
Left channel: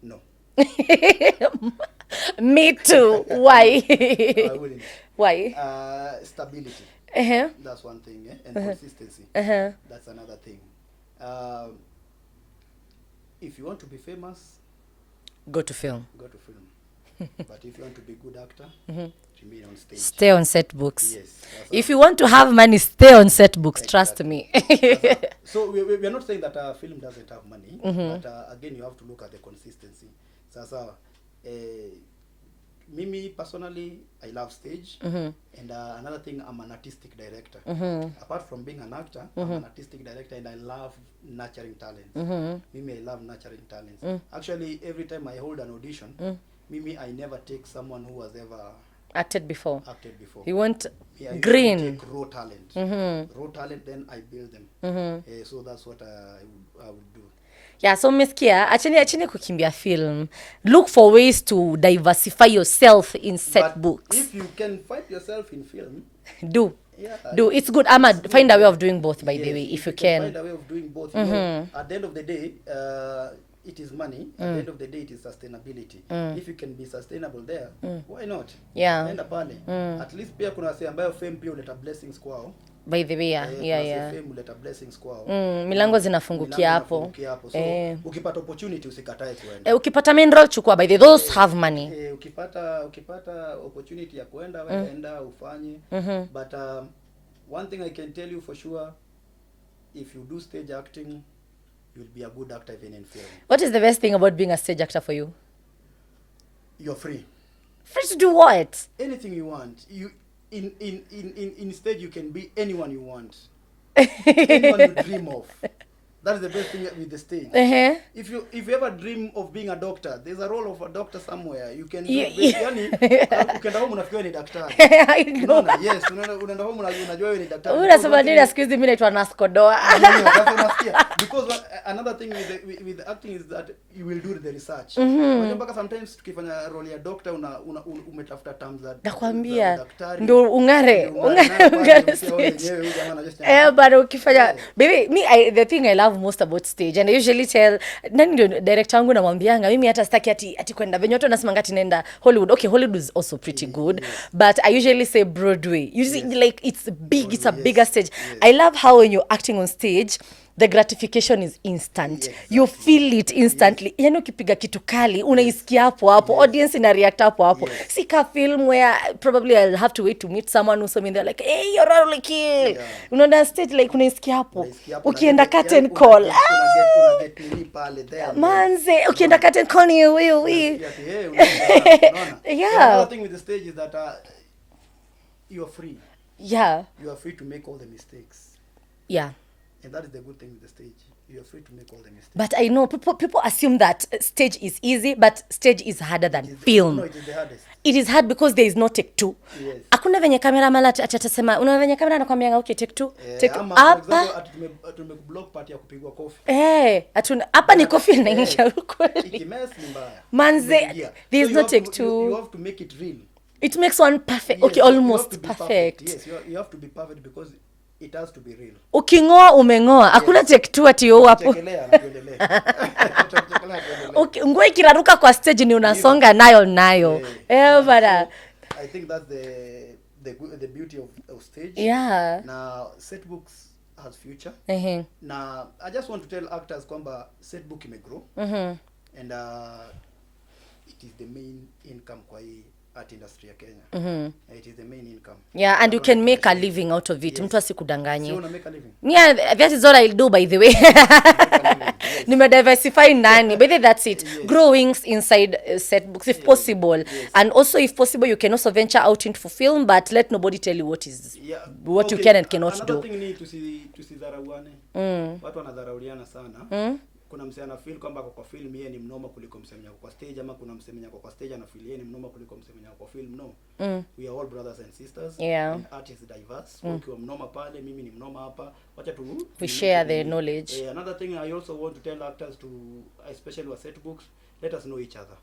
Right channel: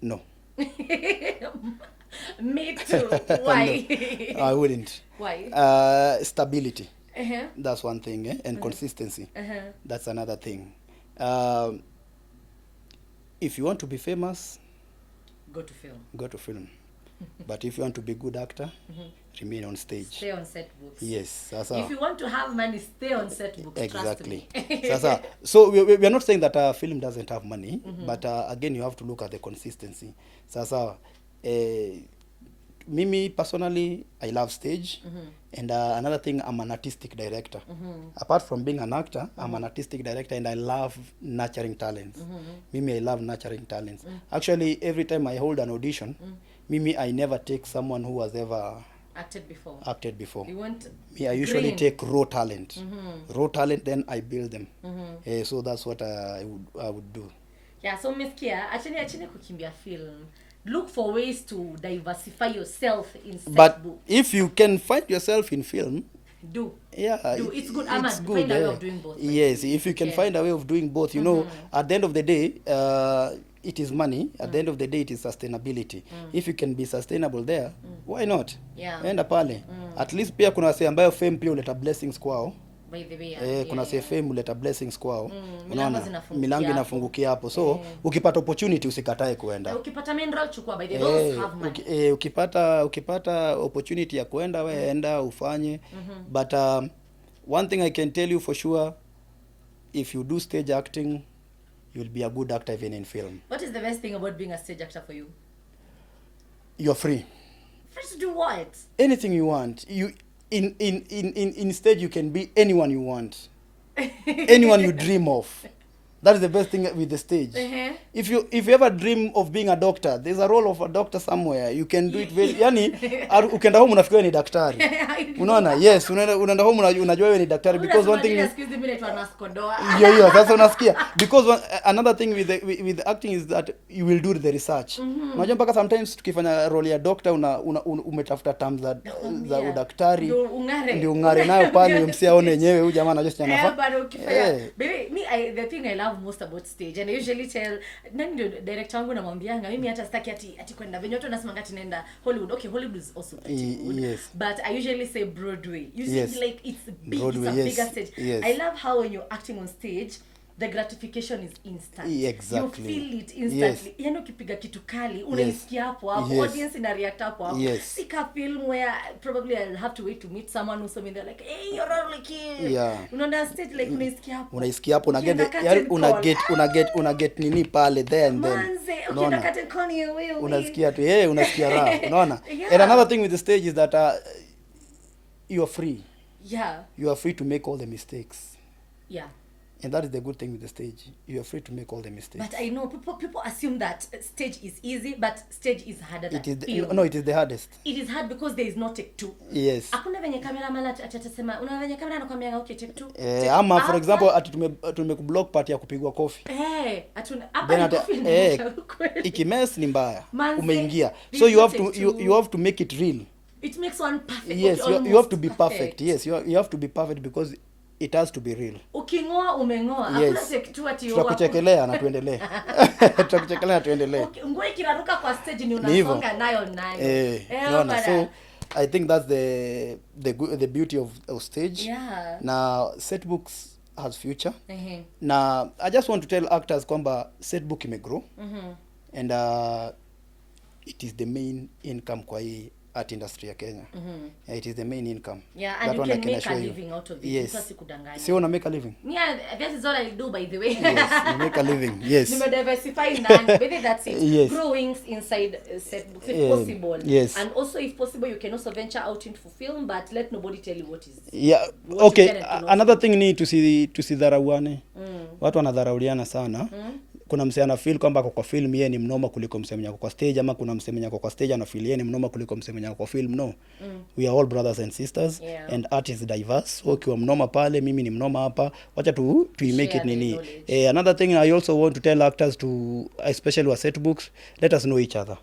No. Me too. Why? I wouldn't. Why? Stability. That's one thing, and consistency. That's another thing. If you want to be famous, go to film. But if you want to be a good actor, remain on stage. Stay on Setbooks. Yes. If you want to have money, stay on Setbooks. Exactly. Trust me. So we are not saying that film doesn't have money, but again, you have to look at the consistency. Mimi personally, I love stage, and another thing, I'm an artistic director. Apart from being an actor, I'm an artistic director, and I love nurturing talents. Mimi, I love nurturing talents. Actually, every time I hold an audition, Mimi, I never take someone who has ever acted before. You want I usually take raw talent. Raw talent, then I build them. So that's what I would do. So meskia, acheni kukimbia film. Look for ways to diversify yourself in Setbooks. But if you can find yourself in film, do. do. It's good. Ahmad, good, find a way of doing both, by yes, the way. if you can find a way of doing both, you know, at the end of the day, it is money. At the end of the day, it is sustainability. If you can be sustainable there, why not? Yeah. Enda pale. At least pia kuna wase ambayo fame pia uleta blessings kwao. By the way, kuna wase fame uleta blessings kwao. Milango zinafungukia hapo. So ukipata opportunity usikatae kuenda. Ukipata main role chukua, by the way, those have money. Ukipata opportunity ya kuenda wewe enda ufanye. But one thing I can tell you for sure, if you do stage acting, you'll be a good actor even in film. What is the best thing about being a stage actor for you? You're free. Free to do what? Anything you want. You in stage you can be anyone you want. Anyone you dream of. That is the best thing with the stage. If you ever dream of being a doctor, there's a role of a doctor somewhere. You can do yani ukienda home unafikiria ni daktari. Unaona? Yes, unaenda home unajua wewe ni daktari, because one thing excuse me, naitwa Naskodoa. Sasa unasikia, because another thing with the acting is that you will do the research. Unajua mpaka sometimes tukifanya role ya doctor umetafuta terms za daktari ndio ungare nayo pale msiaone wenyewe huyu jamaa anajua sana. But ukifanya baby, the thing I love most about stage, and I usually tell nani director wangu namwambianga mimi hata sitaki ati kwenda venye watu wanasema ngati nenda Hollywood. Okay, Hollywood is also pretty good, but I usually say Broadway. Like it's big, Broadway, it's a bigger stage. I love how when you're acting on stage, the gratification is instant. Exactly. You feel it instantly. Yani ukipiga kitu kali unaisikia hapo hapo. Audience ina react hapo hapo. Sika film where probably I'll have to wait to meet someone who's something they're like, hey, you're really kill. Unaona stage like unaisikia hapo. Ukienda curtain call, una get nini pale there. Manze, ukienda curtain call ni wewe. Unasikia tu, unasikia. Unaona? And another thing with the stage is that you are free. Yeah. You are free to make all the mistakes. Yeah. And that is the good thing with the stage. You are free to make all the mistakes. But I know people assume that stage is easy, but stage is harder than film. No, it is the hardest. It is hard because there is no take two. Yes. Hakuna venye kamera mala atasema, una venye kamera anakuambia okay take two. Ama for example ati tumekublock part ya kupigwa coffee. Atuna hapa ni coffee inaingia huko. Ikimess ni mbaya. Manze. So you have to make it real. It makes one perfect. Yes, okay, almost you have to be perfect. Yes, you have to be perfect because it has to be real. Ukingoa umengoa. Hakuna take two ati yo hapo. Tuchekelea na tuendelee. Tuchekelea tuendelee. Okay, nguo ikiraruka kwa stage ni unasonga nayo. So I think that's the beauty of stage. Yeah. Now Setbooks has future. Now I just want to tell actors kwamba Setbook imegrow. And it is the main income kwa hii art industry ya Kenya. It is the main income. Yeah, and you can make a living out of it. Mtu asikudanganye. Sio una make a living. Yeah, that is what I'll do, by the way. Make a living. Yes. Nime diversify nani. But that's it. Grow wings inside Setbooks if possible. Yes. And also if possible you can also venture out into film, but let nobody tell you what is you can and cannot another do. Thing ni tusidharauane. Watu wanadharauliana sana. Kuna msee ana feel kwamba kwa film yeye ni mnoma kuliko msee mwenye kwa stage, ama kuna msee mwenye kwa stage ana feel yeye ni mnoma kuliko msee mwenye kwa film. No. We are all brothers and sisters, and art is diverse. Ukiwa mnoma pale, mimi ni mnoma hapa. Wacha tu make it knowledge. Another thing I also want to tell actors, to especially with Setbooks, let us know each other.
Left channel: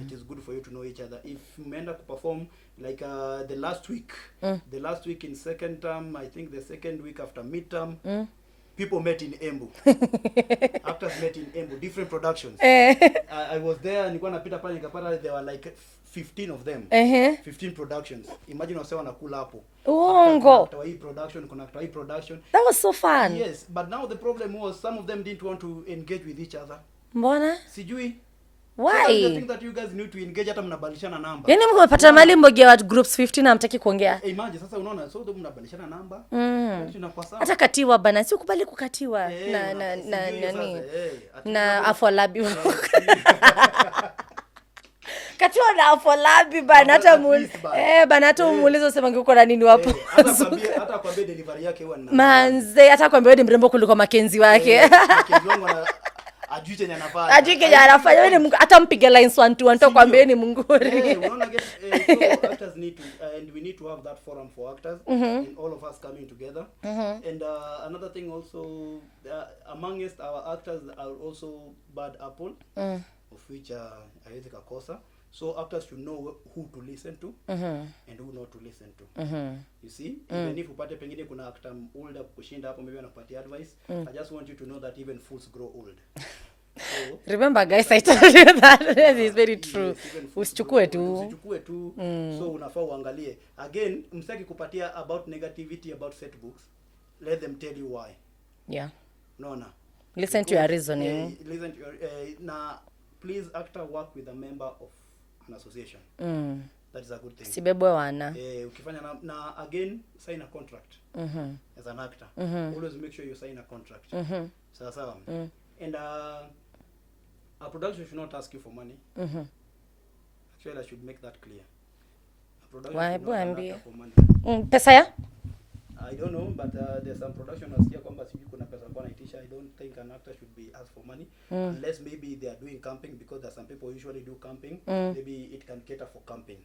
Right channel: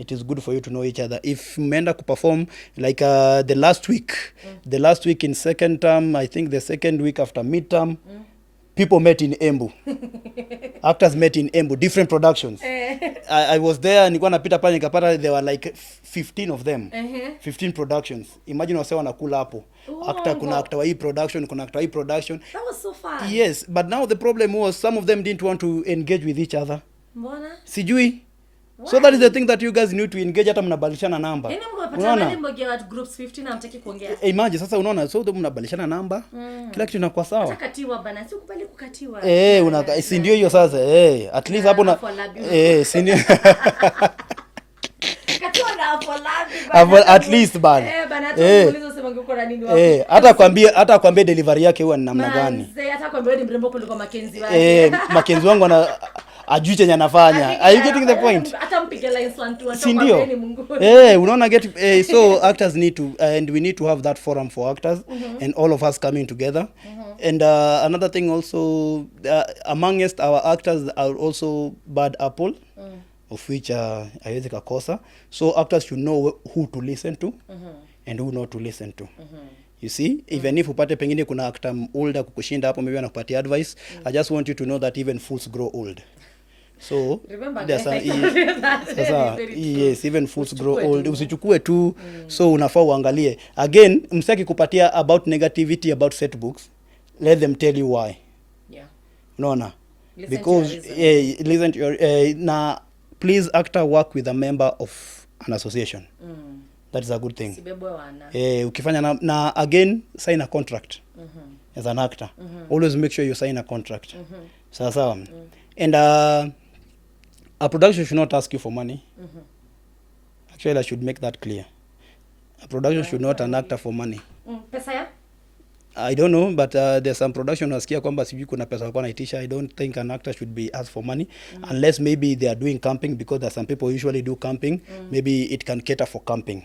It is good for you to know each other. If mmeenda ku perform like the last week in second term, I think the second week after midterm, people met in Embu. Actors met in Embu, different productions. I was there, nilikuwa napita pale nikapata there were like 15 of them. 15 productions. Imagine wase wanakula hapo. Kuna actor wa hii production, kuna actor wa hii production. That was so fun. Yes, but now the problem was some of them didn't want to engage with each other. Mbona? Sijui. Why? So that is the thing that you guys need to engage, hata mnabadilishana namba. Yaani mmepata mali mmoja wa groups 15 na hamtaki kuongea. Imagine sasa unaona, so mnabadilishana namba. Kila kitu inakuwa sawa. Hata katiwa bana, si ukubali kukatiwa. Si ndio hiyo sasa. At least hapo na si ndio. Katiwa na afolabi bana. At least bana. Bana hata muulizo sema ngiko na nini wapo. Hata kwambie delivery yake huwa ni namna gani. Manze, hata kwambie ni mrembo kuliko Makenzi wake. Makenzi wangu ajui chenye anafanya. Hata mpige lines 1 2 1 kwambie ni Mungu. Unaona so actors need to, and we need to have that forum for actors, and all of us coming together. And another thing also, amongst our actors are also bad apple. of which haiwezi kakosa. So actors should know who to listen to and who not to listen to. You see, even if upate pengine kuna actor older kukushinda hapo, maybe anakupatia advice, I just want you to know that even fools grow old. So remember guys, I told you that. That is very true. Yes, even fools grow old. Usichukue tu. So unafaa uangalie. Again, msaki kupatia about negativity about setbooks. Let them tell you why. Yeah. Unaona? Listen to your reason. Listen to your na please actor work with a member of an association. That is a good thing. Sibebwe wana. Ukifanya na again sign a contract. As an actor. Always make sure you sign a contract. Sawa. And a production should not ask you for money. Actually, I should make that clear. A production should not an actor for money. Pesa ya? I don't know, but there's some production wasikia kwamba sijui kuna pesa walikuwa naitisha. I don't think an actor should be asked for money unless maybe they are doing camping, because there are some people who usually do camping. Maybe it can cater for camping.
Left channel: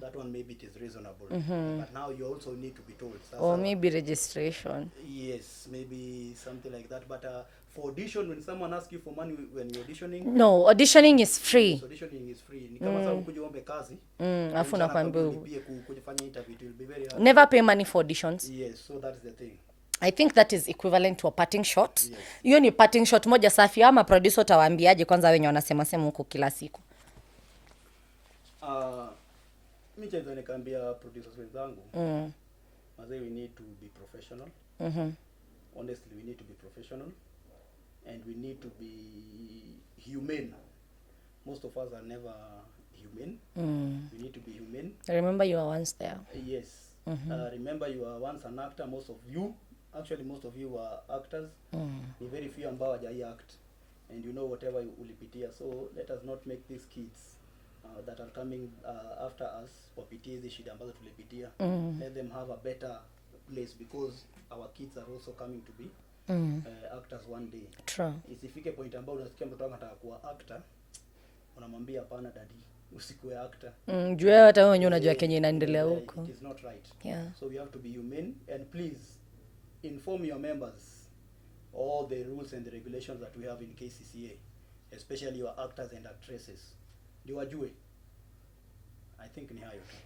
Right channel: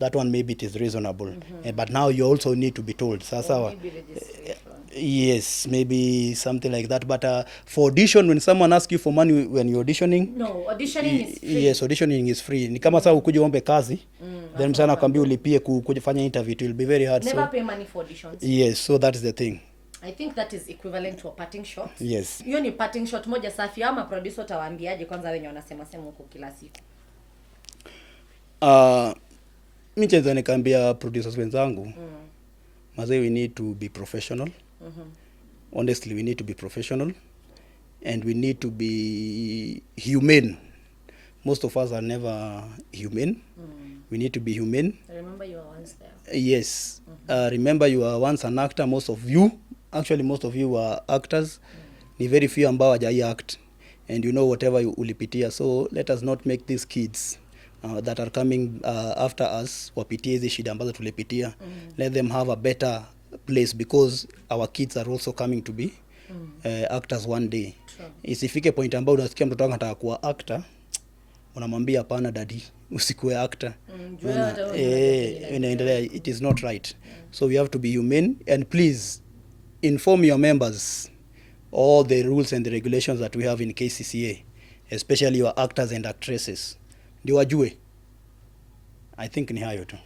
That one maybe it is reasonable. But now you also need to be told. Or maybe registration. Yes, maybe something like that. But for audition, when someone asks you for money when you're auditioning, no, auditioning is free. Yes, auditioning is free. Ni kama sasa ukuje uombe kazi, then msana akwambia ulipie kufanya interview, it will be very hard. Never pay money for auditions. Yes, so that is the thing. I think that is equivalent to a parting shot. Yes. Hiyo ni parting shot moja safi. Ama producer utawaambiaje kwanza wenye wanasema sema huko kila siku? Mimi chenza nikaambia producers wenzangu, mazee, we need to be professional. Honestly, we need to be professional and we need to be humane. Most of us are never humane. We need to be humane. Remember you were once there. Yes. Remember you were once an actor. Most of you were actors. Ni very few ambao hawajai act. And you know whatever ulipitia. So let us not make these kids that are coming after us wapitie hizi shida ambazo tulipitia. Let them have a better place, because our kids are also coming to be actors one day. True. Isifike point ambao unasikia mtoto wako anataka kuwa actor, unamwambia hapana daddy, usikuwe actor. Juu hata wewe unajua kenye inaendelea. It is not right. So we have to be humane, and please inform your members all the rules and the regulations that we have in Kccaa, especially your actors and actresses. Ndio wajue. I think ni hayo tu.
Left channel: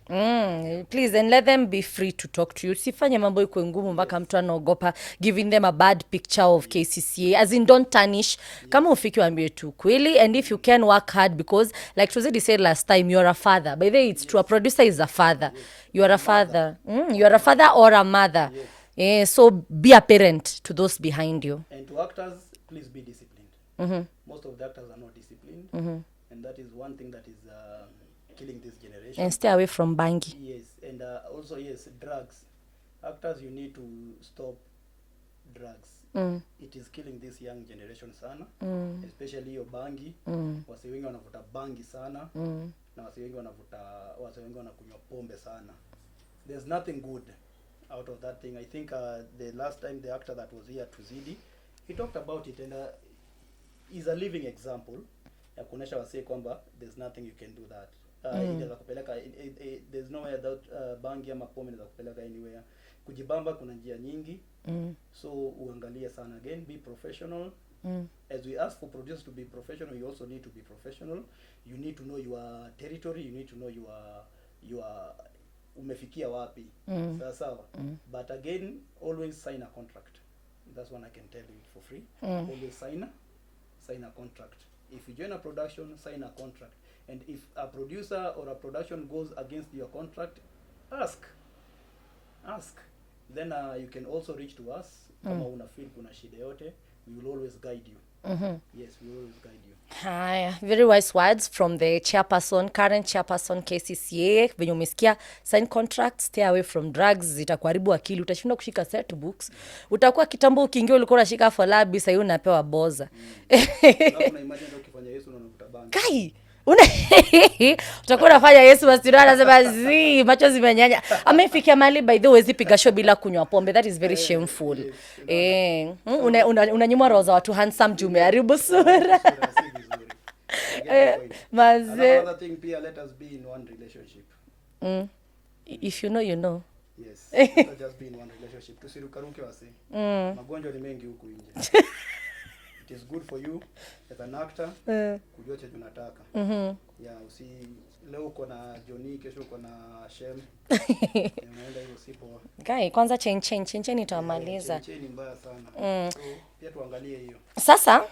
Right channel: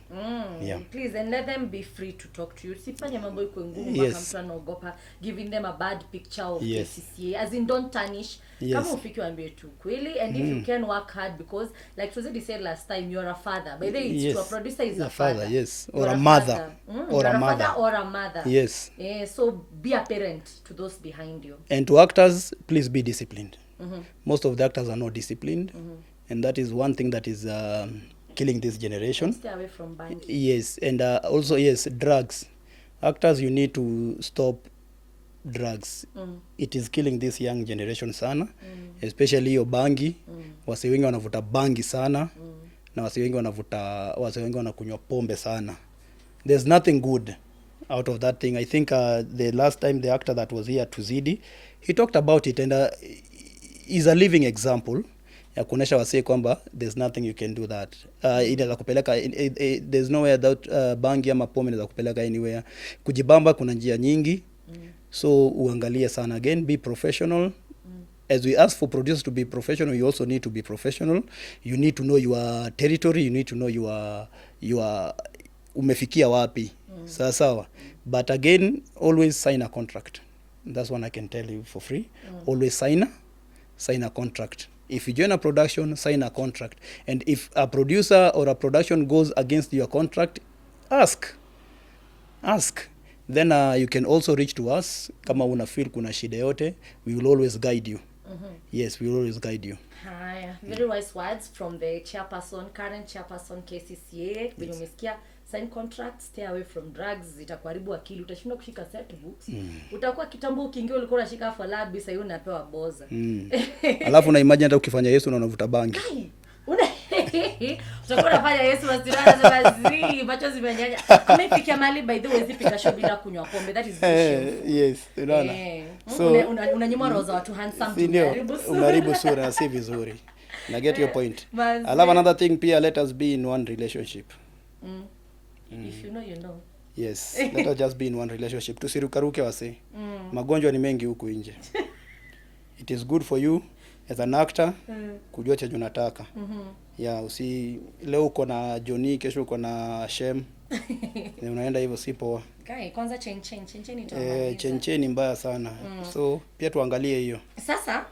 Please, and let them be free to talk to you. Sifanye mambo iko ngumu mpaka mtu anaogopa giving them a bad picture of Kccaa. As in, don't tarnish. Kama ufiki waambie tu kweli, and if you can work hard, because like Tuzidi said last time, you're a father. By the way, it's to a producer is a father. Yes. You're a father. You're a father or a mother. Yes. So be a parent to those behind you. And to actors, please be disciplined. Most of the actors are not disciplined. And that is one thing that is killing this generation. And stay away from bangi. Yes, and also, yes, drugs. Actors, you need to stop drugs. It is killing this young generation sana, especially hiyo bangi. Wase wengi wanavuta bangi sana, na wase wengi wanakunywa pombe sana. There's nothing good out of that thing. I think the last time the actor that was here, Tuzidi, he talked about it, and is a living example ya kuonesha wasee kwamba there's nothing you can do that. Inaweza kupeleka, there's nowhere that bangi ama pombe inaweza kupeleka anywhere. Kujibamba kuna njia nyingi. So uangalie sana. Again, be professional. As we ask for producers to be professional, you also need to be professional. You need to know your territory. You need to know your umefikia wapi. Sawa. But again, always sign a contract. That's one I can tell you for free. Always sign a contract. If you join a production, sign a contract. And if a producer or a production goes against your contract, ask. Then you can also reach to us. Kama una feel kuna shida yote, we will always guide you. Yes, we will always guide you. Very wise words from the current chairperson Kccaa. Venye umesikia, sign contracts, stay away from drugs, zitakuharibu akili, utashinda kushika Setbooks. Utakuwa kitambo ukiingia ulikuwa unashika falabi, sasa unapewa boza. Alafu na imagine hata ukifanya Yesu na unavuta bangi. Kai! Utakuwa unafanya Yesu wasirana sema macho zimenyanya. Amefikia mali by the way zipiga show bila kunywa pombe. That is very shameful. Yes, unanyima roho za watu handsome tumeharibu sura. Si vizuri. I get your point. I love another thing, pia let us be in one relationship. If you know, you know. Yes, let us just be in one relationship. Tusirukaruke wase. Magonjwa ni mengi huku nje. it is good for you as an actor kujua chenye unataka. Yeah, leo uko na Johnny, kesho uko na Shem. Unaenda hivyo si poa. Guy, kwanza chain itamaliza. Chain mbaya sana. So pia tuangalie hiyo. Sasa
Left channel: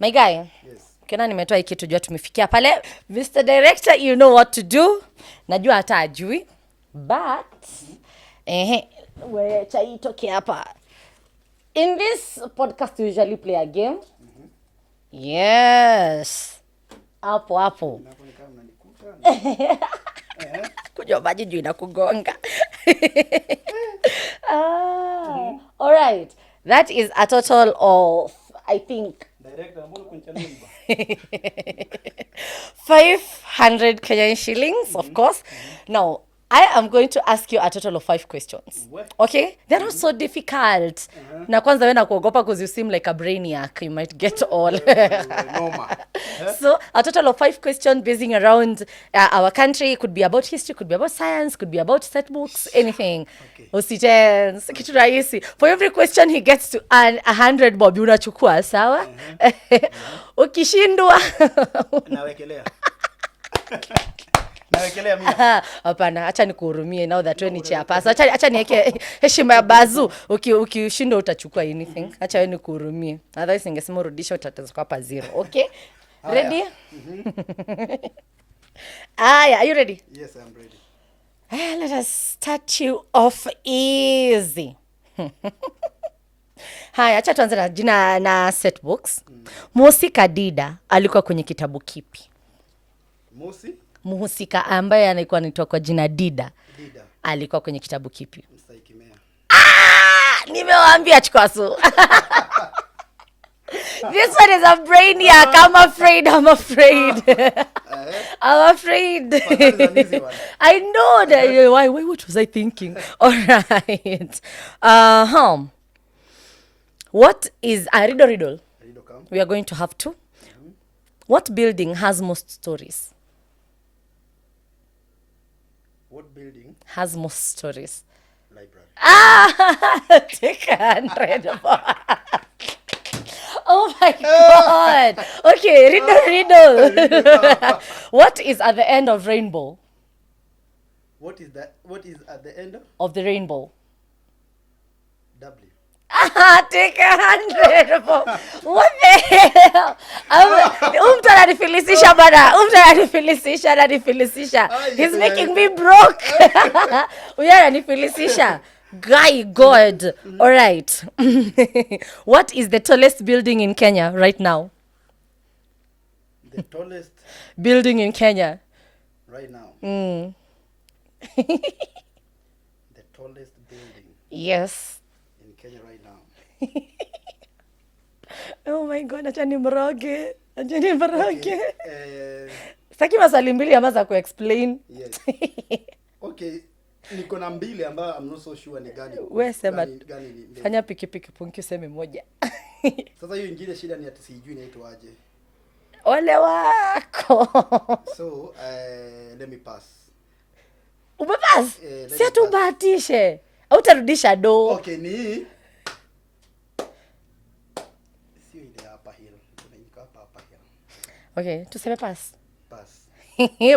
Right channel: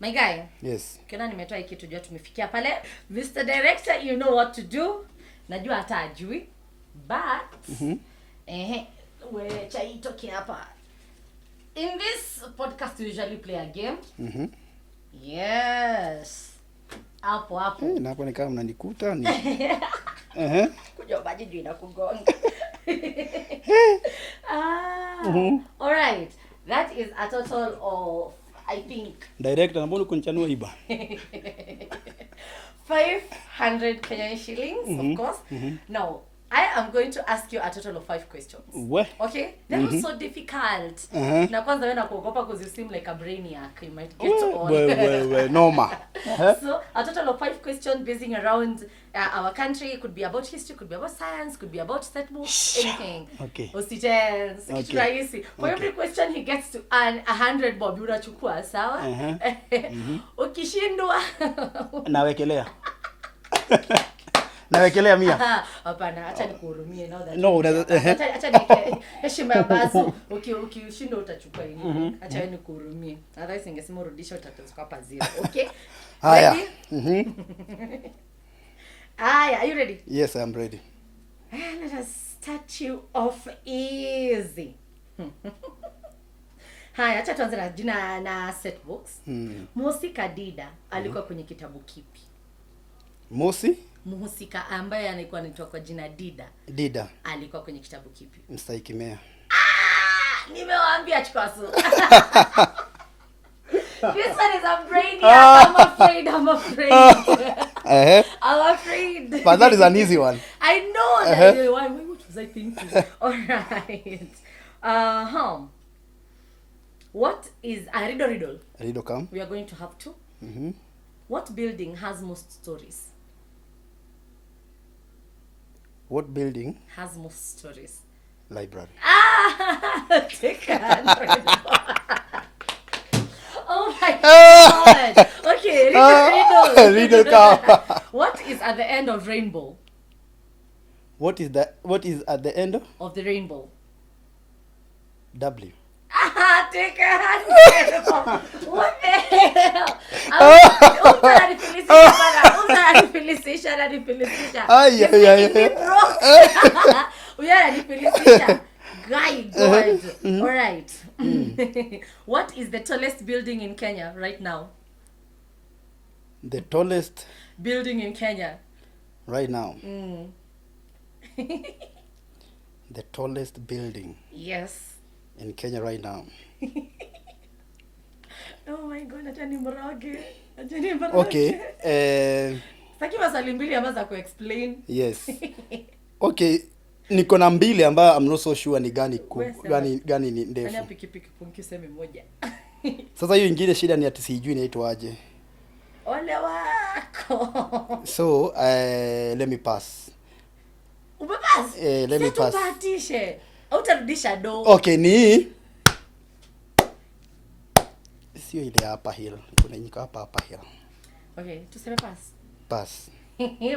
my guy. Yes. Kiona nimetoa hiki tujua tumefikia pale. Mr. Director, you know what to do. Najua hata ajui. But we chai toke hapa. In this podcast we usually play a game. Yes. Hapo. Na hapo ni kama mnanikuta ni. Kujua maji juu inakugonga. All right. That is a total of, I think, Director, na mbona kunichanua iba? 500 Kenyan shillings, of course. Now, I am going to ask you a total of 5 questions. What? Okay? They're not so difficult. Na kwanza wewe nakuogopa because you seem like a brainiac. You might get all. Well, normal. So, a total of 5 questions basing around our country. It could be about history, could be about science, could be about setbooks, anything. Okay. Usitense. Kitu rahisi. For every question he gets to earn 100 bob, unachukua, sawa? Ukishindwa. Nawekelea. Nawekelea 100. Hapana, acha nikuhurumie now that wewe ni hapa. Acha niweke heshima ya bazu. Ukishinda utachukua anything. Acha wewe nikuhurumie. Otherwise ningesema urudisha utatoka hapa 0. Okay? Ready? Are you ready? Yes, I'm ready. Let us start you off easy. Haya, acha tuanze na jina na Setbooks. Mhusika Dida alikuwa kwenye kitabu kipi? Mhusika ambaye anaikuwa anaitwa kwa jina Dida alikuwa kwenye kitabu kipi? Mstaikimea. Nimewaambia chukwasu. This one is a brainiac. I'm afraid. I'm afraid. But that is an easy one. I know that. Why? What was I thinking? All right. What is a riddle? Riddle come. We are going to have 2. What building has most stories? What building has most stories? Library. Take 100. Oh my God. Okay, riddle. What is at the end of rainbow? What is at the end of the rainbow? W. Take 100. What the hell? Umtanifilisisha. He's making me broke. Uyanifilisisha. Guy, God. All right. What is the tallest building in Kenya right now? The tallest building in Kenya right now. The tallest building. Yes. In Kenya right now. Oh my God, acha nimroge. Okay. Saki maswali mbili ama za ku-explain. Yes. Okay. Niko na mbili ambayo I'm not so sure ni gani ni ndefu. Fanya piki punki useme moja. Sasa hiyo ingine shida ni ati sijui inaitwa aje. Ole wako. So, let me pass. Umepass? Si tubahatishe. Hautarudisha do. Okay, ni sio ile hapa hill. Kuna nyika hapa hill. Okay, tuseme pass. Pass.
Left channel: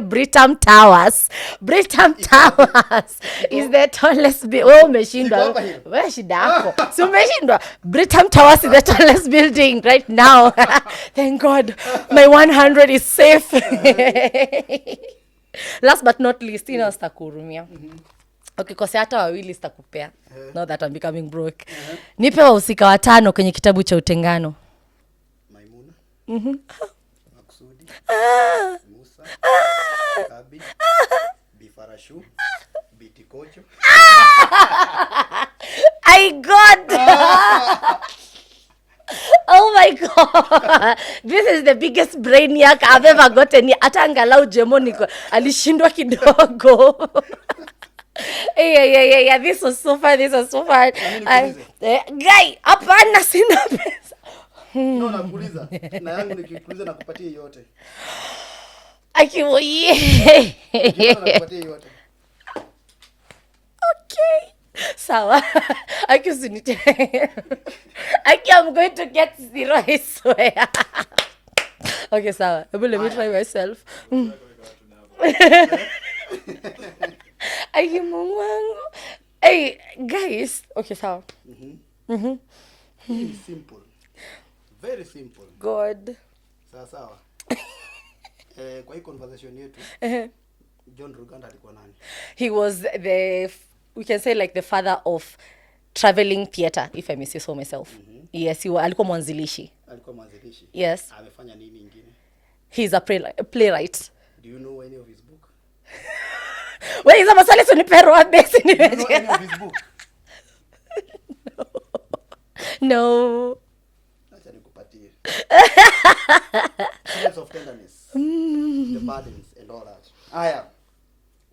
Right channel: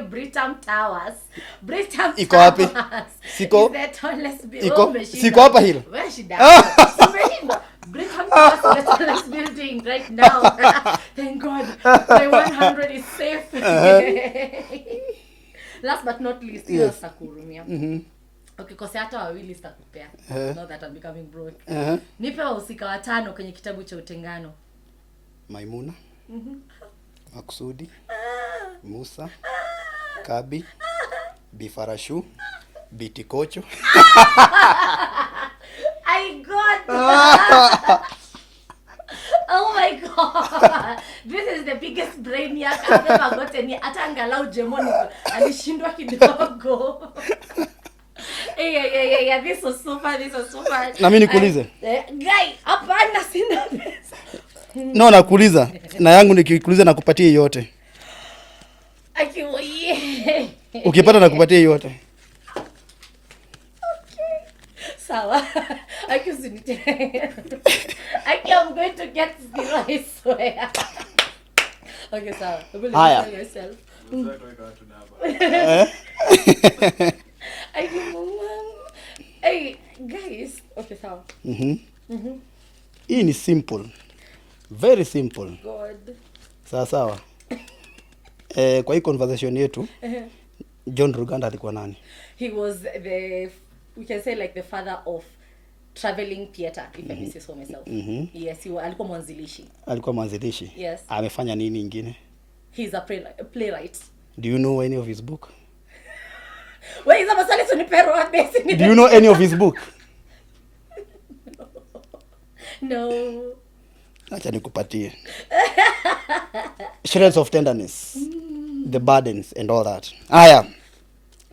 Britam Towers is the tallest building. Siko hapa hill. Wewe shida. Umeshindwa. Britam Towers is the tallest building right now. Thank God. My 100 is safe. Last but not least, ina sakurumia. Okay, kwa hata wawili sitakupea. Now that I'm becoming broke. Nipe wahusika 5 kwenye kitabu cha Utengano. Maimuna. Maksudi. Musa. Kabi. Bifarashu. Bitikocho. I got. Oh my God. This is the biggest brainiac I've ever gotten. Hata angalau Jemoniko alishindwa kidogo. Yeah. This was so fun. Na mimi nikuulize. Guy, hapana sina pesa. No, nakuuliza. Na yangu nikikuuliza nakupatia yote. Akiwoye. Ukipata nakupatia yote. Okay. Sawa. Usinite. I'm going to get 0, I swear. Okay, sawa. I will let me myself. Hey, guys. Okay, sawa. Hii ni simple. Very simple. God. Sawa. Kwa hii conversation yetu, John Ruganda alikuwa nani? He was we can say like the father of traveling theater, if I may say so myself. Yes, alikuwa mwanzilishi. Yes. Amefanya nini ingine? He's a playwright. Do you know any of his book? Wait, is maswali tunipero base? Do you know any of his book? No. Acha nikupatie. Shreds of Tenderness. The Burdens and all that. Aya.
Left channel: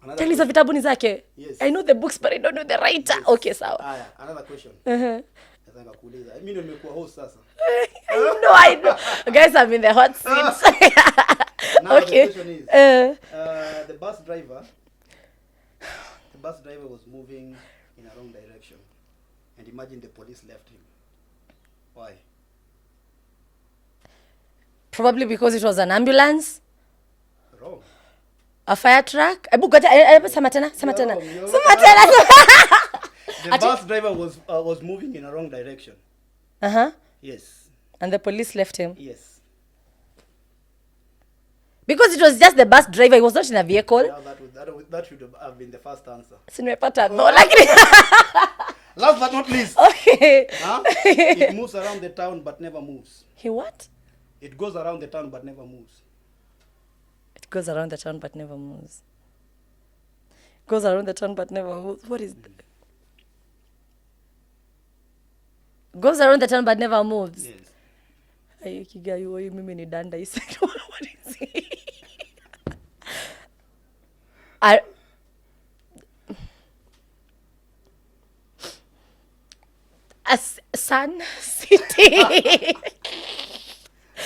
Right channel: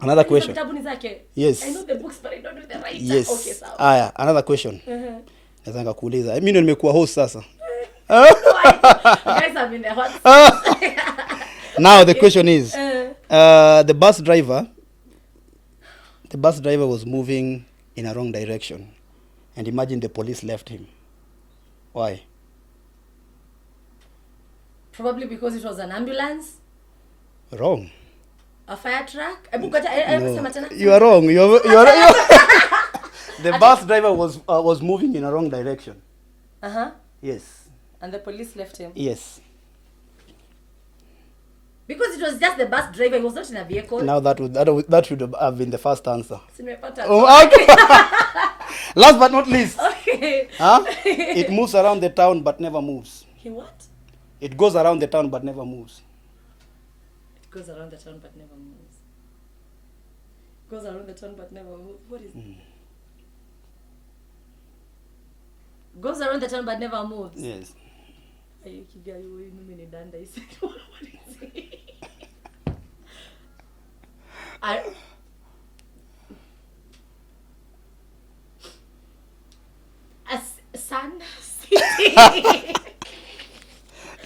Another question. Vitabu ni zake? Yes. I know the books but I don't know the writer. Yes. Okay, sawa. Aya, another question. Nataka kuuliza. Mimi ndio nimekuwa host sasa. No, I know. You guys are in the hot seat. Now the question is, the bus driver was moving in a wrong direction, and imagine the police left him. Why? Probably because it was an ambulance. Wrong. A fire truck. You are wrong. You are wrong. The bus driver was moving in a wrong direction. Yes. And the police left him. Yes. Because it was just the bus driver, he was not in a vehicle. Now that should have been the first answer. Last but not least. Okay. It moves around the town but never moves. He what? It goes around the town but never moves. It goes around the town but never moves. Goes around the town but never moves. What is that? Goes around the town but never moves. Yes. Mimi ni danda. What is it? Sun City.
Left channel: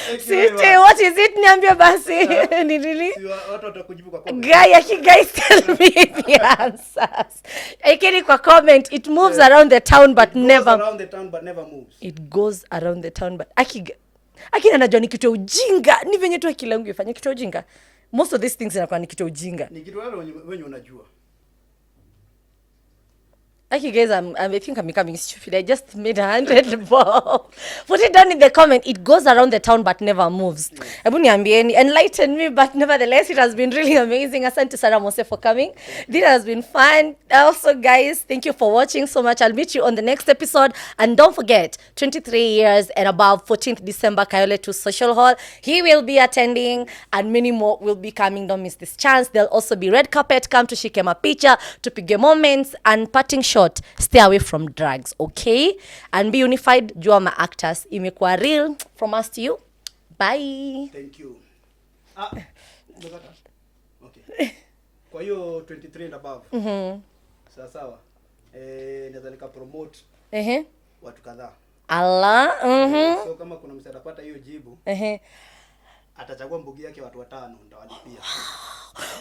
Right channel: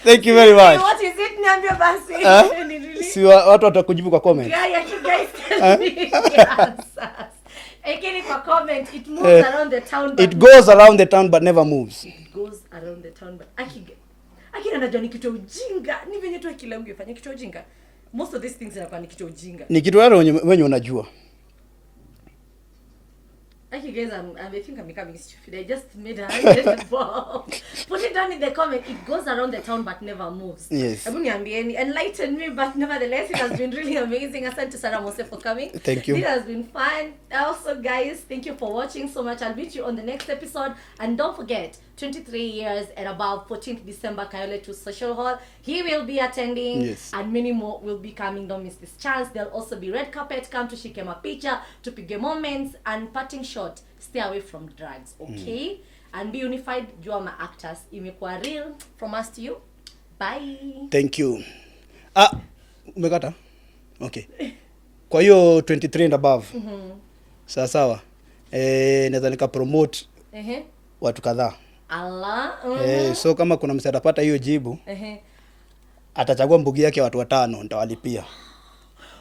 Thank you very much. What is it? Niambia basi. Si watu watakujibu kwa comment. Guys tell me the answers. Ikini kwa comment, it moves around the town but it goes around the town but never moves. It goes around the town but akina najua ni kitu ujinga. Ni venye tu akili yangu ifanye kitu ujinga. Most of these things zinakuwa ni kitu ujinga. Ni kitu wenye unajua. Guys, I think I'm becoming stupid. I just made 100 bob. Put it down in the comment. It goes around the town but never moves. Yes. Enlighten me, but nevertheless, it has been really amazing. Asante Sarah Mose for coming. Thank you. It has been fun. Also, guys, thank you for watching so much. I'll meet you on the next episode. And don't forget, 23 years and above, 14th December, Kayole 2 Social Hall. He will be attending, yes, and many more will be coming. Don't miss this chance. There'll also be red carpet. Come to shike mapicha, to pige moments, and parting shot. Stay away from drugs, okay? And be unified. Jua ma actors. Imekuwa real. From us to you. Bye. Thank you. Umekata? Okay. Kwa hiyo 23 and above. Sawa. Naweza nika promote watu kadhaa. Allah. So kama kuna msee atapata hiyo jibu, atachagua mbugi yake watu 5 nitawalipia.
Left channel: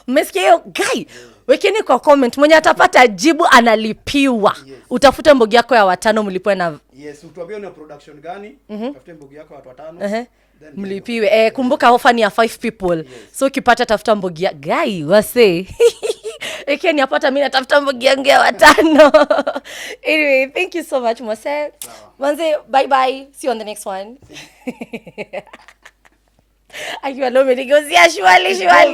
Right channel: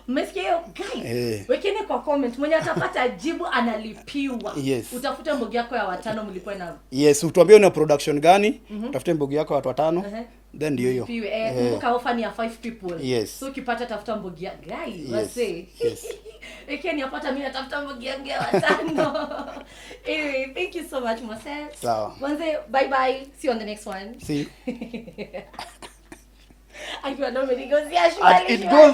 Mmesikia hiyo guy? Wekeni kwa comment mwenye atapata jibu analipiwa. Yes. Utafute mbogi yako ya 5 mlipwe na. Yes, utuambie una production gani? Utafute mbogi yako ya watu 5. Then ndio mlipiwe. Kumbuka offer ni ya 5 people. Yes. So ukipata tafuta mbogi ya guy wase. Wekeni apata mimi natafuta mbogi yangu ya 5. Anyway, thank you so much Mose. Sawa. Manze, bye bye. See you on the next one. See. Akiwa leo mimi nigozia shwali.